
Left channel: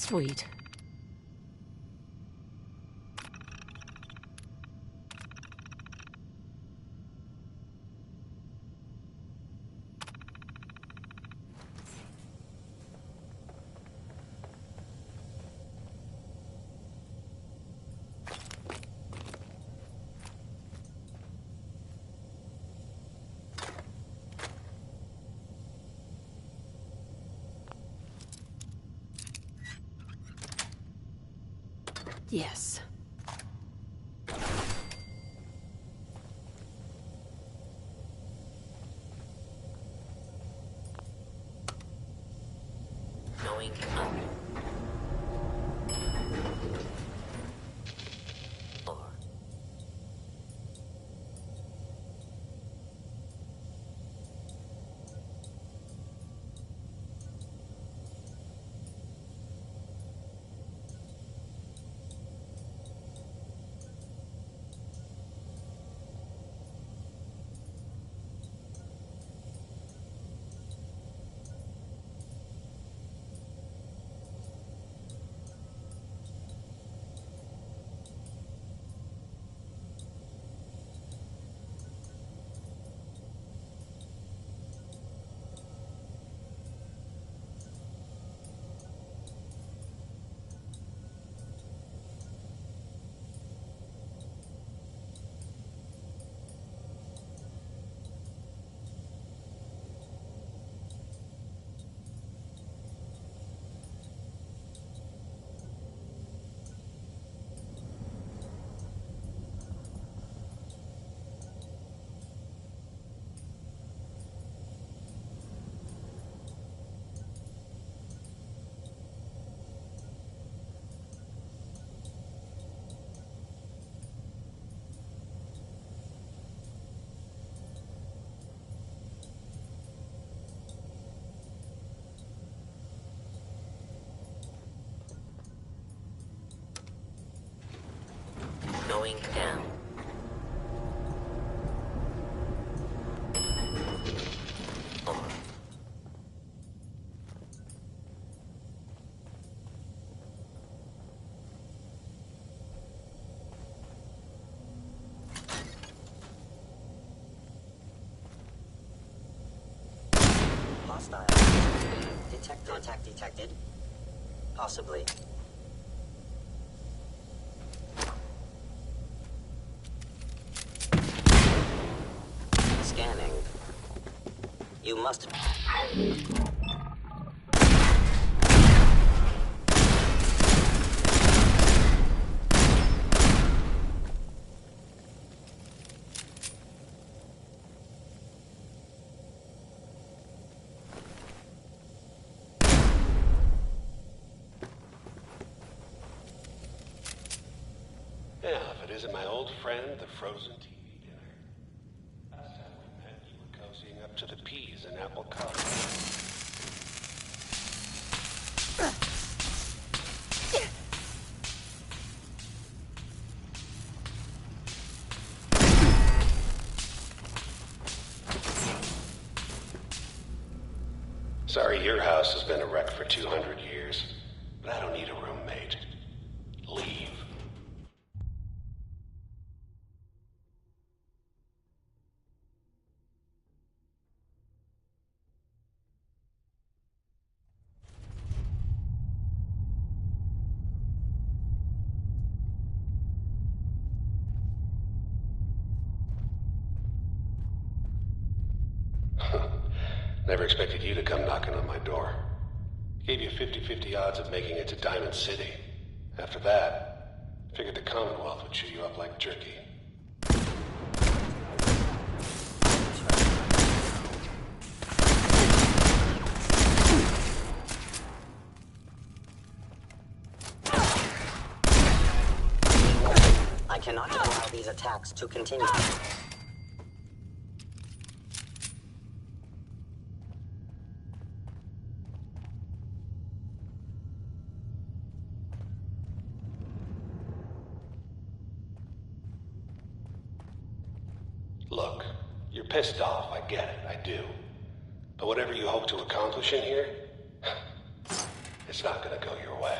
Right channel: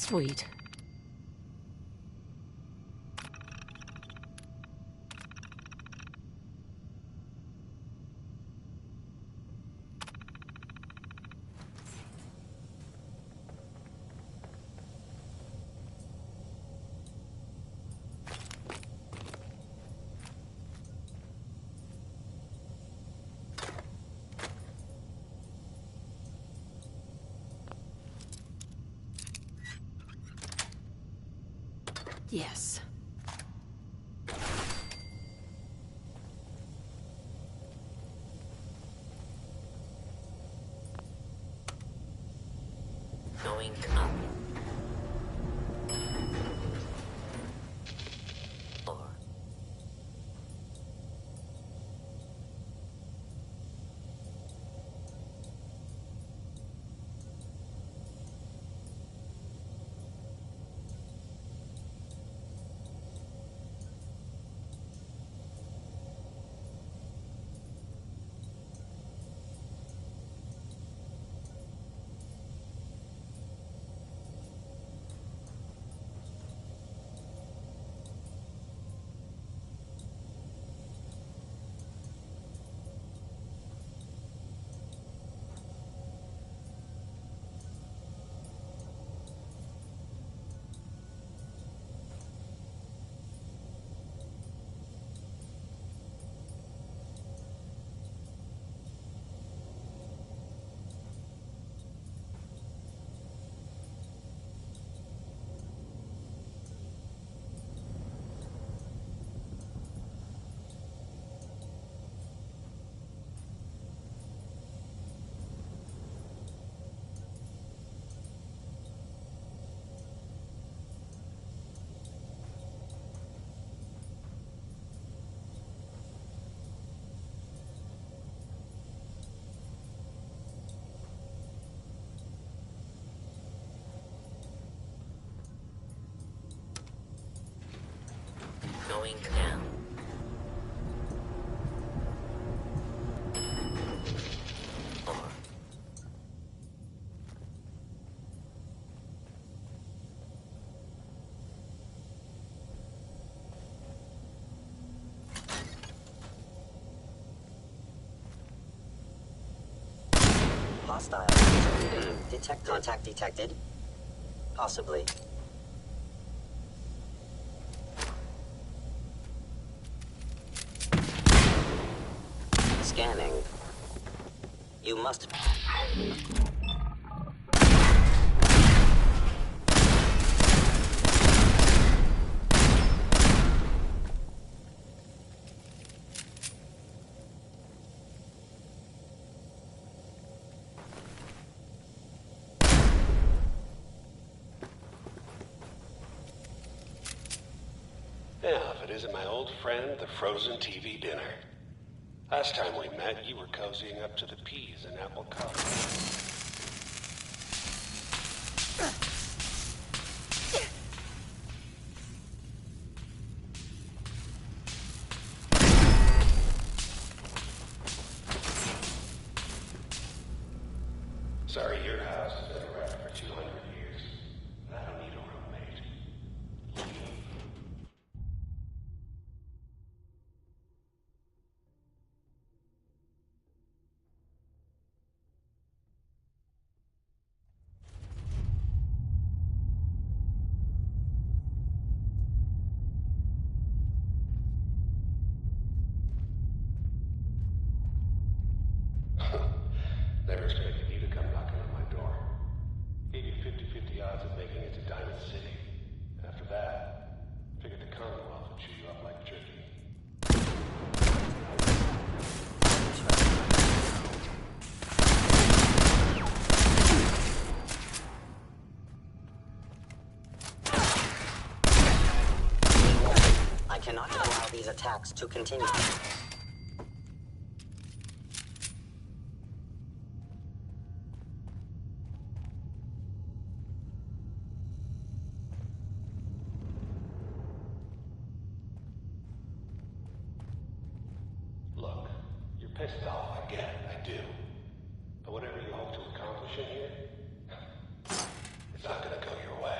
Sweet. Yes. Going up. 4. Going down. 4. Hostile. Contact detected. Possibly. Scanning. You must... Yeah, if it isn't my old friend, the frozen TV dinner. Last time we met, you were cozying up to the peas in apple coffee. Sorry, your house has been a wreck for 200 years, but I don't need a roommate. Leave. Never expected you to come knocking on my door. Gave you 50-50 odds of making it to Diamond City. After that, figured the Commonwealth would chew you up like jerky. I cannot allow these attacks to continue. Look, you're pissed off, I get it, I do. But whatever you hope to accomplish in here, it's not gonna go your way.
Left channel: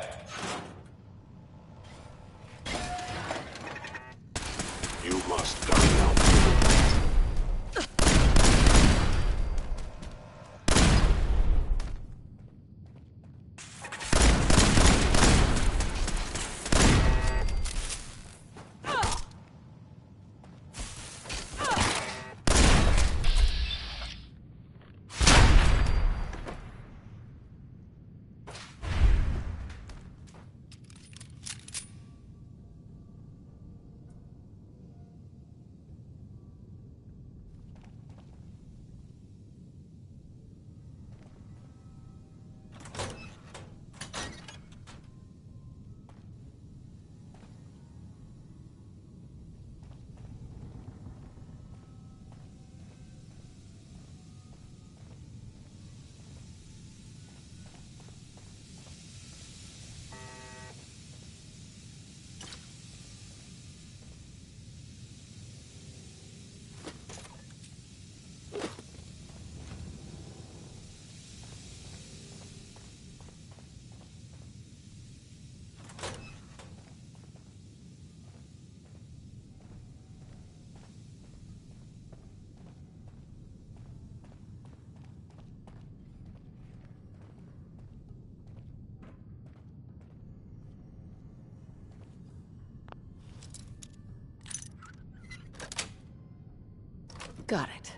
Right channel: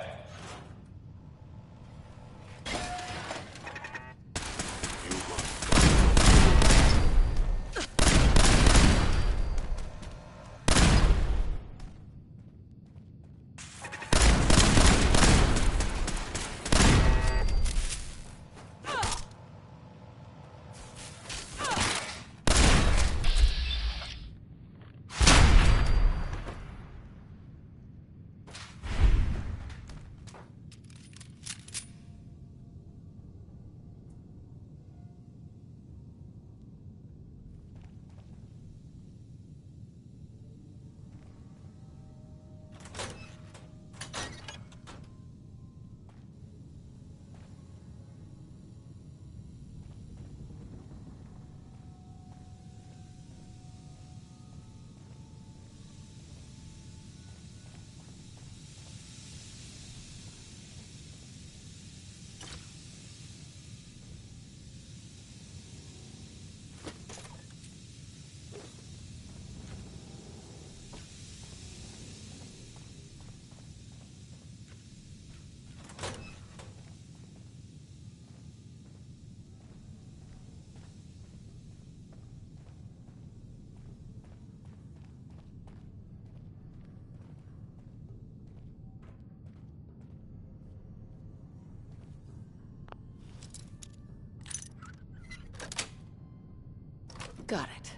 Got it.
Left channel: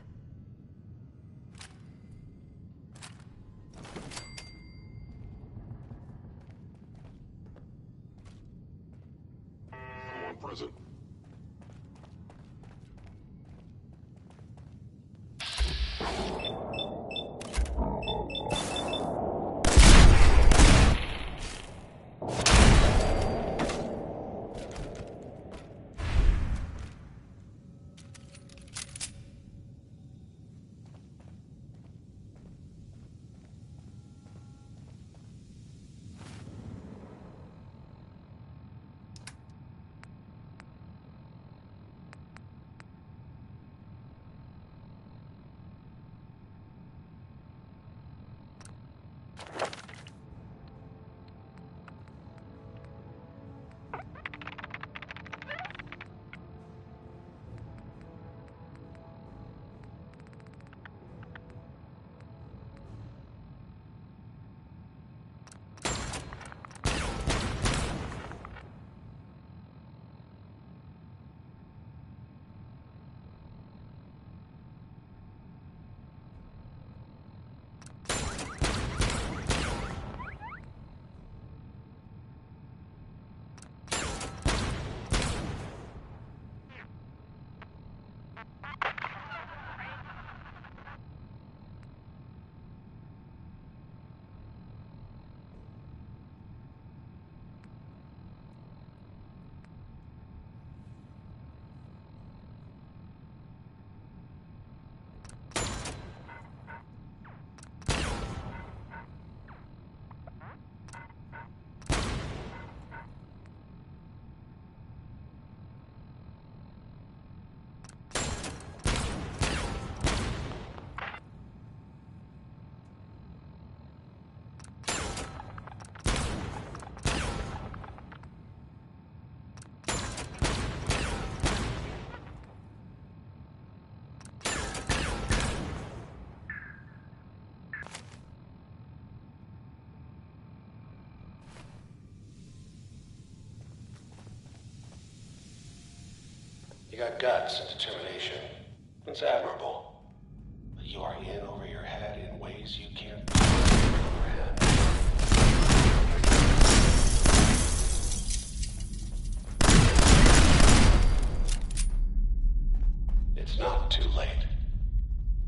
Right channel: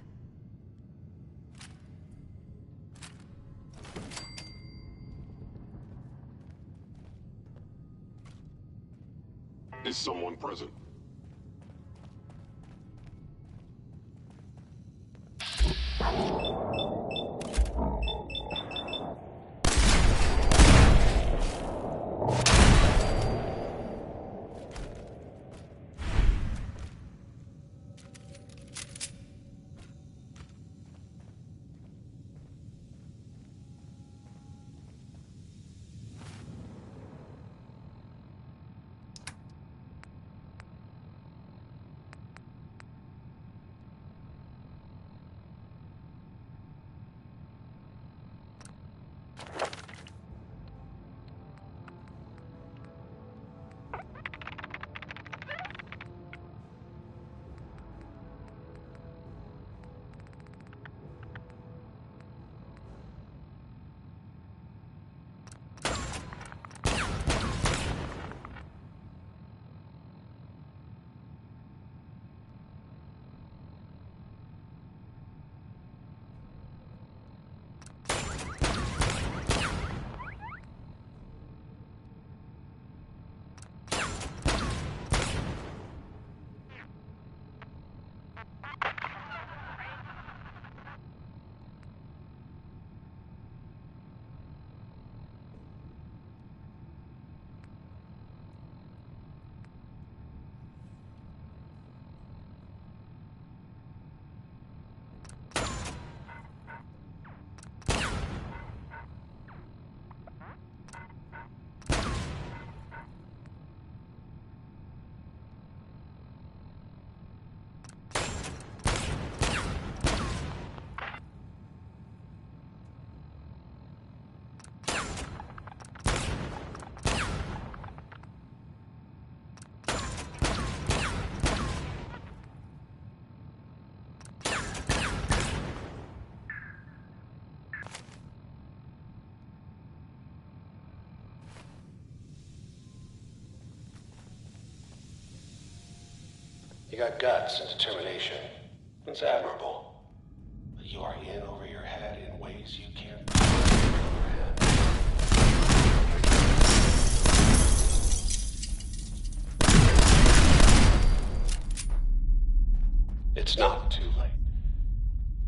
Is someone present? You got guts and determination. It's admirable. But you are in over your head in ways you can't comprehend. It's not too late.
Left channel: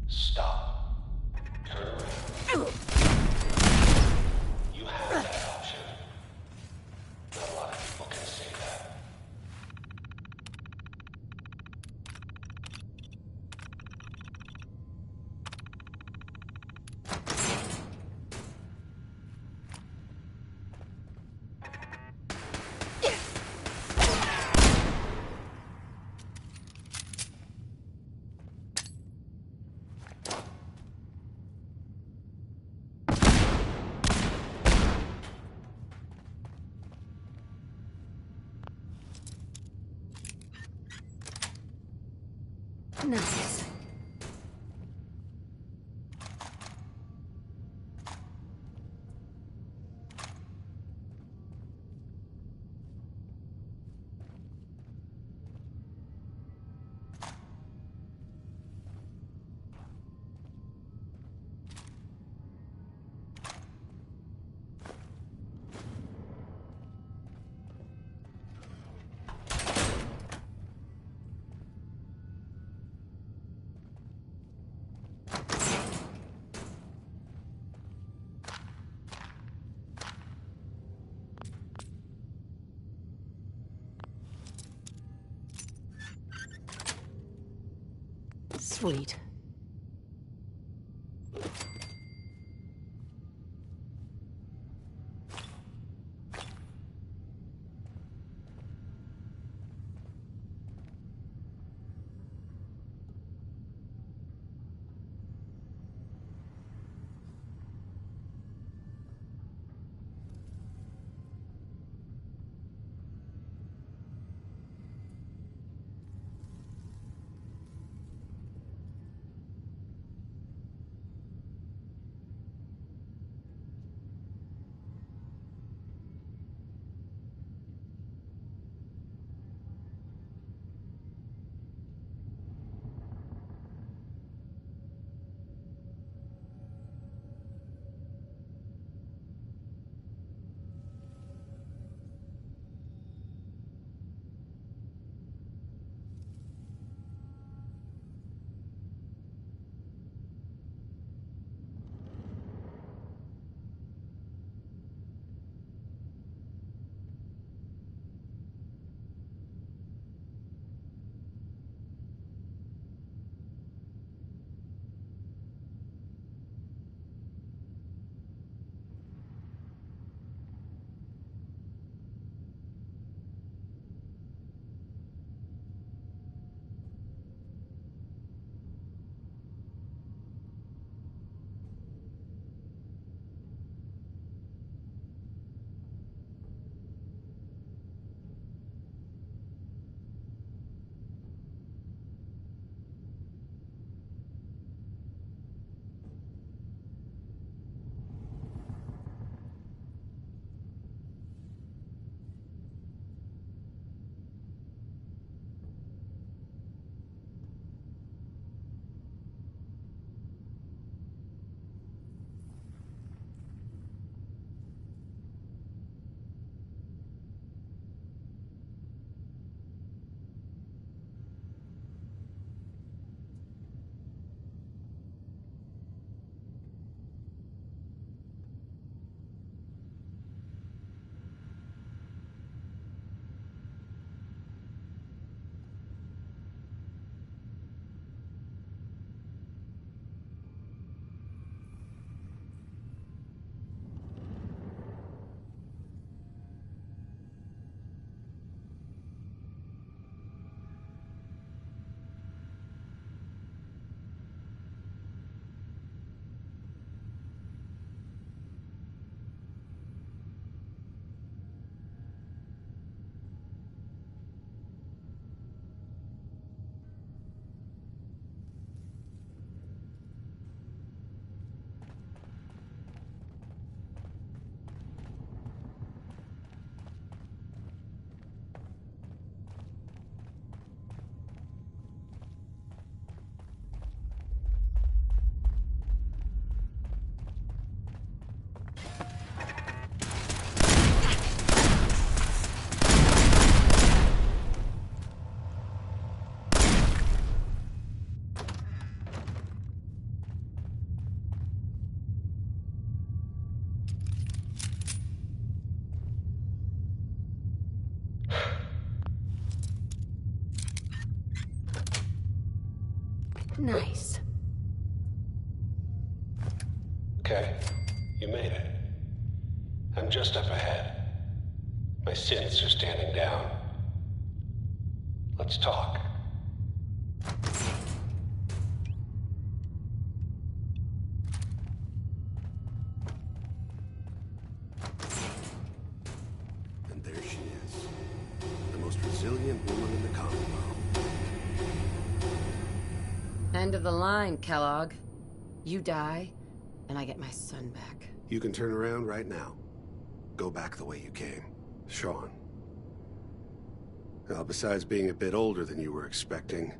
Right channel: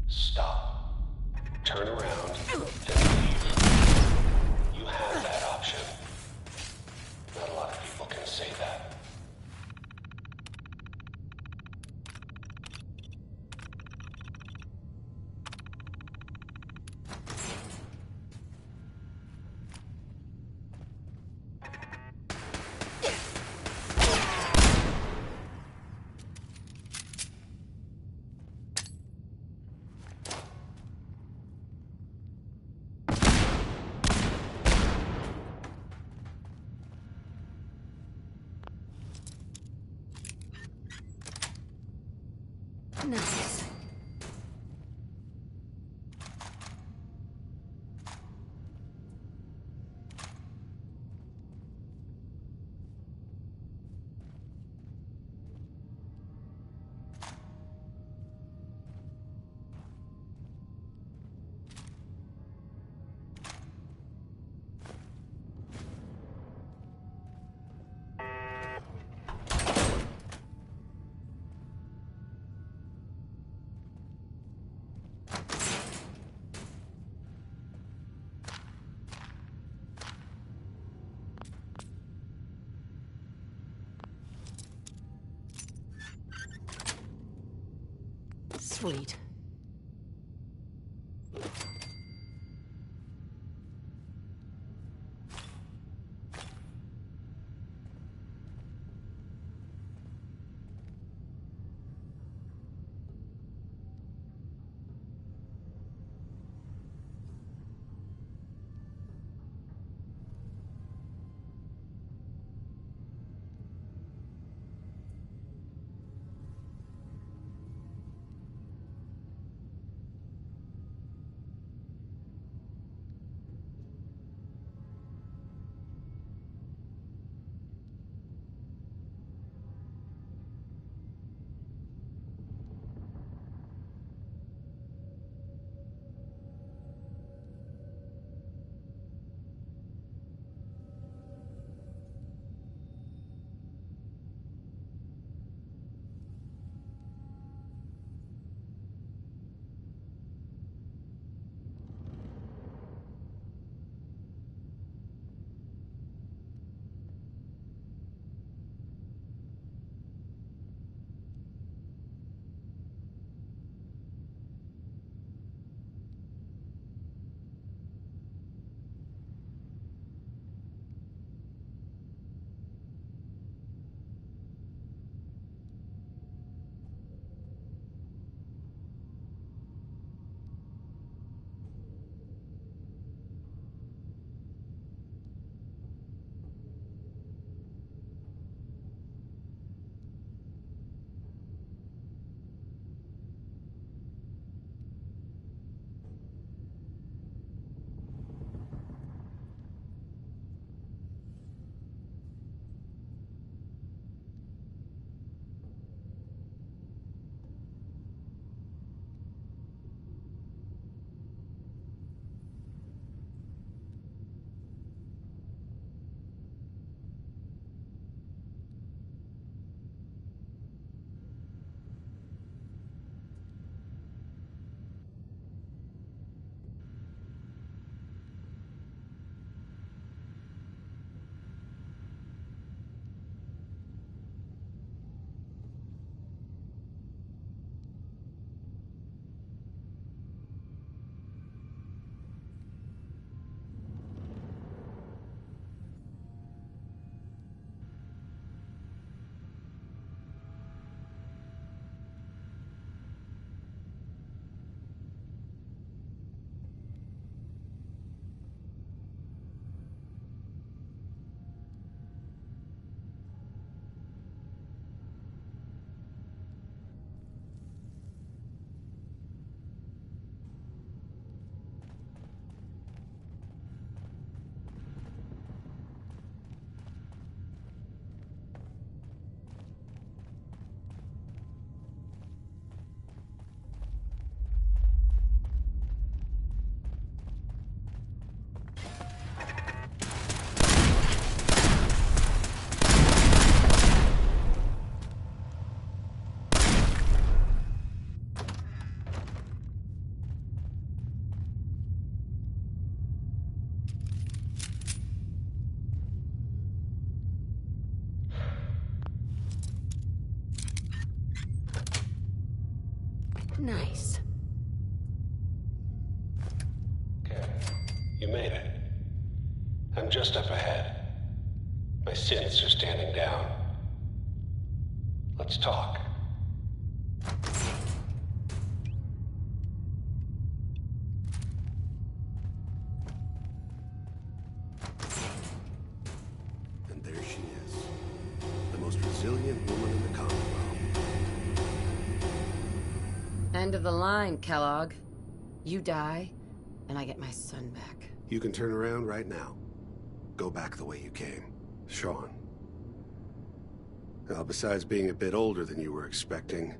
Stop. Turn around. And leave. You have that option. Not a lot of people can say that. Nice. Sweet. Nice. Okay, you made it. I'm just up ahead. My synths are standing down. Let's talk. And there she is. The most resilient woman in the Commonwealth. End of the line, Kellogg. You die, and I get my son back. You can turn around right now. Go back the way you came. Sean. Now, besides being a bit older than you were expecting,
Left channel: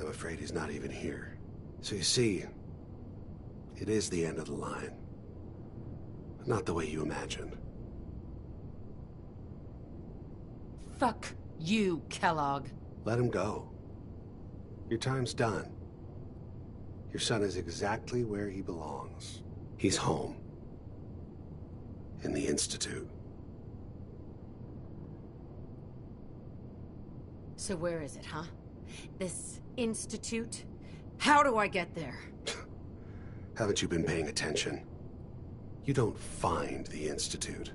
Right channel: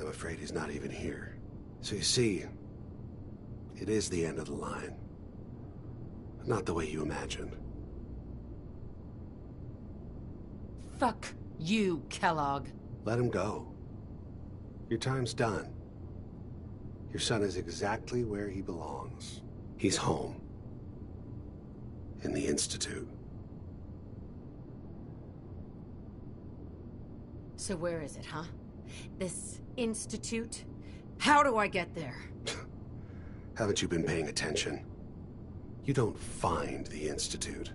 I'm afraid he's not even here. So you see, it is the end of the line. But not the way you imagined. Fuck you, Kellogg. Let him go. Your time's done. Your son is exactly where he belongs. He's home. In the Institute. So where is it, huh? This institute? How do I get there? Haven't you been paying attention? You don't find the Institute.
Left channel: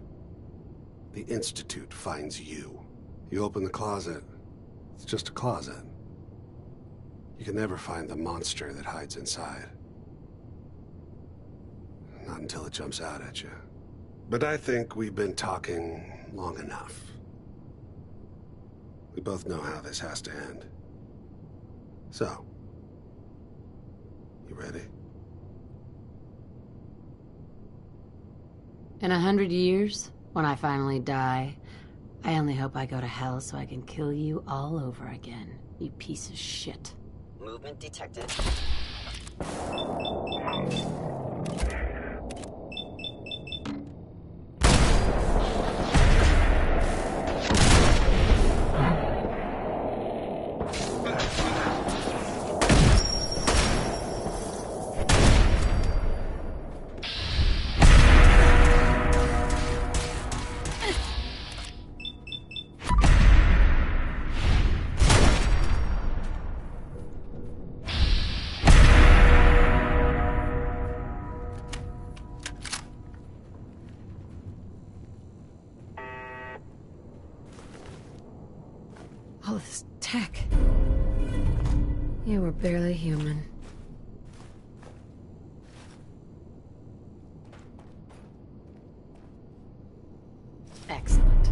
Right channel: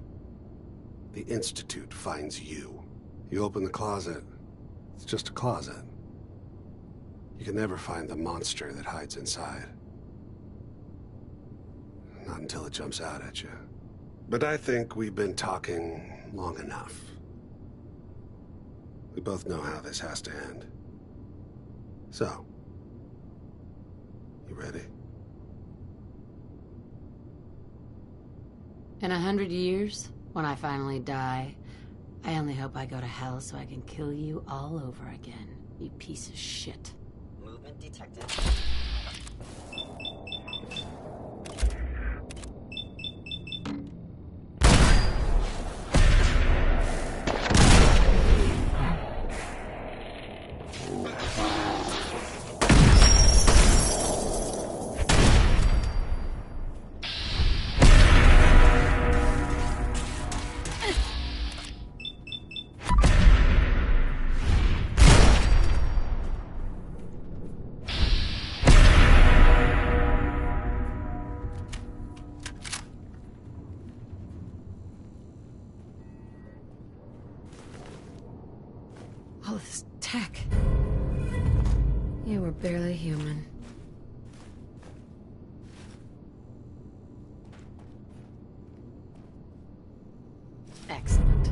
The Institute finds you. You open the closet, it's just a closet. You can never find the monster that hides inside. Not until it jumps out at you. But I think we've been talking long enough. We both know how this has to end. So, you ready? In 100 years, when I finally die, I only hope I go to hell so I can kill you all over again, you piece of shit. Movement detected. All of this tech. You were barely human. Excellent.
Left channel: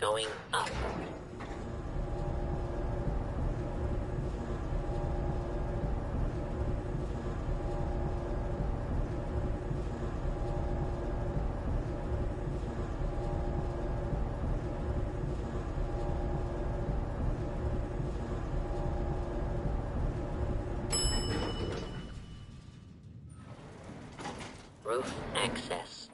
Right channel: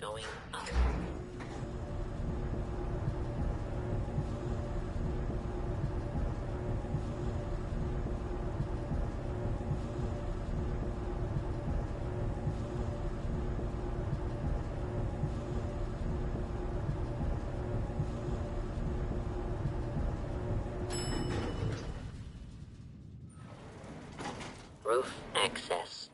Going up. Roof access.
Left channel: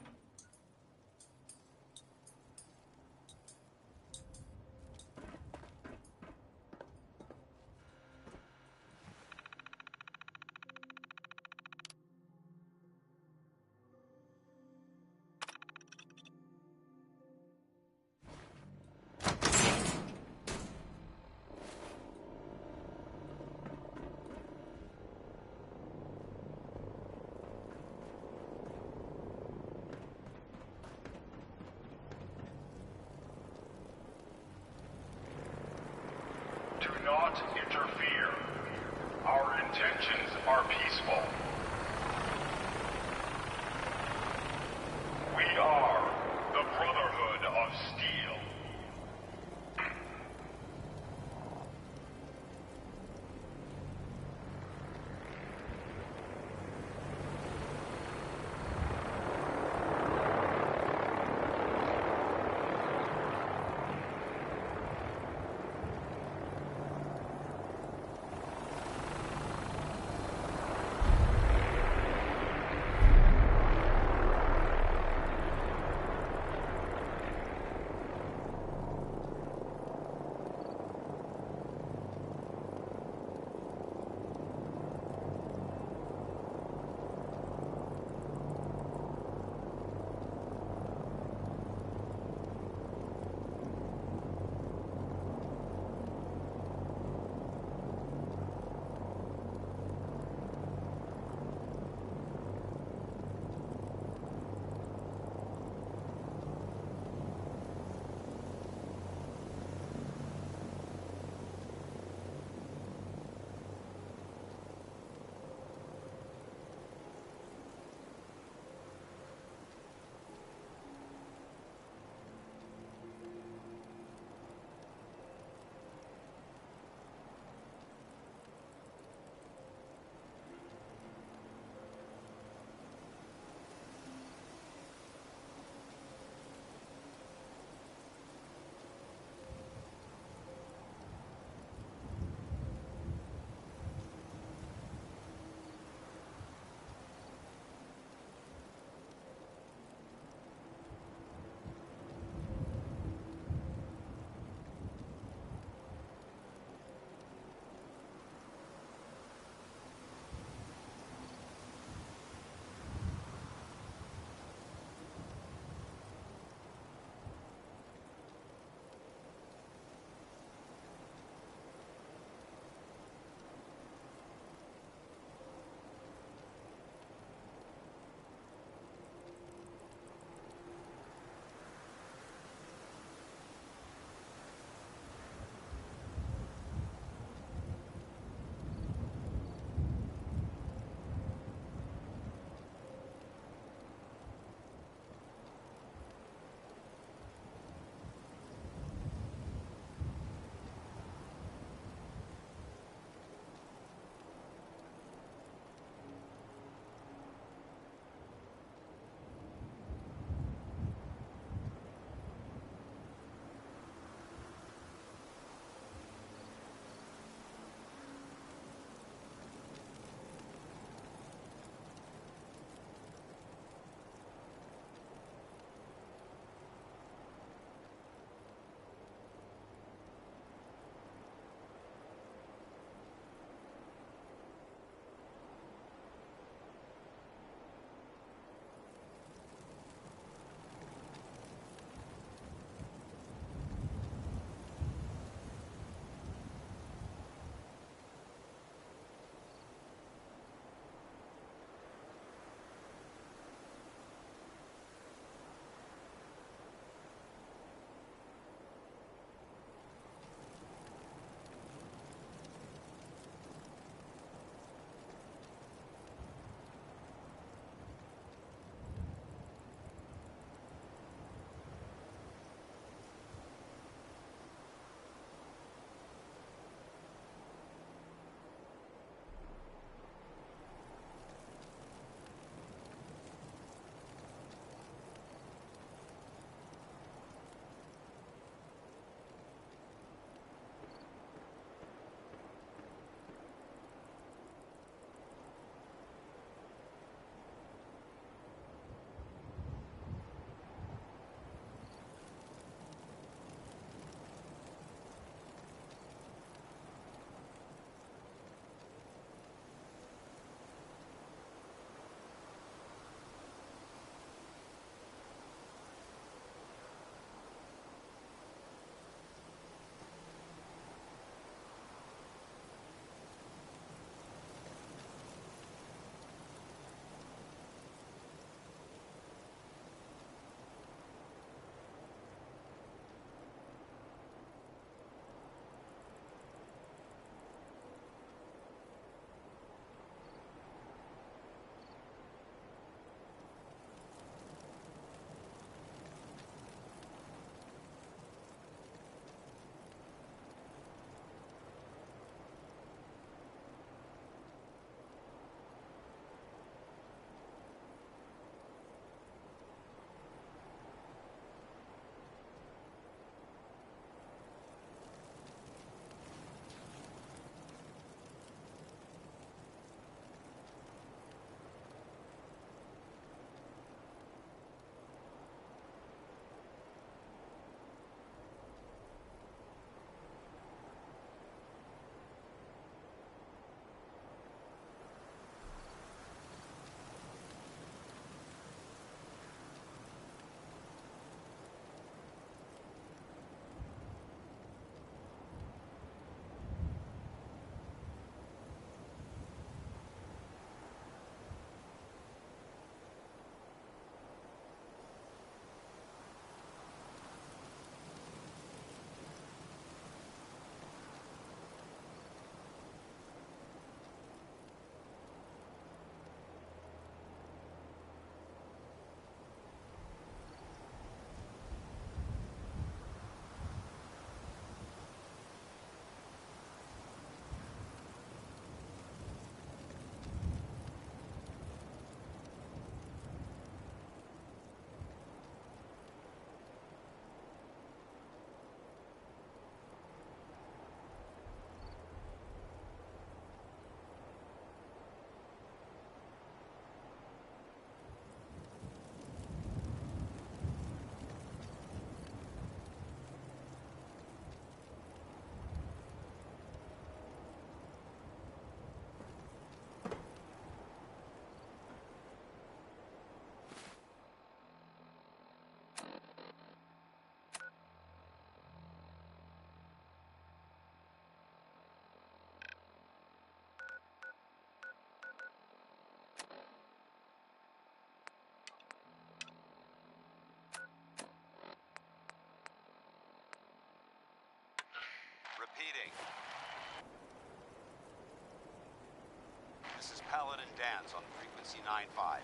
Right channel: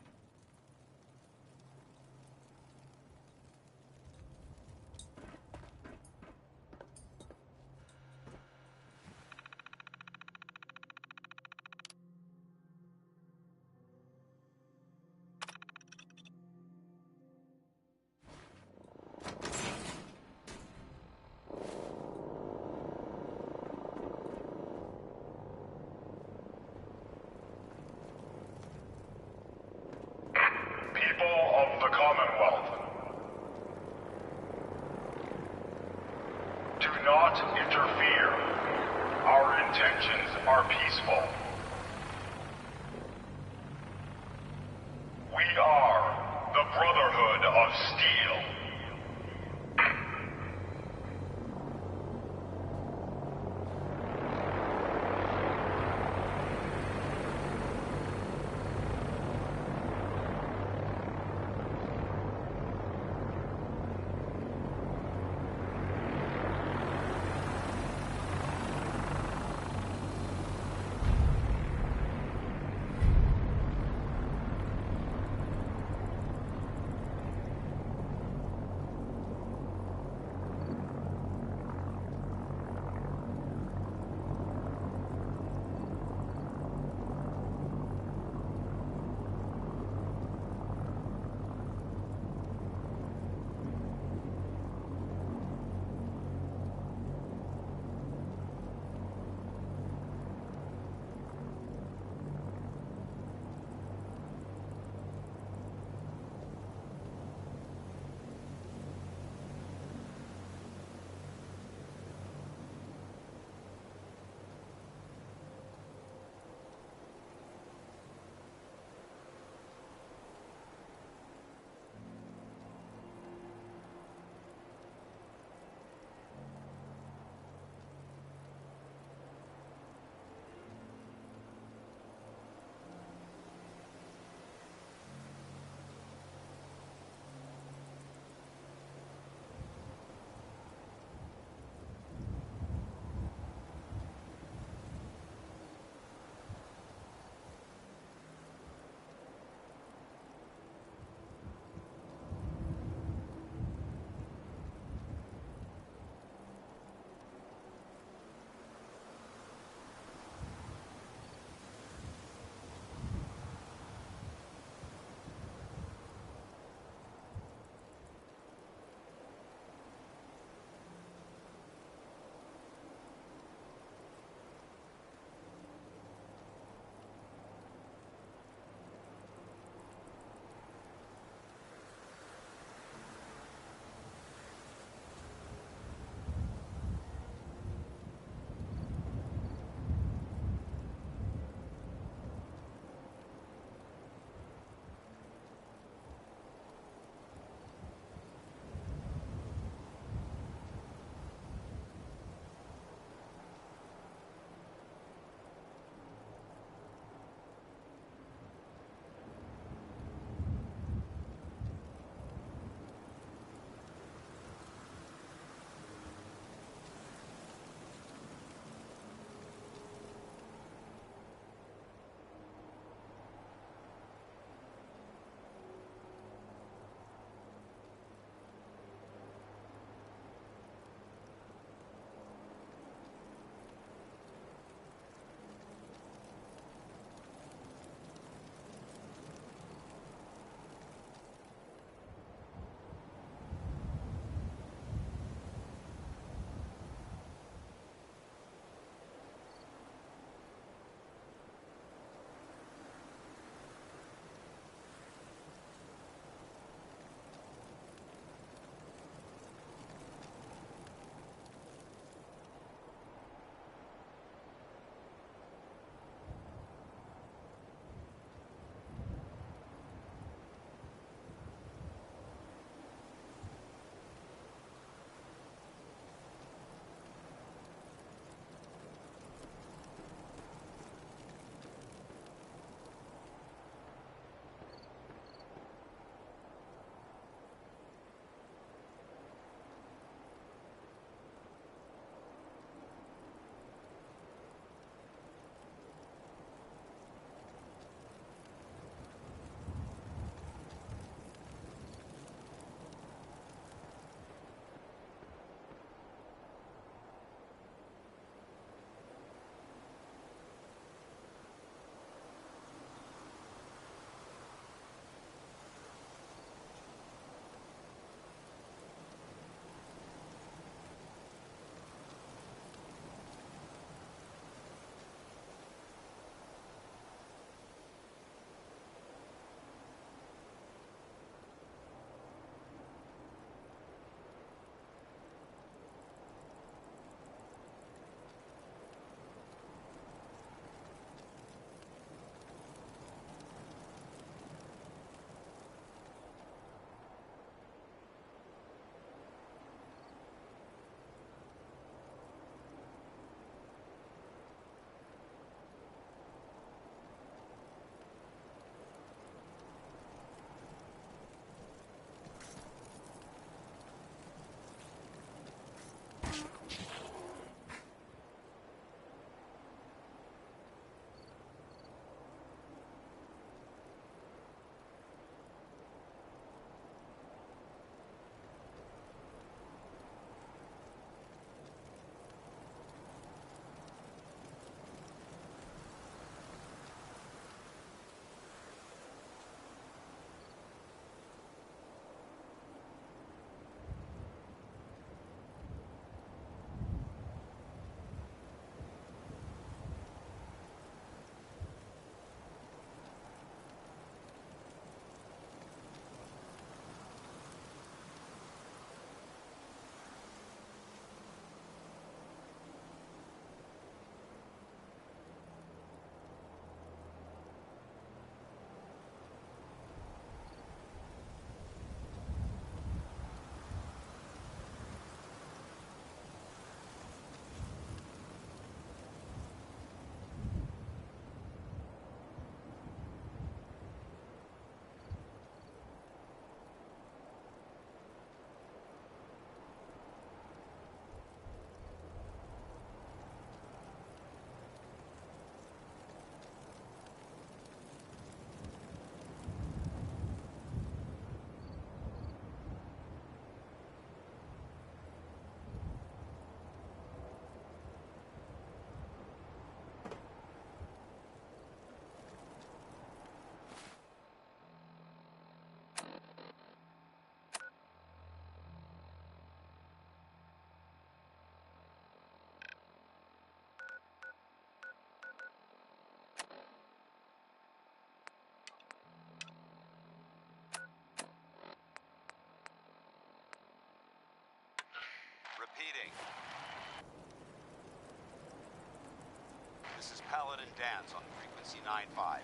Paladin Dance on frequency 9-5.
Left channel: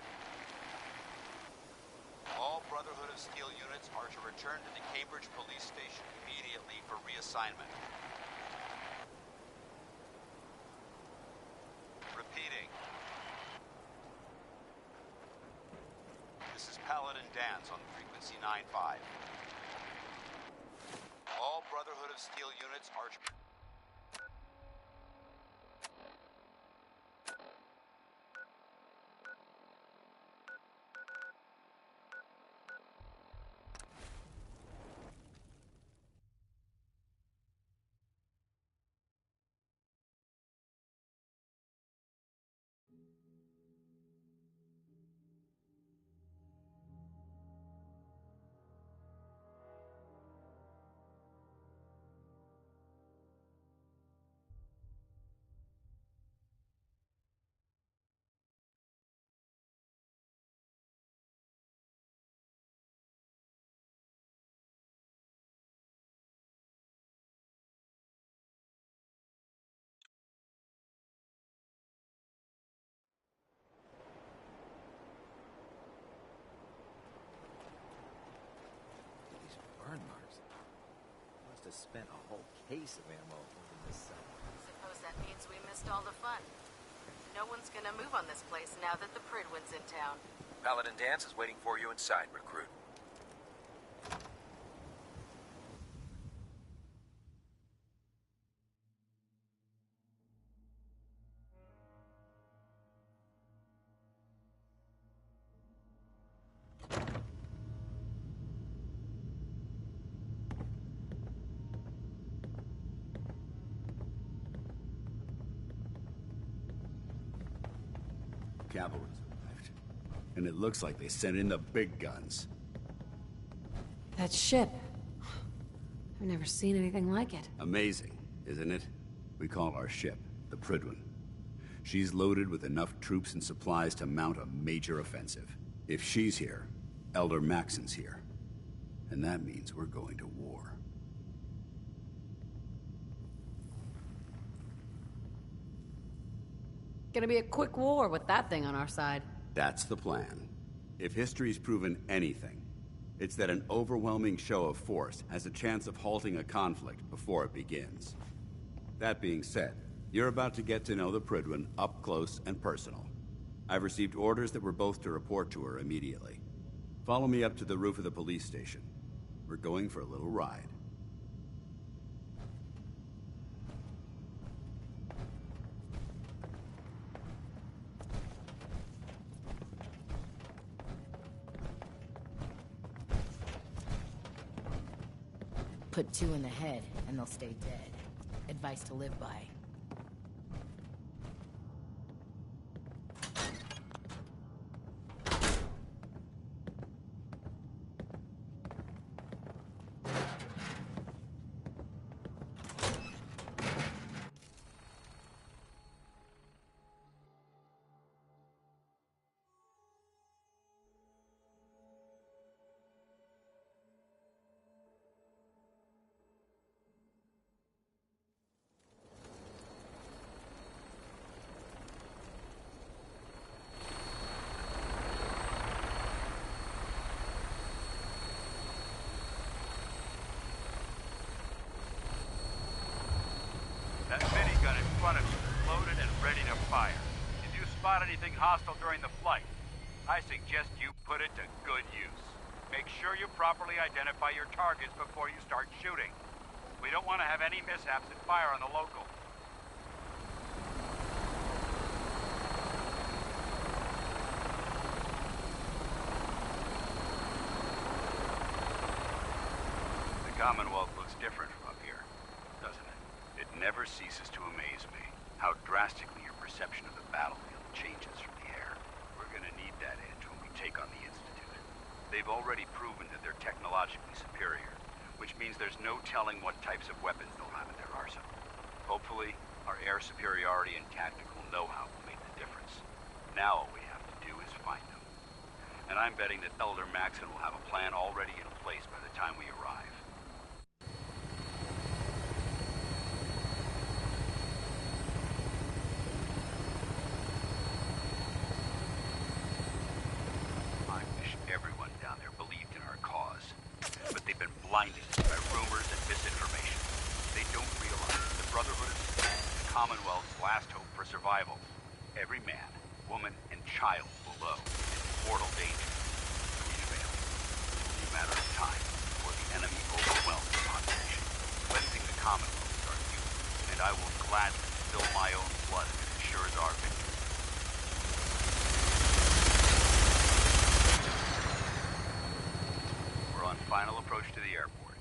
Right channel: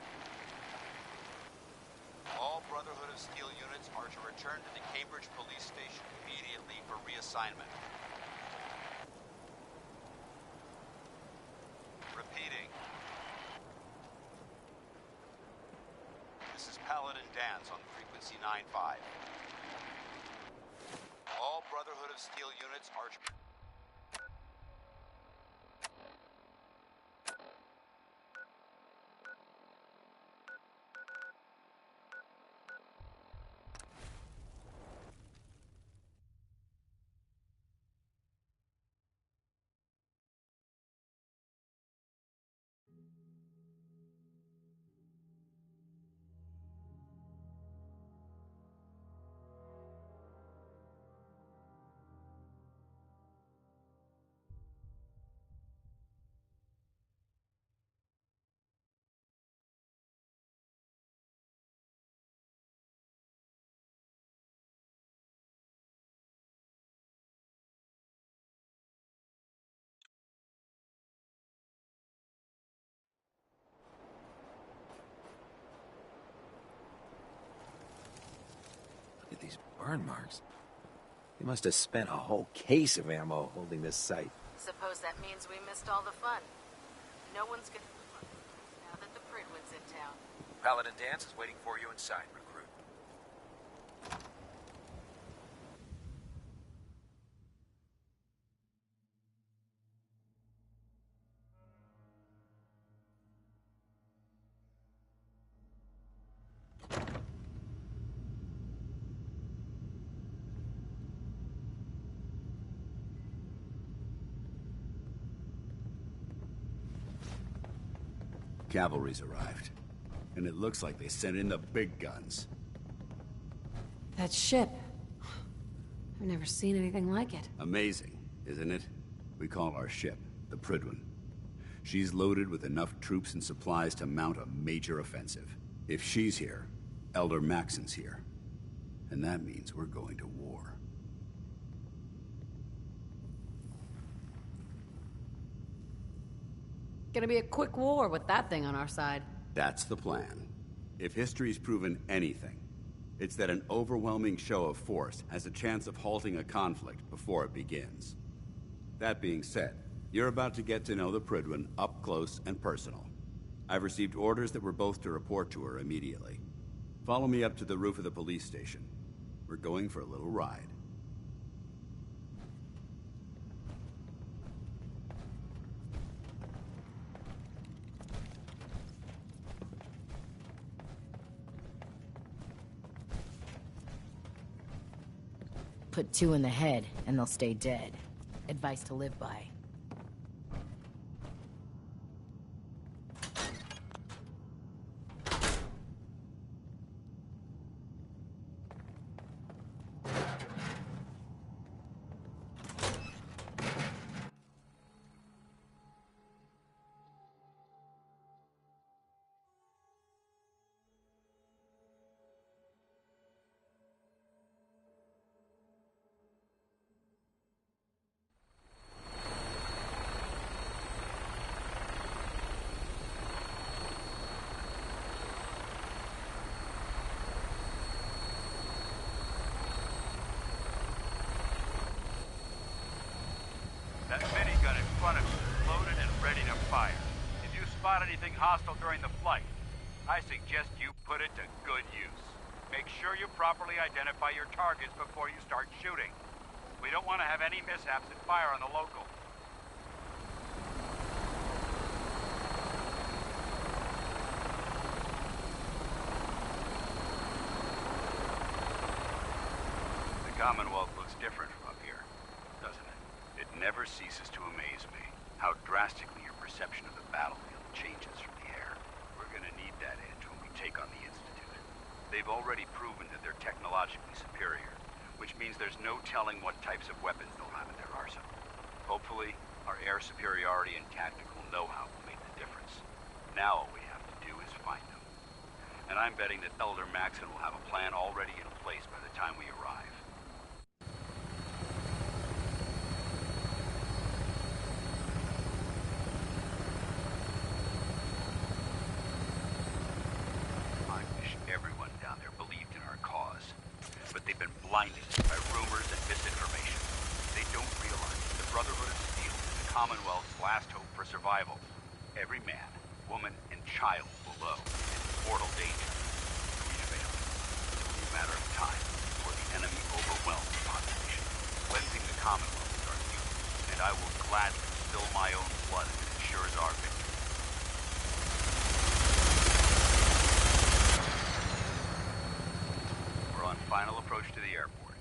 All Brotherhood of Steel units are to return to the Cambridge Police Station immediately for reassignment. Repeating. This is Paladin Dance on frequency 9-5. All Brotherhood of Steel units are to... Look at these burn marks. They must have spent a whole case of ammo holding this site. Suppose that means we missed all the fun. No one's gonna move on this place now that the Pridwin's in town. Paladin Dance is waiting for you inside, recruit. Cavalry's arrived. And it looks like they sent in the big guns. That ship. I've never seen anything like it. Amazing, isn't it? We call our ship the Pridwin. She's loaded with enough troops and supplies to mount a major offensive. If she's here, Elder Maxon's here. And that means we're going to war. Gonna be a quick war with that thing on our side. That's the plan. If history's proven anything, it's that an overwhelming show of force has a chance of halting a conflict before it begins. That being said, you're about to get to know the Pridwin up close and personal. I've received orders that we're both to report to her immediately. Follow me up to the roof of the police station. We're going for a little ride. Put 2 in the head, and they'll stay dead. Advice to live by. That minigun in front of you is loaded and ready to fire. If you spot anything hostile during the flight, I suggest you put it to good use. Make sure you properly identify your targets before you start shooting. We don't want to have any mishaps and fire on the local. The Commonwealth looks different from up here, doesn't it? It never ceases to amaze me how drastically your perception of the battlefield changes from the air. We're gonna need that edge when we take on the Institute. They've already proven that they're technologically superior, which means there's no telling what types of weapons they'll have in their arsenal. Hopefully, our air superiority and tactical know-how will make the difference. Now all we have to do is find them. And I'm betting that Elder Maxon will have a plan already in place by the time we arrive. blinded by rumors and misinformation. They don't realize the Brotherhood of Steel is the Commonwealth's last hope for survival. Every man, woman, and child below is in mortal danger. If we fail, it's only a matter of time before the enemy overwhelms the population. Cleansing the Commonwealth is our duty, and I will gladly spill my own blood if it ensures our victory. We're on final approach to the airport.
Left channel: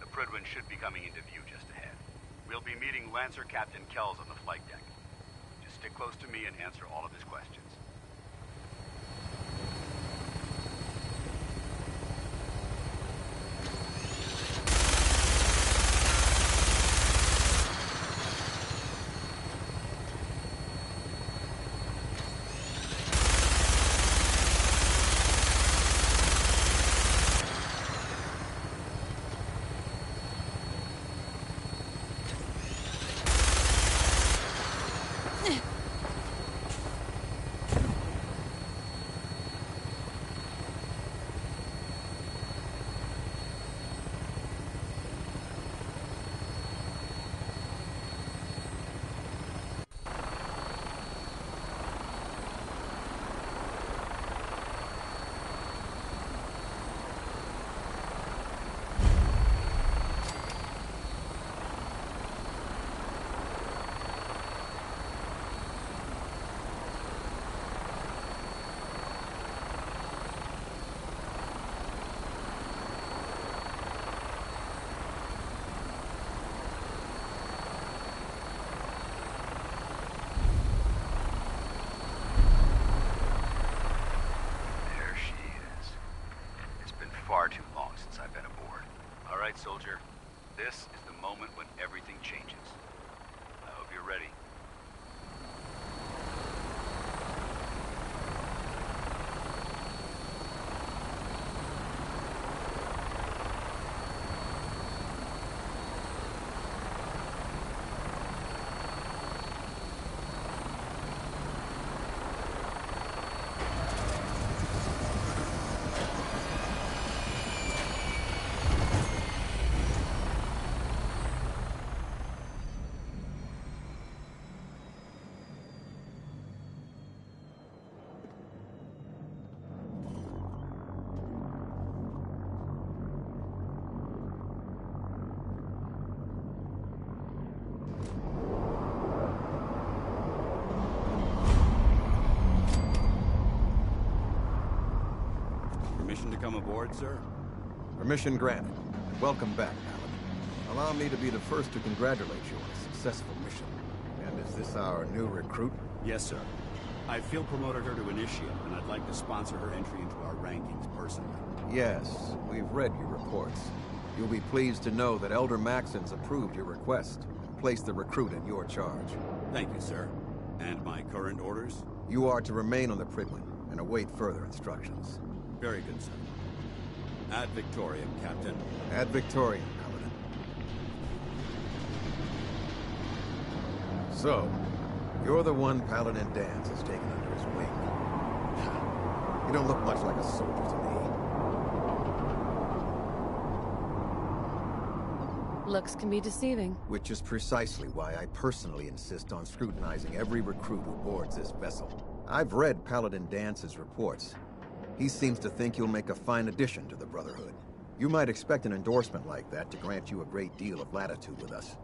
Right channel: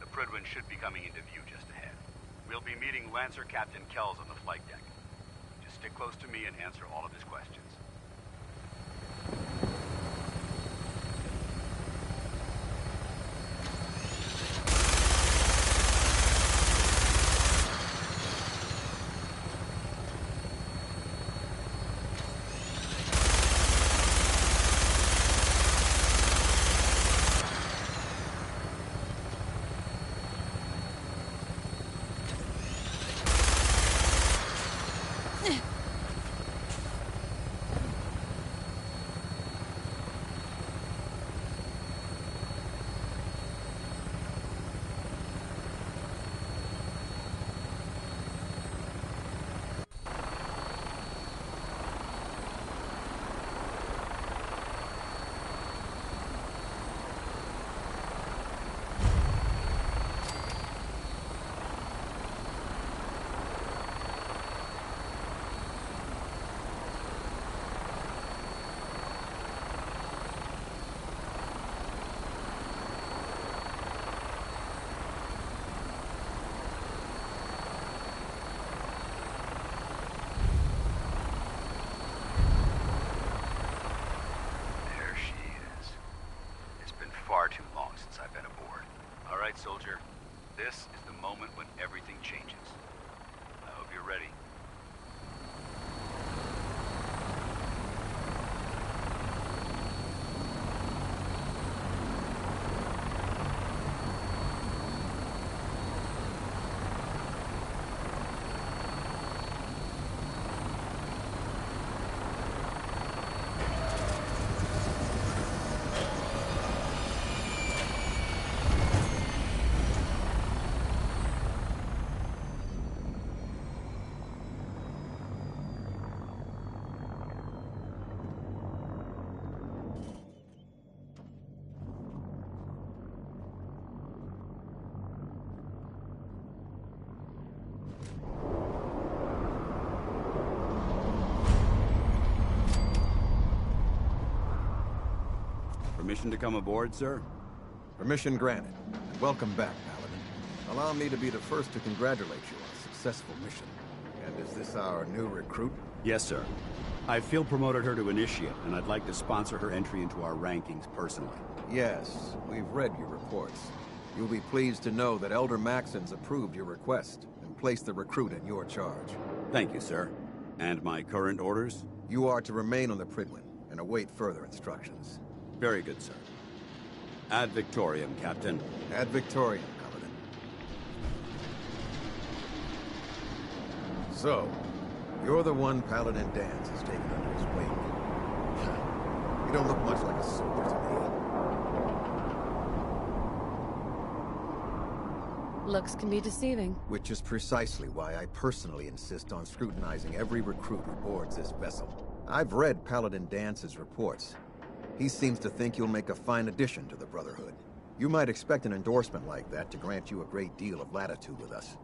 The Prydwen should be coming into view just ahead. We'll be meeting Lancer Captain Kells on the flight deck. Just stick close to me and answer all of his questions. Far too long since I've been aboard. All right, soldier. This is the moment when everything changes. I hope you're ready. Permission to come aboard, sir? Permission granted. Welcome back, Paladin. Allow me to be the first to congratulate you on a successful mission. And is this our new recruit? Yes, sir. I feel promoted her to initiate, and I'd like to sponsor her entry into our rankings personally. Yes, we've read your reports. You'll be pleased to know that Elder Maxon's approved your request and placed the recruit in your charge. Thank you, sir. And my current orders? You are to remain on the Prydwen and await further instructions. Very good, sir. Ad Victoriam, Captain. Ad Victoriam, Paladin. So, you're the one Paladin Danse has taken under his wing. You don't look much like a soldier to me. Looks can be deceiving. Which is precisely why I personally insist on scrutinizing every recruit who boards this vessel. I've read Paladin Dance's reports. He seems to think you'll make a fine addition to the Brotherhood. You might expect an endorsement like that to grant you a great deal of latitude with us.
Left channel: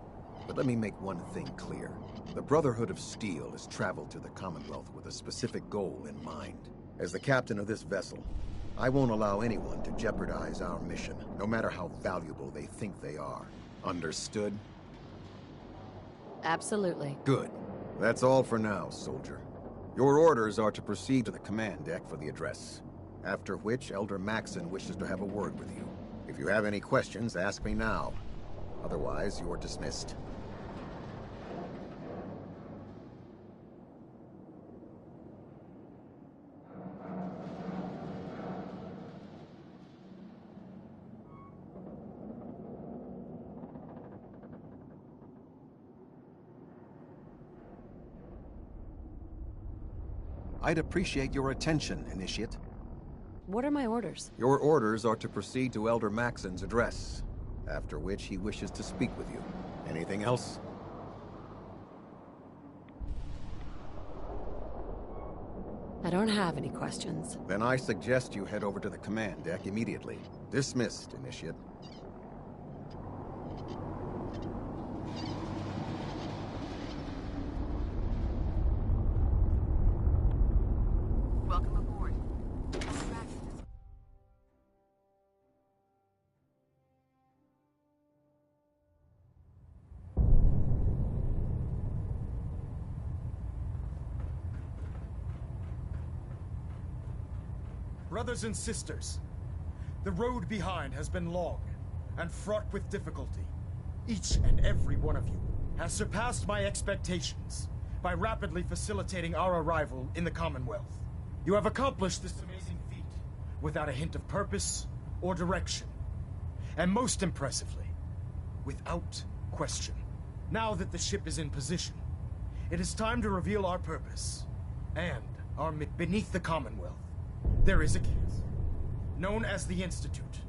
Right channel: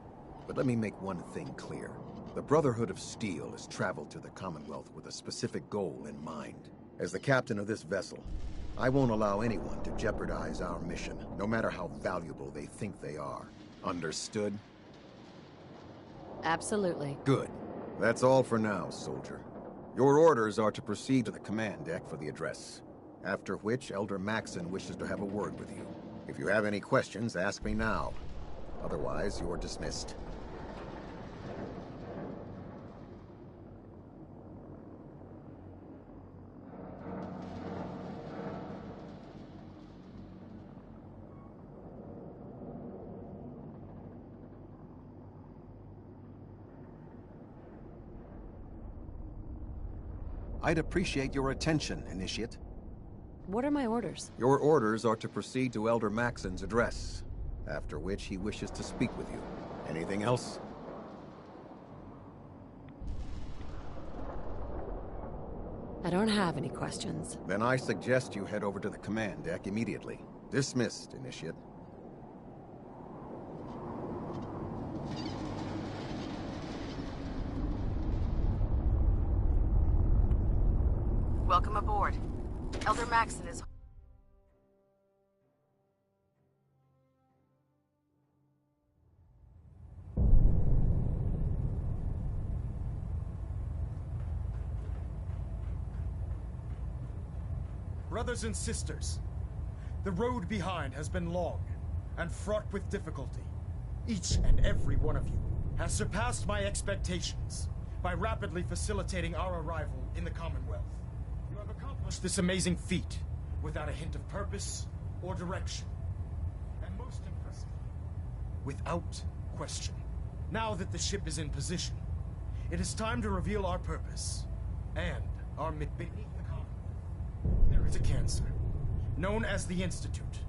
But let me make one thing clear. The Brotherhood of Steel has traveled to the Commonwealth with a specific goal in mind. As the captain of this vessel, I won't allow anyone to jeopardize our mission, no matter how valuable they think they are. Understood? Absolutely. Good. That's all for now, soldier. Your orders are to proceed to the command deck for the address. After which, Elder Maxon wishes to have a word with you. If you have any questions, ask me now. Otherwise, you're dismissed. I'd appreciate your attention, Initiate. What are my orders? Your orders are to proceed to Elder Maxon's address, after which he wishes to speak with you. Anything else? I don't have any questions. Then I suggest you head over to the command deck immediately. Dismissed, Initiate. Welcome aboard. Elder Maxon is... Brothers and sisters, the road behind has been long and fraught with difficulty. Each and every one of you has surpassed my expectations by rapidly facilitating our arrival in the Commonwealth. You have accomplished this amazing feat without a hint of purpose or direction. And most impressively, without question. Now that the ship is in position, it is time to reveal our purpose and our beneath the Commonwealth. There is a cancer, known as the Institute.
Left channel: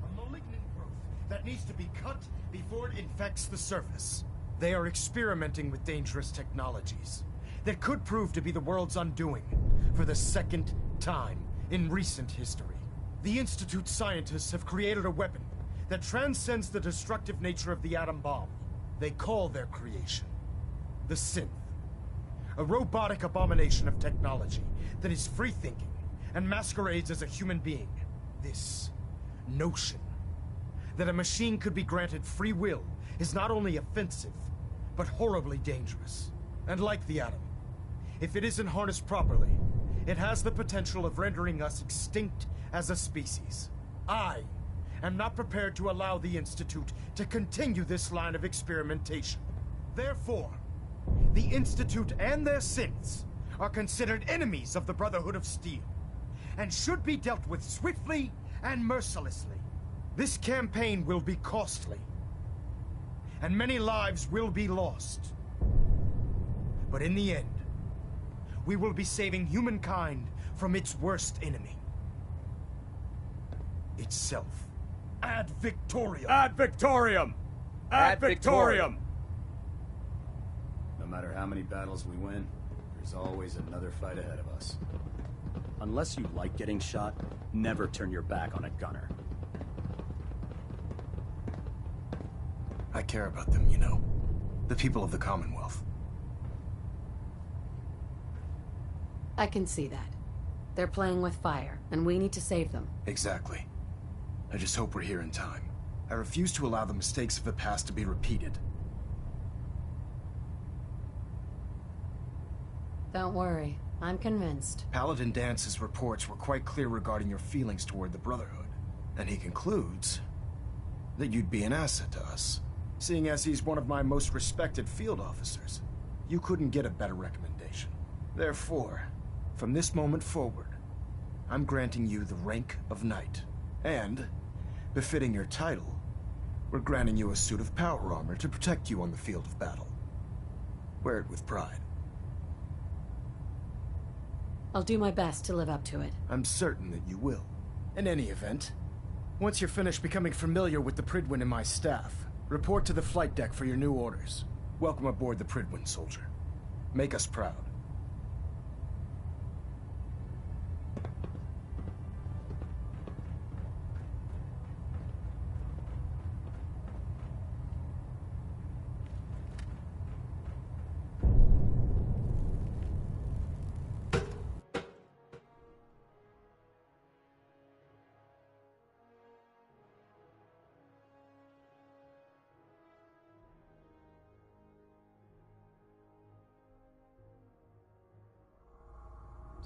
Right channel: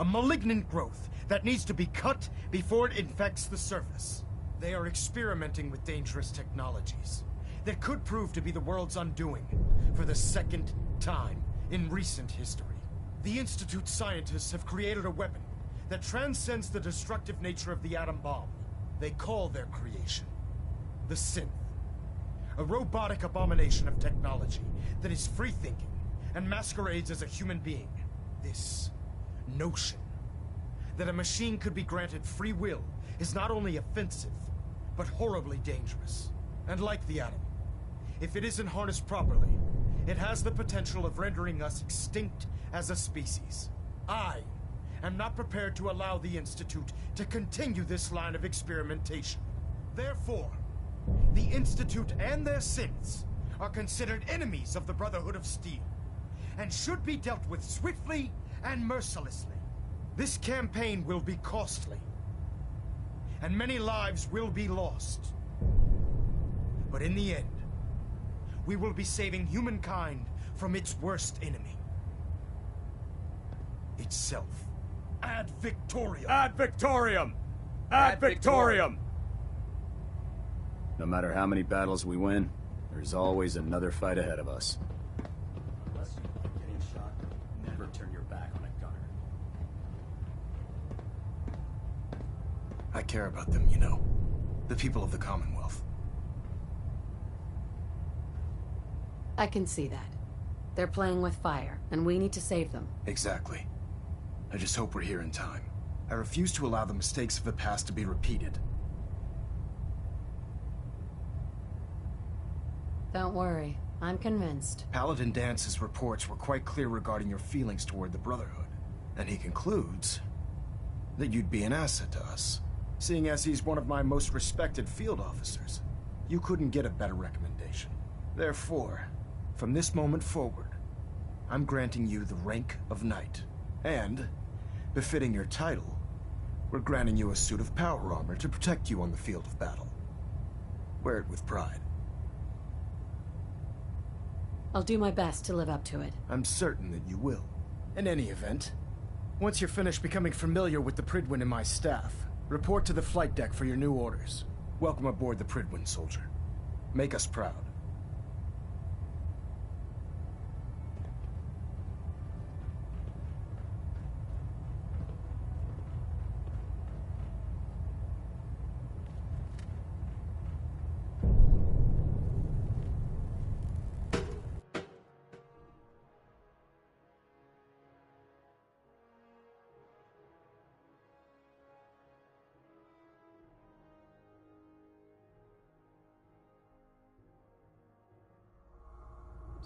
A malignant growth that needs to be cut before it infects the surface. They are experimenting with dangerous technologies that could prove to be the world's undoing for the second time in recent history. The Institute scientists have created a weapon that transcends the destructive nature of the atom bomb. They call their creation the Synth. A robotic abomination of technology that is free-thinking and masquerades as a human being. This notion that a machine could be granted free will is not only offensive, but horribly dangerous. And like the atom, if it isn't harnessed properly, it has the potential of rendering us extinct as a species. I am not prepared to allow the Institute to continue this line of experimentation. Therefore, the Institute and their synths are considered enemies of the Brotherhood of Steel, and should be dealt with swiftly and mercilessly. This campaign will be costly, and many lives will be lost. But in the end, we will be saving humankind from its worst enemy. Itself. Ad Victoriam! Ad Victoriam! Ad Victoriam! No matter how many battles we win, there's always another fight ahead of us. Unless you like getting shot, never turn your back on a gunner. I care about them, you know. The people of the Commonwealth. I can see that. They're playing with fire, and we need to save them. Exactly. I just hope we're here in time. I refuse to allow the mistakes of the past to be repeated. Don't worry. I'm convinced. Paladin Dance's reports were quite clear regarding your feelings toward the Brotherhood. And he concludes that you'd be an asset to us. Seeing as he's one of my most respected field officers, you couldn't get a better recommendation. Therefore, from this moment forward, I'm granting you the rank of Knight. And, befitting your title, we're granting you a suit of power armor to protect you on the field of battle. Wear it with pride. I'll do my best to live up to it. I'm certain that you will. In any event, once you're finished becoming familiar with the Pridwin and my staff, report to the flight deck for your new orders. Welcome aboard the Pridwin, soldier. Make us proud.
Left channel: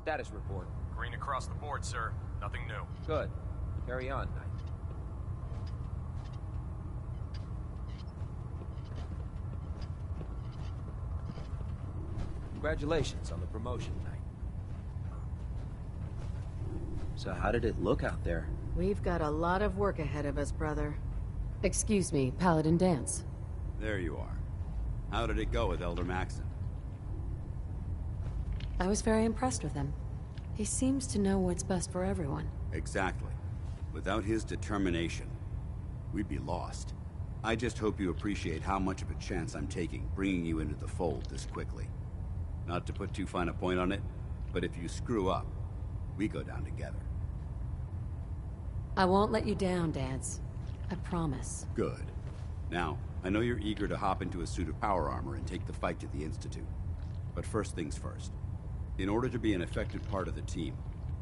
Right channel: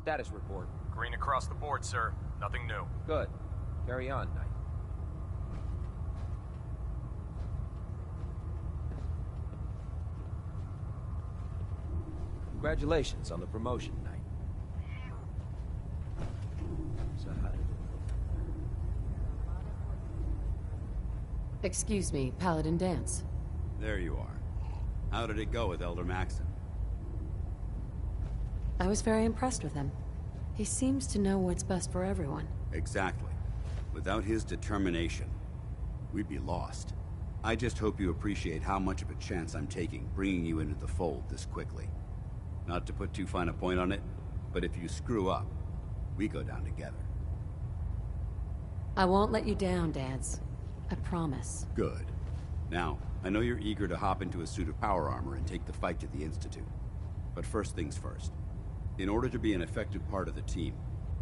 Status report. Green across the board, sir. Nothing new. Good. Carry on, Knight. Congratulations on the promotion, Knight. So how did it look out there? We've got a lot of work ahead of us, brother. Excuse me, Paladin Dance. There you are. How did it go with Elder Maxon? I was very impressed with him. He seems to know what's best for everyone. Exactly. Without his determination, we'd be lost. I just hope you appreciate how much of a chance I'm taking bringing you into the fold this quickly. Not to put too fine a point on it, but if you screw up, we go down together. I won't let you down, Dads. I promise. Good. Now, I know you're eager to hop into a suit of power armor and take the fight to the Institute. But first things first. In order to be an effective part of the team,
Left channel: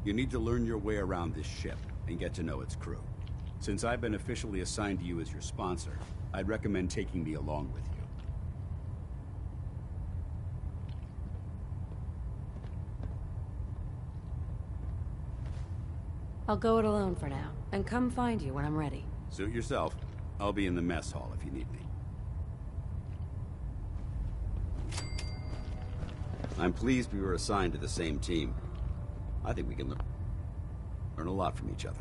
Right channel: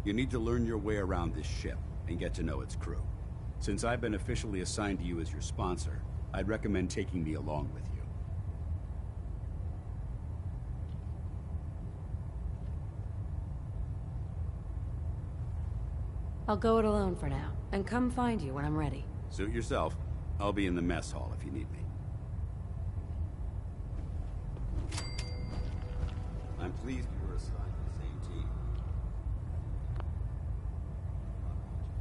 you need to learn your way around this ship and get to know its crew. Since I've been officially assigned to you as your sponsor, I'd recommend taking me along with you. I'll go it alone for now, and come find you when I'm ready. Suit yourself. I'll be in the mess hall if you need me. I'm pleased we were assigned to the same team. I think we can learn a lot from each other.